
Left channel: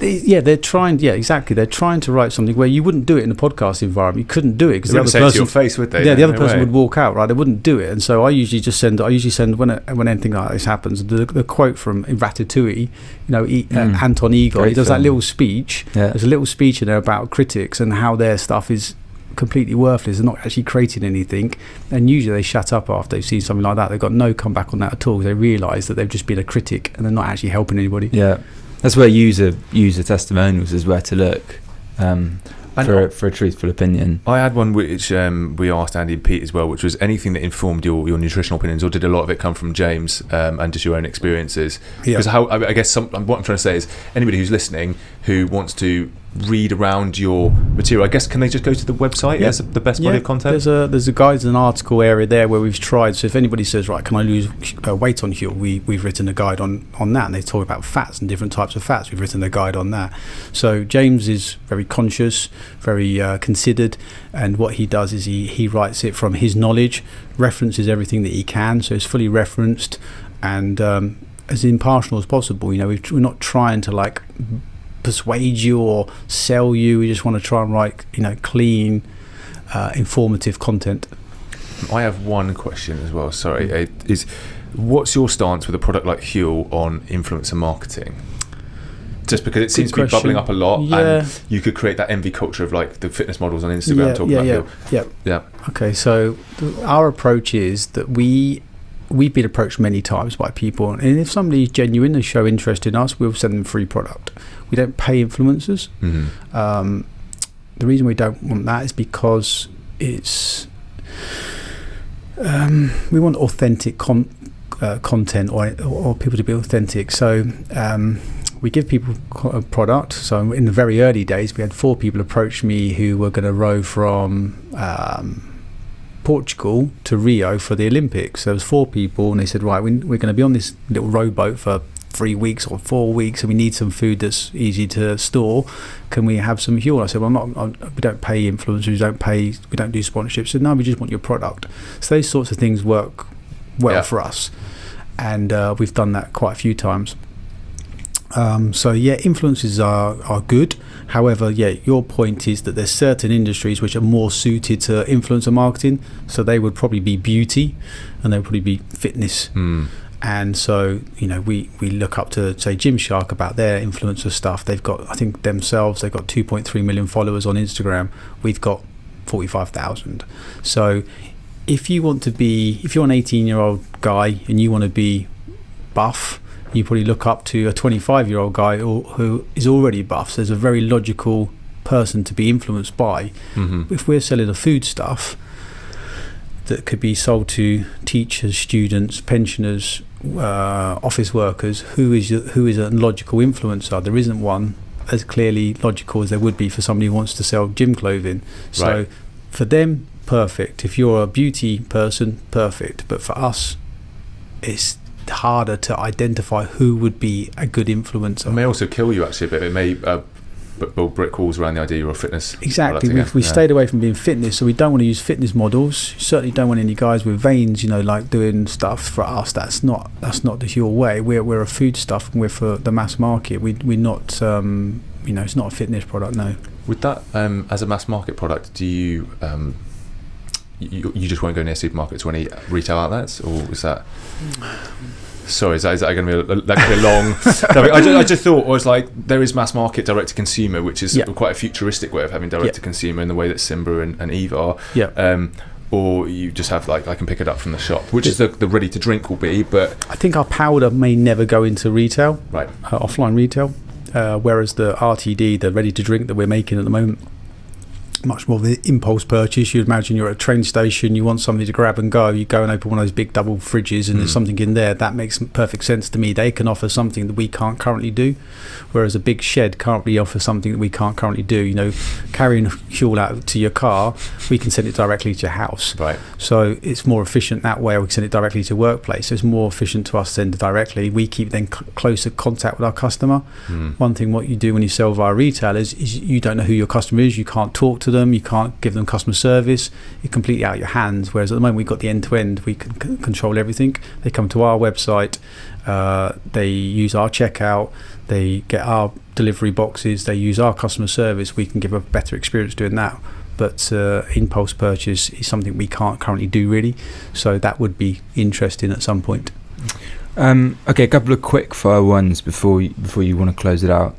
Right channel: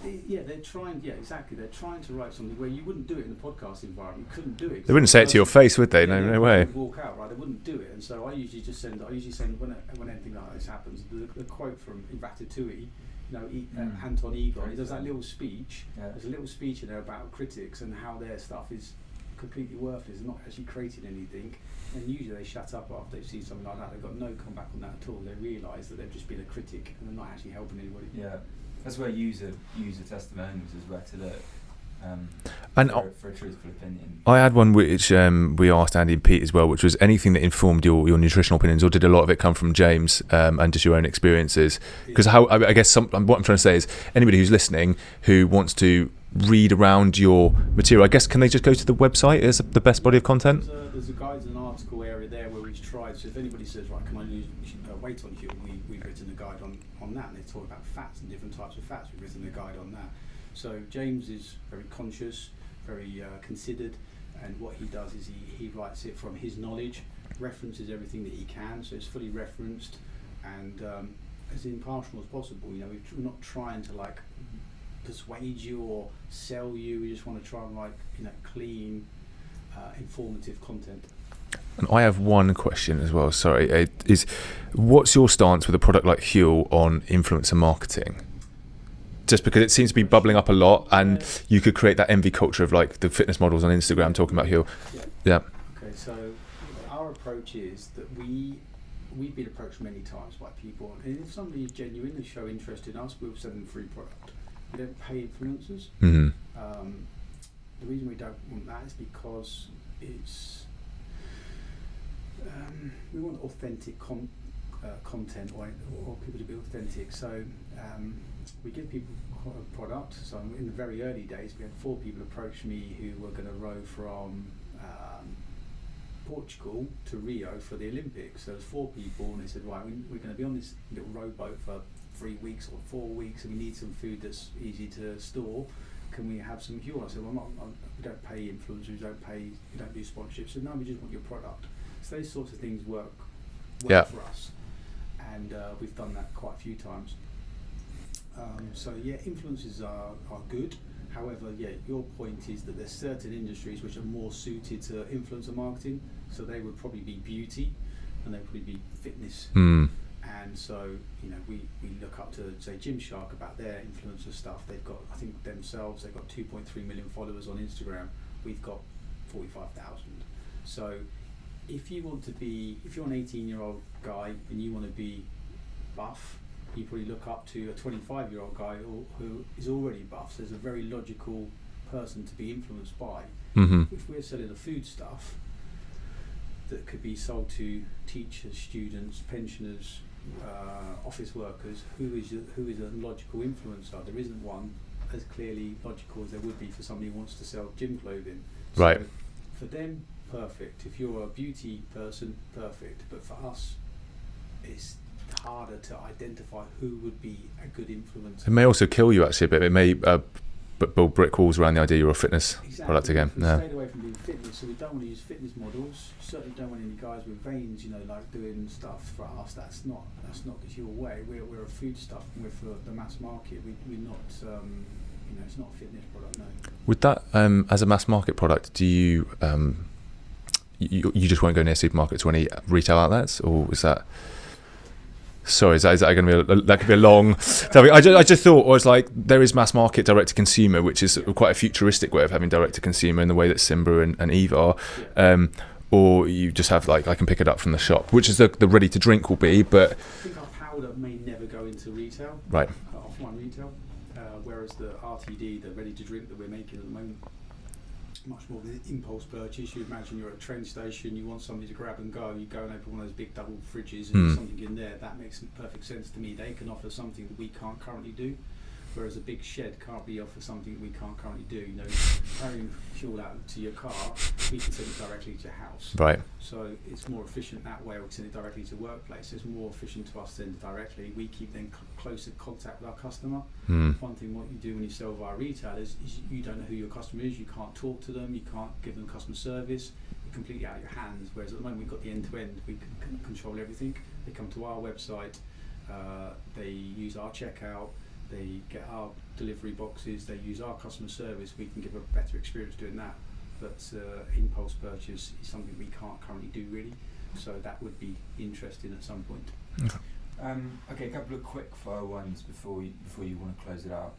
They're trying. Yeah, exactly. They're trying to write something where you wouldn't do it in the podcast environment. You couldn't do it because they wouldn't say it to your face, would they? Yeah, the other person would walk out. Right, they wouldn't do it. And so I usually send when anything like this happens, the quote from Ratatouille. Anton Igor, he does that little speech. Yeah. There's a little speech in there about critics and how their stuff is completely worthless. They're not actually creating anything, and usually they shut up after they've seen something like that. They've got no comeback on that at all. They realise that they've just been a critic and they're not actually helping anybody. Yeah, that's where user testimonials is where to look for a truthful opinion. I had one which we asked Andy and Pete as well, which was anything that informed your nutritional opinions, or did a lot of it come from James and just your own experiences? Because I guess what I'm trying to say is anybody who's listening who wants to read around your material, I guess, can they just go to the website as the best body of content? There's a guides and article area there where we've tried. So if anybody says, right, can I lose weight on Huel, we've written a guide on that, and they talk about fats and different types of fats. We've written a guide on that. So James is very conscious, very considered, and what he does is he writes it from his knowledge, references everything that he can, so it's fully referenced, and as impartial as possible. We're not trying to persuade you or sell you. We just want to try and write clean, informative content. I have one question as well. Sorry, is what's your stance with a product like Huel on influencer marketing? Just because it seems to be bubbling up a lot, and you could create that envy culture of like the fitness models on Instagram talking about Huel. Yeah. Okay, so our approach is that we've been approached many times by people, and if somebody's genuine and show interest in us, we'll send them free product. We don't pay influencers. Mm-hmm. The reason we don't want that is because it's we want authentic content or people to be authentic. So we give people a product. So in the very early days, we had 4 people approach me who were going to row from Portugal to Rio for the Olympics. There was 4 people, and they said, right, we're going to be on this little rowboat for 3 weeks or 4 weeks, and we need some food that's easy to store. Can we have some Huel? I said, well, we don't pay influencers, we don't do sponsorships. So no, we just want your product. So those sorts of things work well for us, and we've done that quite a few times. So influencers are good. However, your point is that there's certain industries which are more suited to influencer marketing. So they would probably be beauty, and they would probably be fitness. And so, we look up to, say, Gymshark about their influencer stuff. They've got, I think themselves, they've got 2.3 million followers on Instagram. We've got 45,000. So if you're an 18-year-old guy and you want to be buff, you probably look up to a 25-year-old guy who is already buff. So there's a very logical person to be influenced by. Mm-hmm. If we're selling a food stuff that could be sold to teachers, students, pensioners, office workers, who is a logical influencer? There isn't one as clearly logical as there would be for somebody who wants to sell gym clothing. So for them, perfect. If you're a beauty person, perfect. But for us, it's harder to identify who would be a good influencer. It may also kill you actually a bit. It may build brick walls around the idea you're a fitness product again. We stayed away from being fitness, so we don't want to use fitness models. Certainly don't want any guys with veins, like doing stuff. For us, that's not the Huel way. We're a food stuff, and we're for the mass market. We're not it's not a fitness product. No. With that, as a mass market product, do you you just won't go near supermarkets or any retail outlets, or is that? Sorry, is that going to be a long? I just thought it was like there is mass market direct to consumer, which is quite a futuristic way of having direct to consumer in the way that Simba and Eve are. Yeah. Or you just have I can pick it up from the shop, which is the ready to drink will be. But I think our powder may never go into retail, right? Offline retail, whereas the RTD, the ready to drink that we're making at the moment, much more of the impulse purchase. You'd imagine you're at a train station, you want something to grab and go, you go and open one of those big double fridges and there's something in there. That makes perfect sense to me. They can offer something that we can't currently do, whereas a big shed can't really offer something that we can't currently do. Carrying Huel out to your car, we can send it directly to your house. Right. So it's more efficient that way. We can send it directly to workplace. So it's more efficient to us to send it directly. We keep then closer contact with our customer. One thing what you do when you sell via retail is you don't know who your customer is. You can't talk to them, you can't give them customer service. You're completely out of your hands, whereas at the moment we've got the end-to-end. We can control everything. They come to our website, they use our checkout, they get our delivery boxes, they use our customer service. We can give a better experience doing that. But impulse purchase is something we can't currently do really, so that would be interesting at some point. Okay, a couple of quick fire ones before you want to close it out.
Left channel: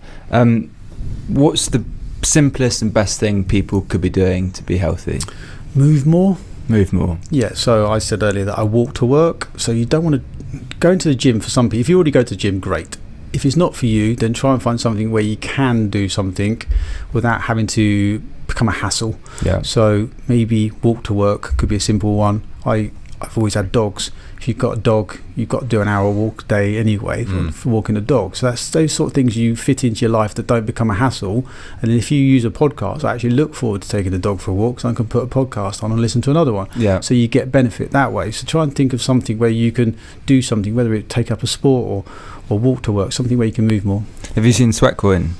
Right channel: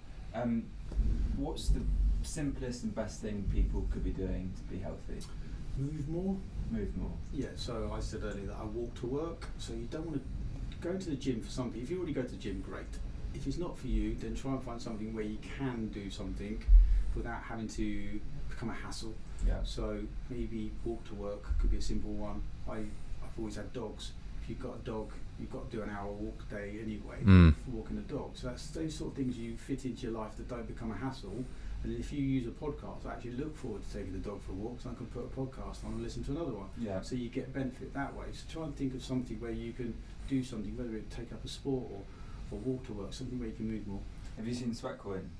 What's the simplest and best thing people could be doing to be healthy? Move more. Yeah, so I said earlier that I walk to work, so you don't want to go into the gym. For some people, if you already go to the gym, great. If it's not for you, then try and find something where you can do something without having to become a hassle. Yeah. So maybe walk to work could be a simple one. I've always had dogs. If you've got a dog, you've got to do an hour walk a day anyway for walking a dog. So that's those sort of things you fit into your life that don't become a hassle. And then if you use a podcast, I actually look forward to taking the dog for a walk, so I can put a podcast on and listen to another one. Yeah. So you get benefit that way. So try and think of something where you can do something, whether it take up a sport or walk to work, something where you can move more. Have you seen Sweatcoin?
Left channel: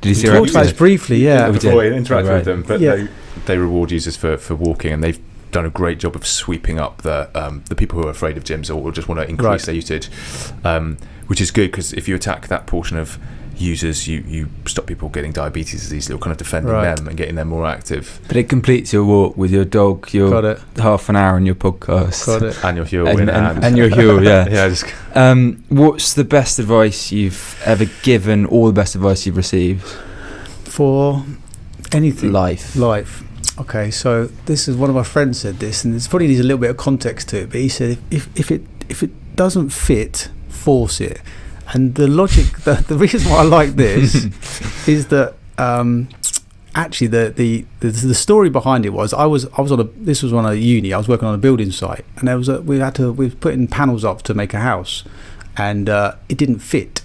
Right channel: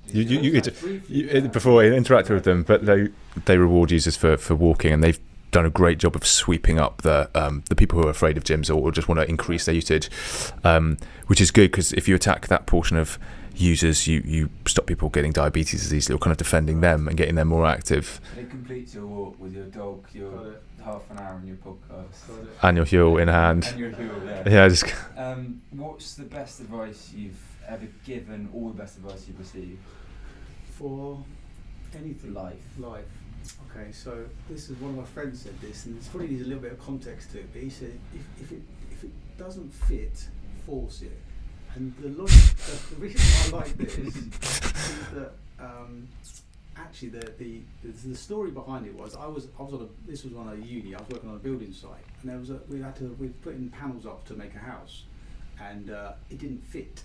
Did you see talked about it briefly? Yeah. Before I interacted with them, but they reward users for walking, and they've done a great job of sweeping up the people who are afraid of gyms or just want to increase their usage, which is good, because if you attack that portion of users, you stop people getting diabetes as easily, or kind of defending them and getting them more active. But it completes your walk with your dog, your half an hour on your podcast, and your Huel in hand, and your Huel, What's the best advice you've ever given, or the best advice you've received for anything? Life. Okay, so this is one of my friends said this, and it probably needs a little bit of context to it. But he said, if it doesn't fit, force it. And the logic, the reason why I like this is that actually the story behind it was I was on a uni. I was working on a building site, and we were putting panels up to make a house, and it didn't fit.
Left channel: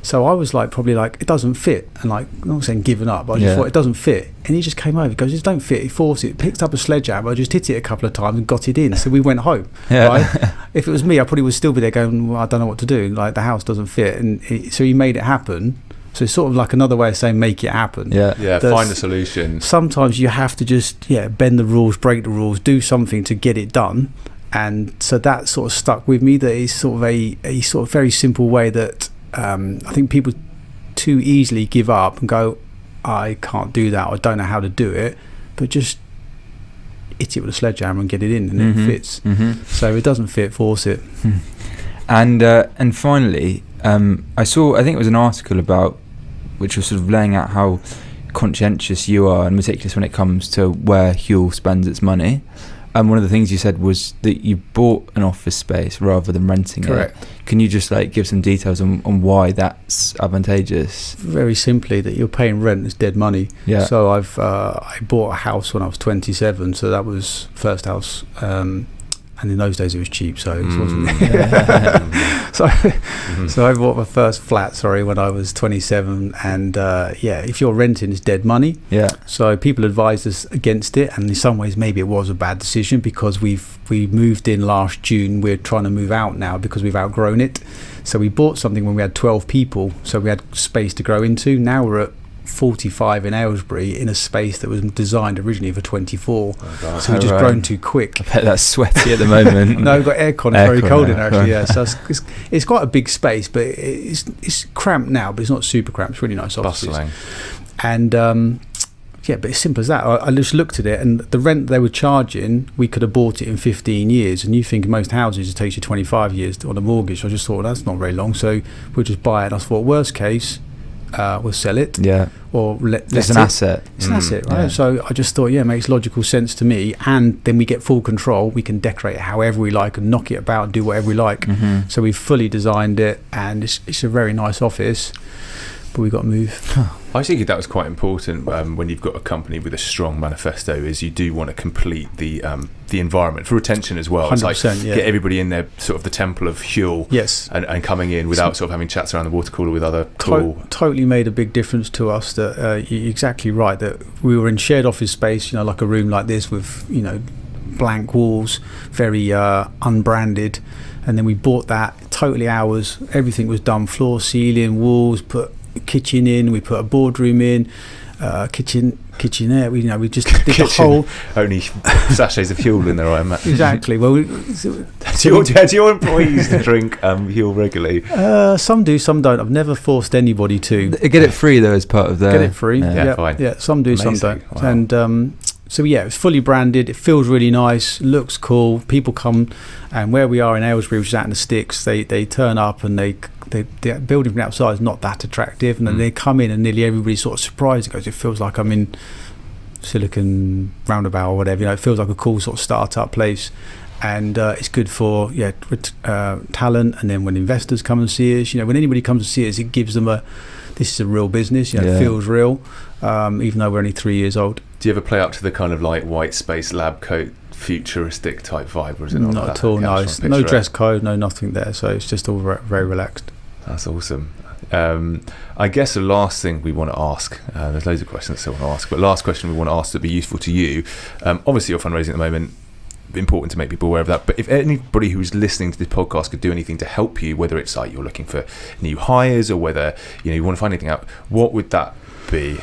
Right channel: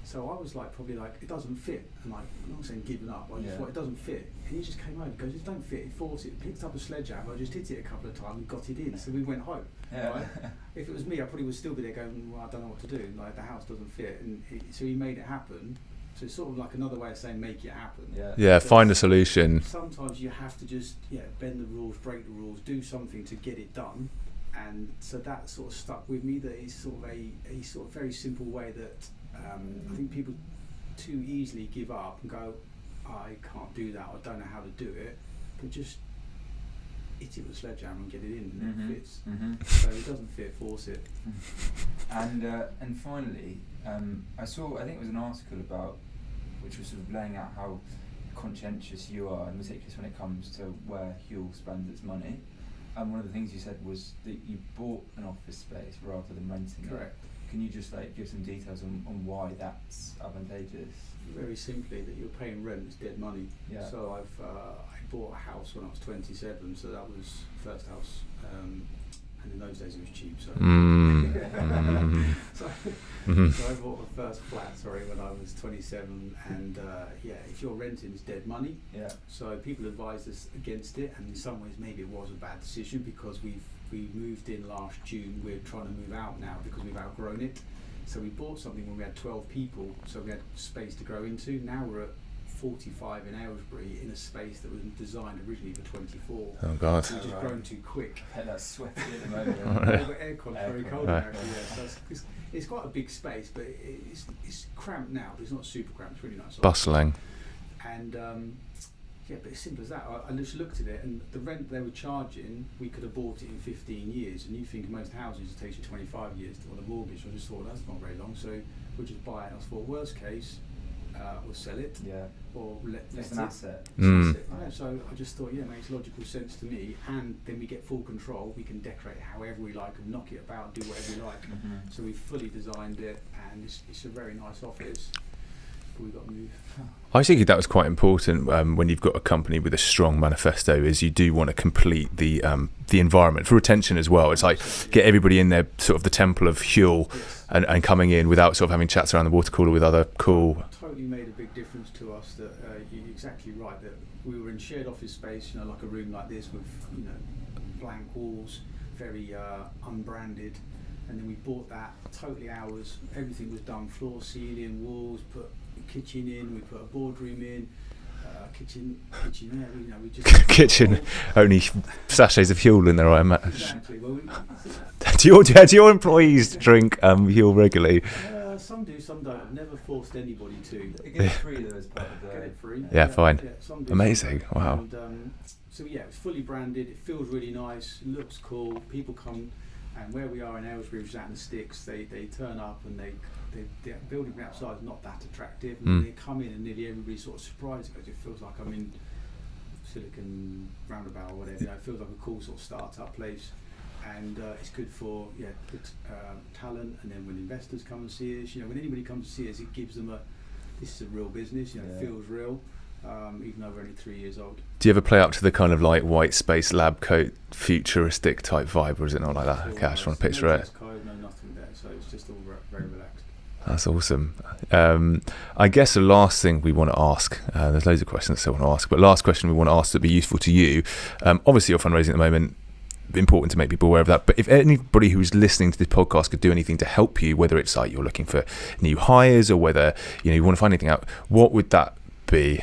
So I was probably it doesn't fit, and I'm not saying giving up, but I just thought it doesn't fit. And he just came over, he goes, "It don't fit." He forced it, picked up a sledgehammer, I just hit it a couple of times and got it in. So we went home. Right? If it was me, I probably would still be there going, "Well, I don't know what to do. The house doesn't fit." And so he made it happen. So it's sort of another way of saying make it happen. Find a solution. Sometimes you have to just bend the rules, break the rules, do something to get it done. And so that sort of stuck with me. That is sort of a sort of very simple way that I think people too easily give up and go, "I can't do that, I don't know how to do it," but just hit it with a sledgehammer and get it in, and it fits. So if it doesn't fit, force it. And finally, I think it was an article which was sort of laying out how conscientious you are and meticulous when it comes to where Huel spends its money. And one of the things you said was that you bought an office space rather than renting Correct. it. Can you just give some details on why that's advantageous? Very simply, that you're paying rent is dead money. Yeah. So I bought a house when I was 27, so that was first house. And in those days it was cheap, so it was so I bought my first flat when I was 27, and if you're renting, it's dead money. So people advised us against it, and in some ways maybe it was a bad decision, because we moved in last June. We're trying to move out now because we've outgrown it. So we bought something when we had 12 people, so we had space to grow into. Now we're at 45 in Aylesbury in a space that was designed originally for 24. Oh God, so we've just grown too quick. I bet that's sweaty at the moment. No, we've got aircon. It's very cold in there, actually. So it's quite a big space, but it's cramped now, but it's not super cramped. It's really nice offices. Bustling. And but it's simple as that. I just looked at it, and the rent they were charging, we could have bought it in 15 years. And you think in most houses it takes you 25 years on a mortgage. I just thought that's not very long, so we'll just buy it. I thought worst case, we'll sell it. Or it's an asset. It's an asset, right? Yeah. So I just thought, it makes logical sense to me. And then we get full control. We can decorate it however we like and knock it about and do whatever we like. So we've fully designed it, and it's a very nice office. But we got to move. I think that was quite important when you've got a company with a strong manifesto, is you do want to complete the environment for retention as well. It's get everybody in there, sort of the temple of Huel, and coming in without sort of having chats around the water cooler with other cool. Totally made a big difference to us. That you're exactly right, that we were in shared office space, like a room like this with blank walls, very unbranded, and then we bought that totally ours. Everything was done, floor, ceiling, walls, put kitchen in, we put a boardroom in, kitchenette. We just did the whole. Only sachets of Huel in there, I imagine. Exactly. Well, do your employees drink Huel regularly? Some do, some don't. I've never forced anybody to. They get it free though, as part of their. Get it free. Fine. Yeah, some do, amazing. Some don't. Wow. And so it's fully branded. It feels really nice. Looks cool. People come, and where we are in Aylesbury, which is out in the sticks, they turn up, and the building from the outside is not that attractive, and then they come in and nearly everybody's sort of surprised because it feels like I'm in Silicon Roundabout or whatever. It feels like a cool sort of start-up place, and it's good for talent. And then when investors come and see us, when anybody comes to see us, it gives them this is a real business. It feels real, even though we're only 3 years old. Do you ever play up to the kind of white space lab coat futuristic type vibe, or is it not like that? At all, no dress code, no nothing there, so it's just all very relaxed. That's awesome. I guess the last thing we want to ask, there's loads of questions I still want to ask, but last question we want to ask that would be useful to you. Obviously you're fundraising at the moment, important to make people aware of that, but if anybody who's listening to this podcast could do anything to help you, whether it's you're looking for new hires, or whether you want to find anything out, what would that be?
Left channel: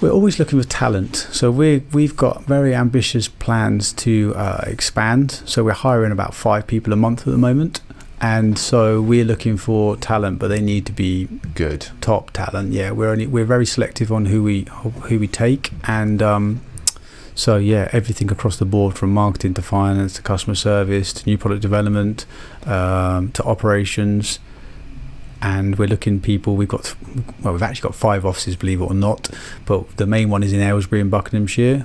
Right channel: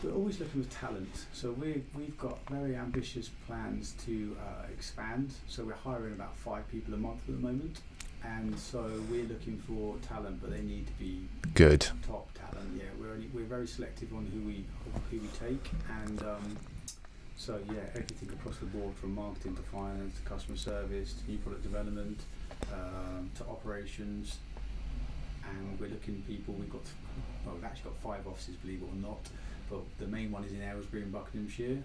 We're always looking for talent, so we've got very ambitious plans to expand. So we're hiring about 5 people a month at the moment, And so we're looking for talent, but they need to be good, top talent. Yeah, we're very selective on who we take, and so yeah, everything across the board, from marketing to finance to customer service to new product development to operations. And we're looking people. We've actually got 5 offices, believe it or not, but the main one is in Aylesbury in Buckinghamshire,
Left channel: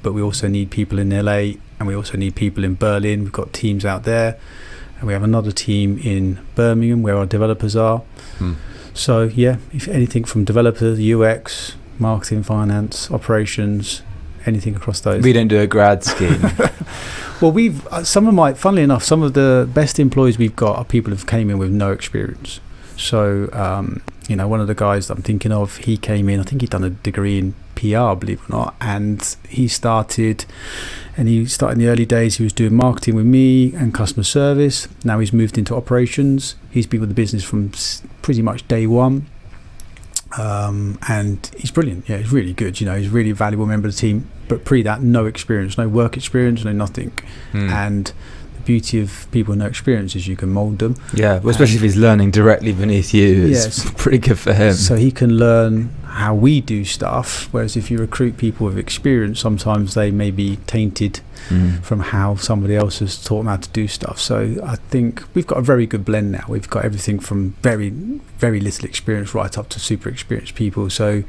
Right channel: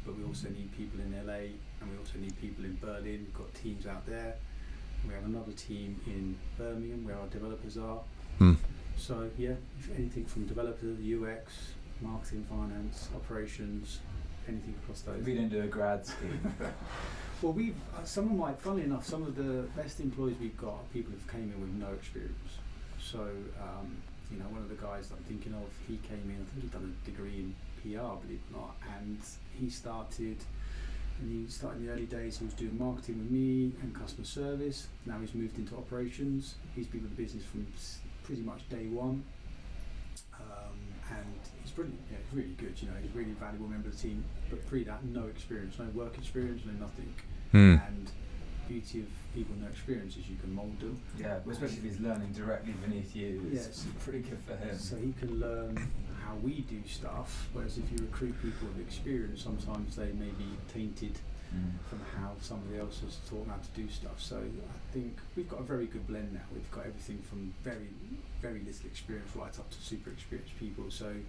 but we also need people in LA, and we also need people in Berlin. We've got teams out there, and we have another team in Birmingham where our developers are. So yeah, if anything from developers, UX, marketing, finance, operations, anything across those. We don't do a grad scheme. Well, funnily enough, some of the best employees we've got are people who came in with no experience. So, one of the guys that I'm thinking of, he came in, I think he'd done a degree in PR, believe it or not, and he started in the early days, he was doing marketing with me and customer service. Now he's moved into operations. He's been with the business from pretty much day one. And he's brilliant. Yeah, he's really good. He's a really valuable member of the team. But pre that, no experience, no work experience, no nothing. And the beauty of people with no experience is you can mould them. Yeah, well, especially if he's learning directly beneath you. It's pretty good for him. So he can learn how we do stuff. Whereas if you recruit people with experience, sometimes they may be tainted from how somebody else has taught them how to do stuff. So I think we've got a very good blend now. We've got everything from very, very little experience right up to super experienced people. So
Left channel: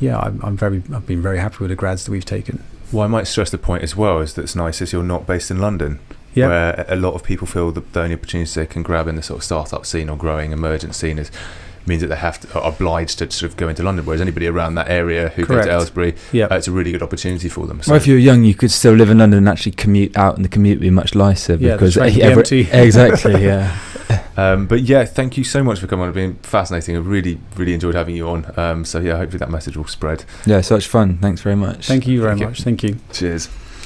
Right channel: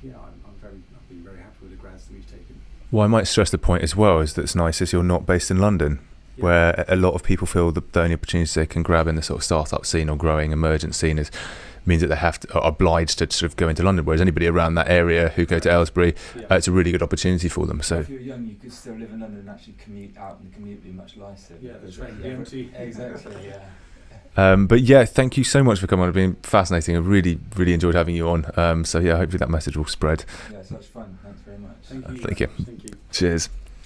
yeah, I've been very happy with the grads that we've taken. Well, I might stress the point as well is that's nice is you're not based in London, where a lot of people feel that the only opportunities they can grab in the sort of startup scene or growing emergent scene means that they are obliged to sort of go into London, whereas anybody around that area who go to Aylesbury, it's a really good opportunity for them. So if you were young, you could still live in London and actually commute out, and the commute would be much nicer because exactly, yeah. But yeah, thank you so much for coming on. It's been fascinating. I really, really enjoyed having you on. So yeah, hopefully that message will spread. Yeah, so much fun. Thanks very much. Thank you very much. Thank you. Cheers.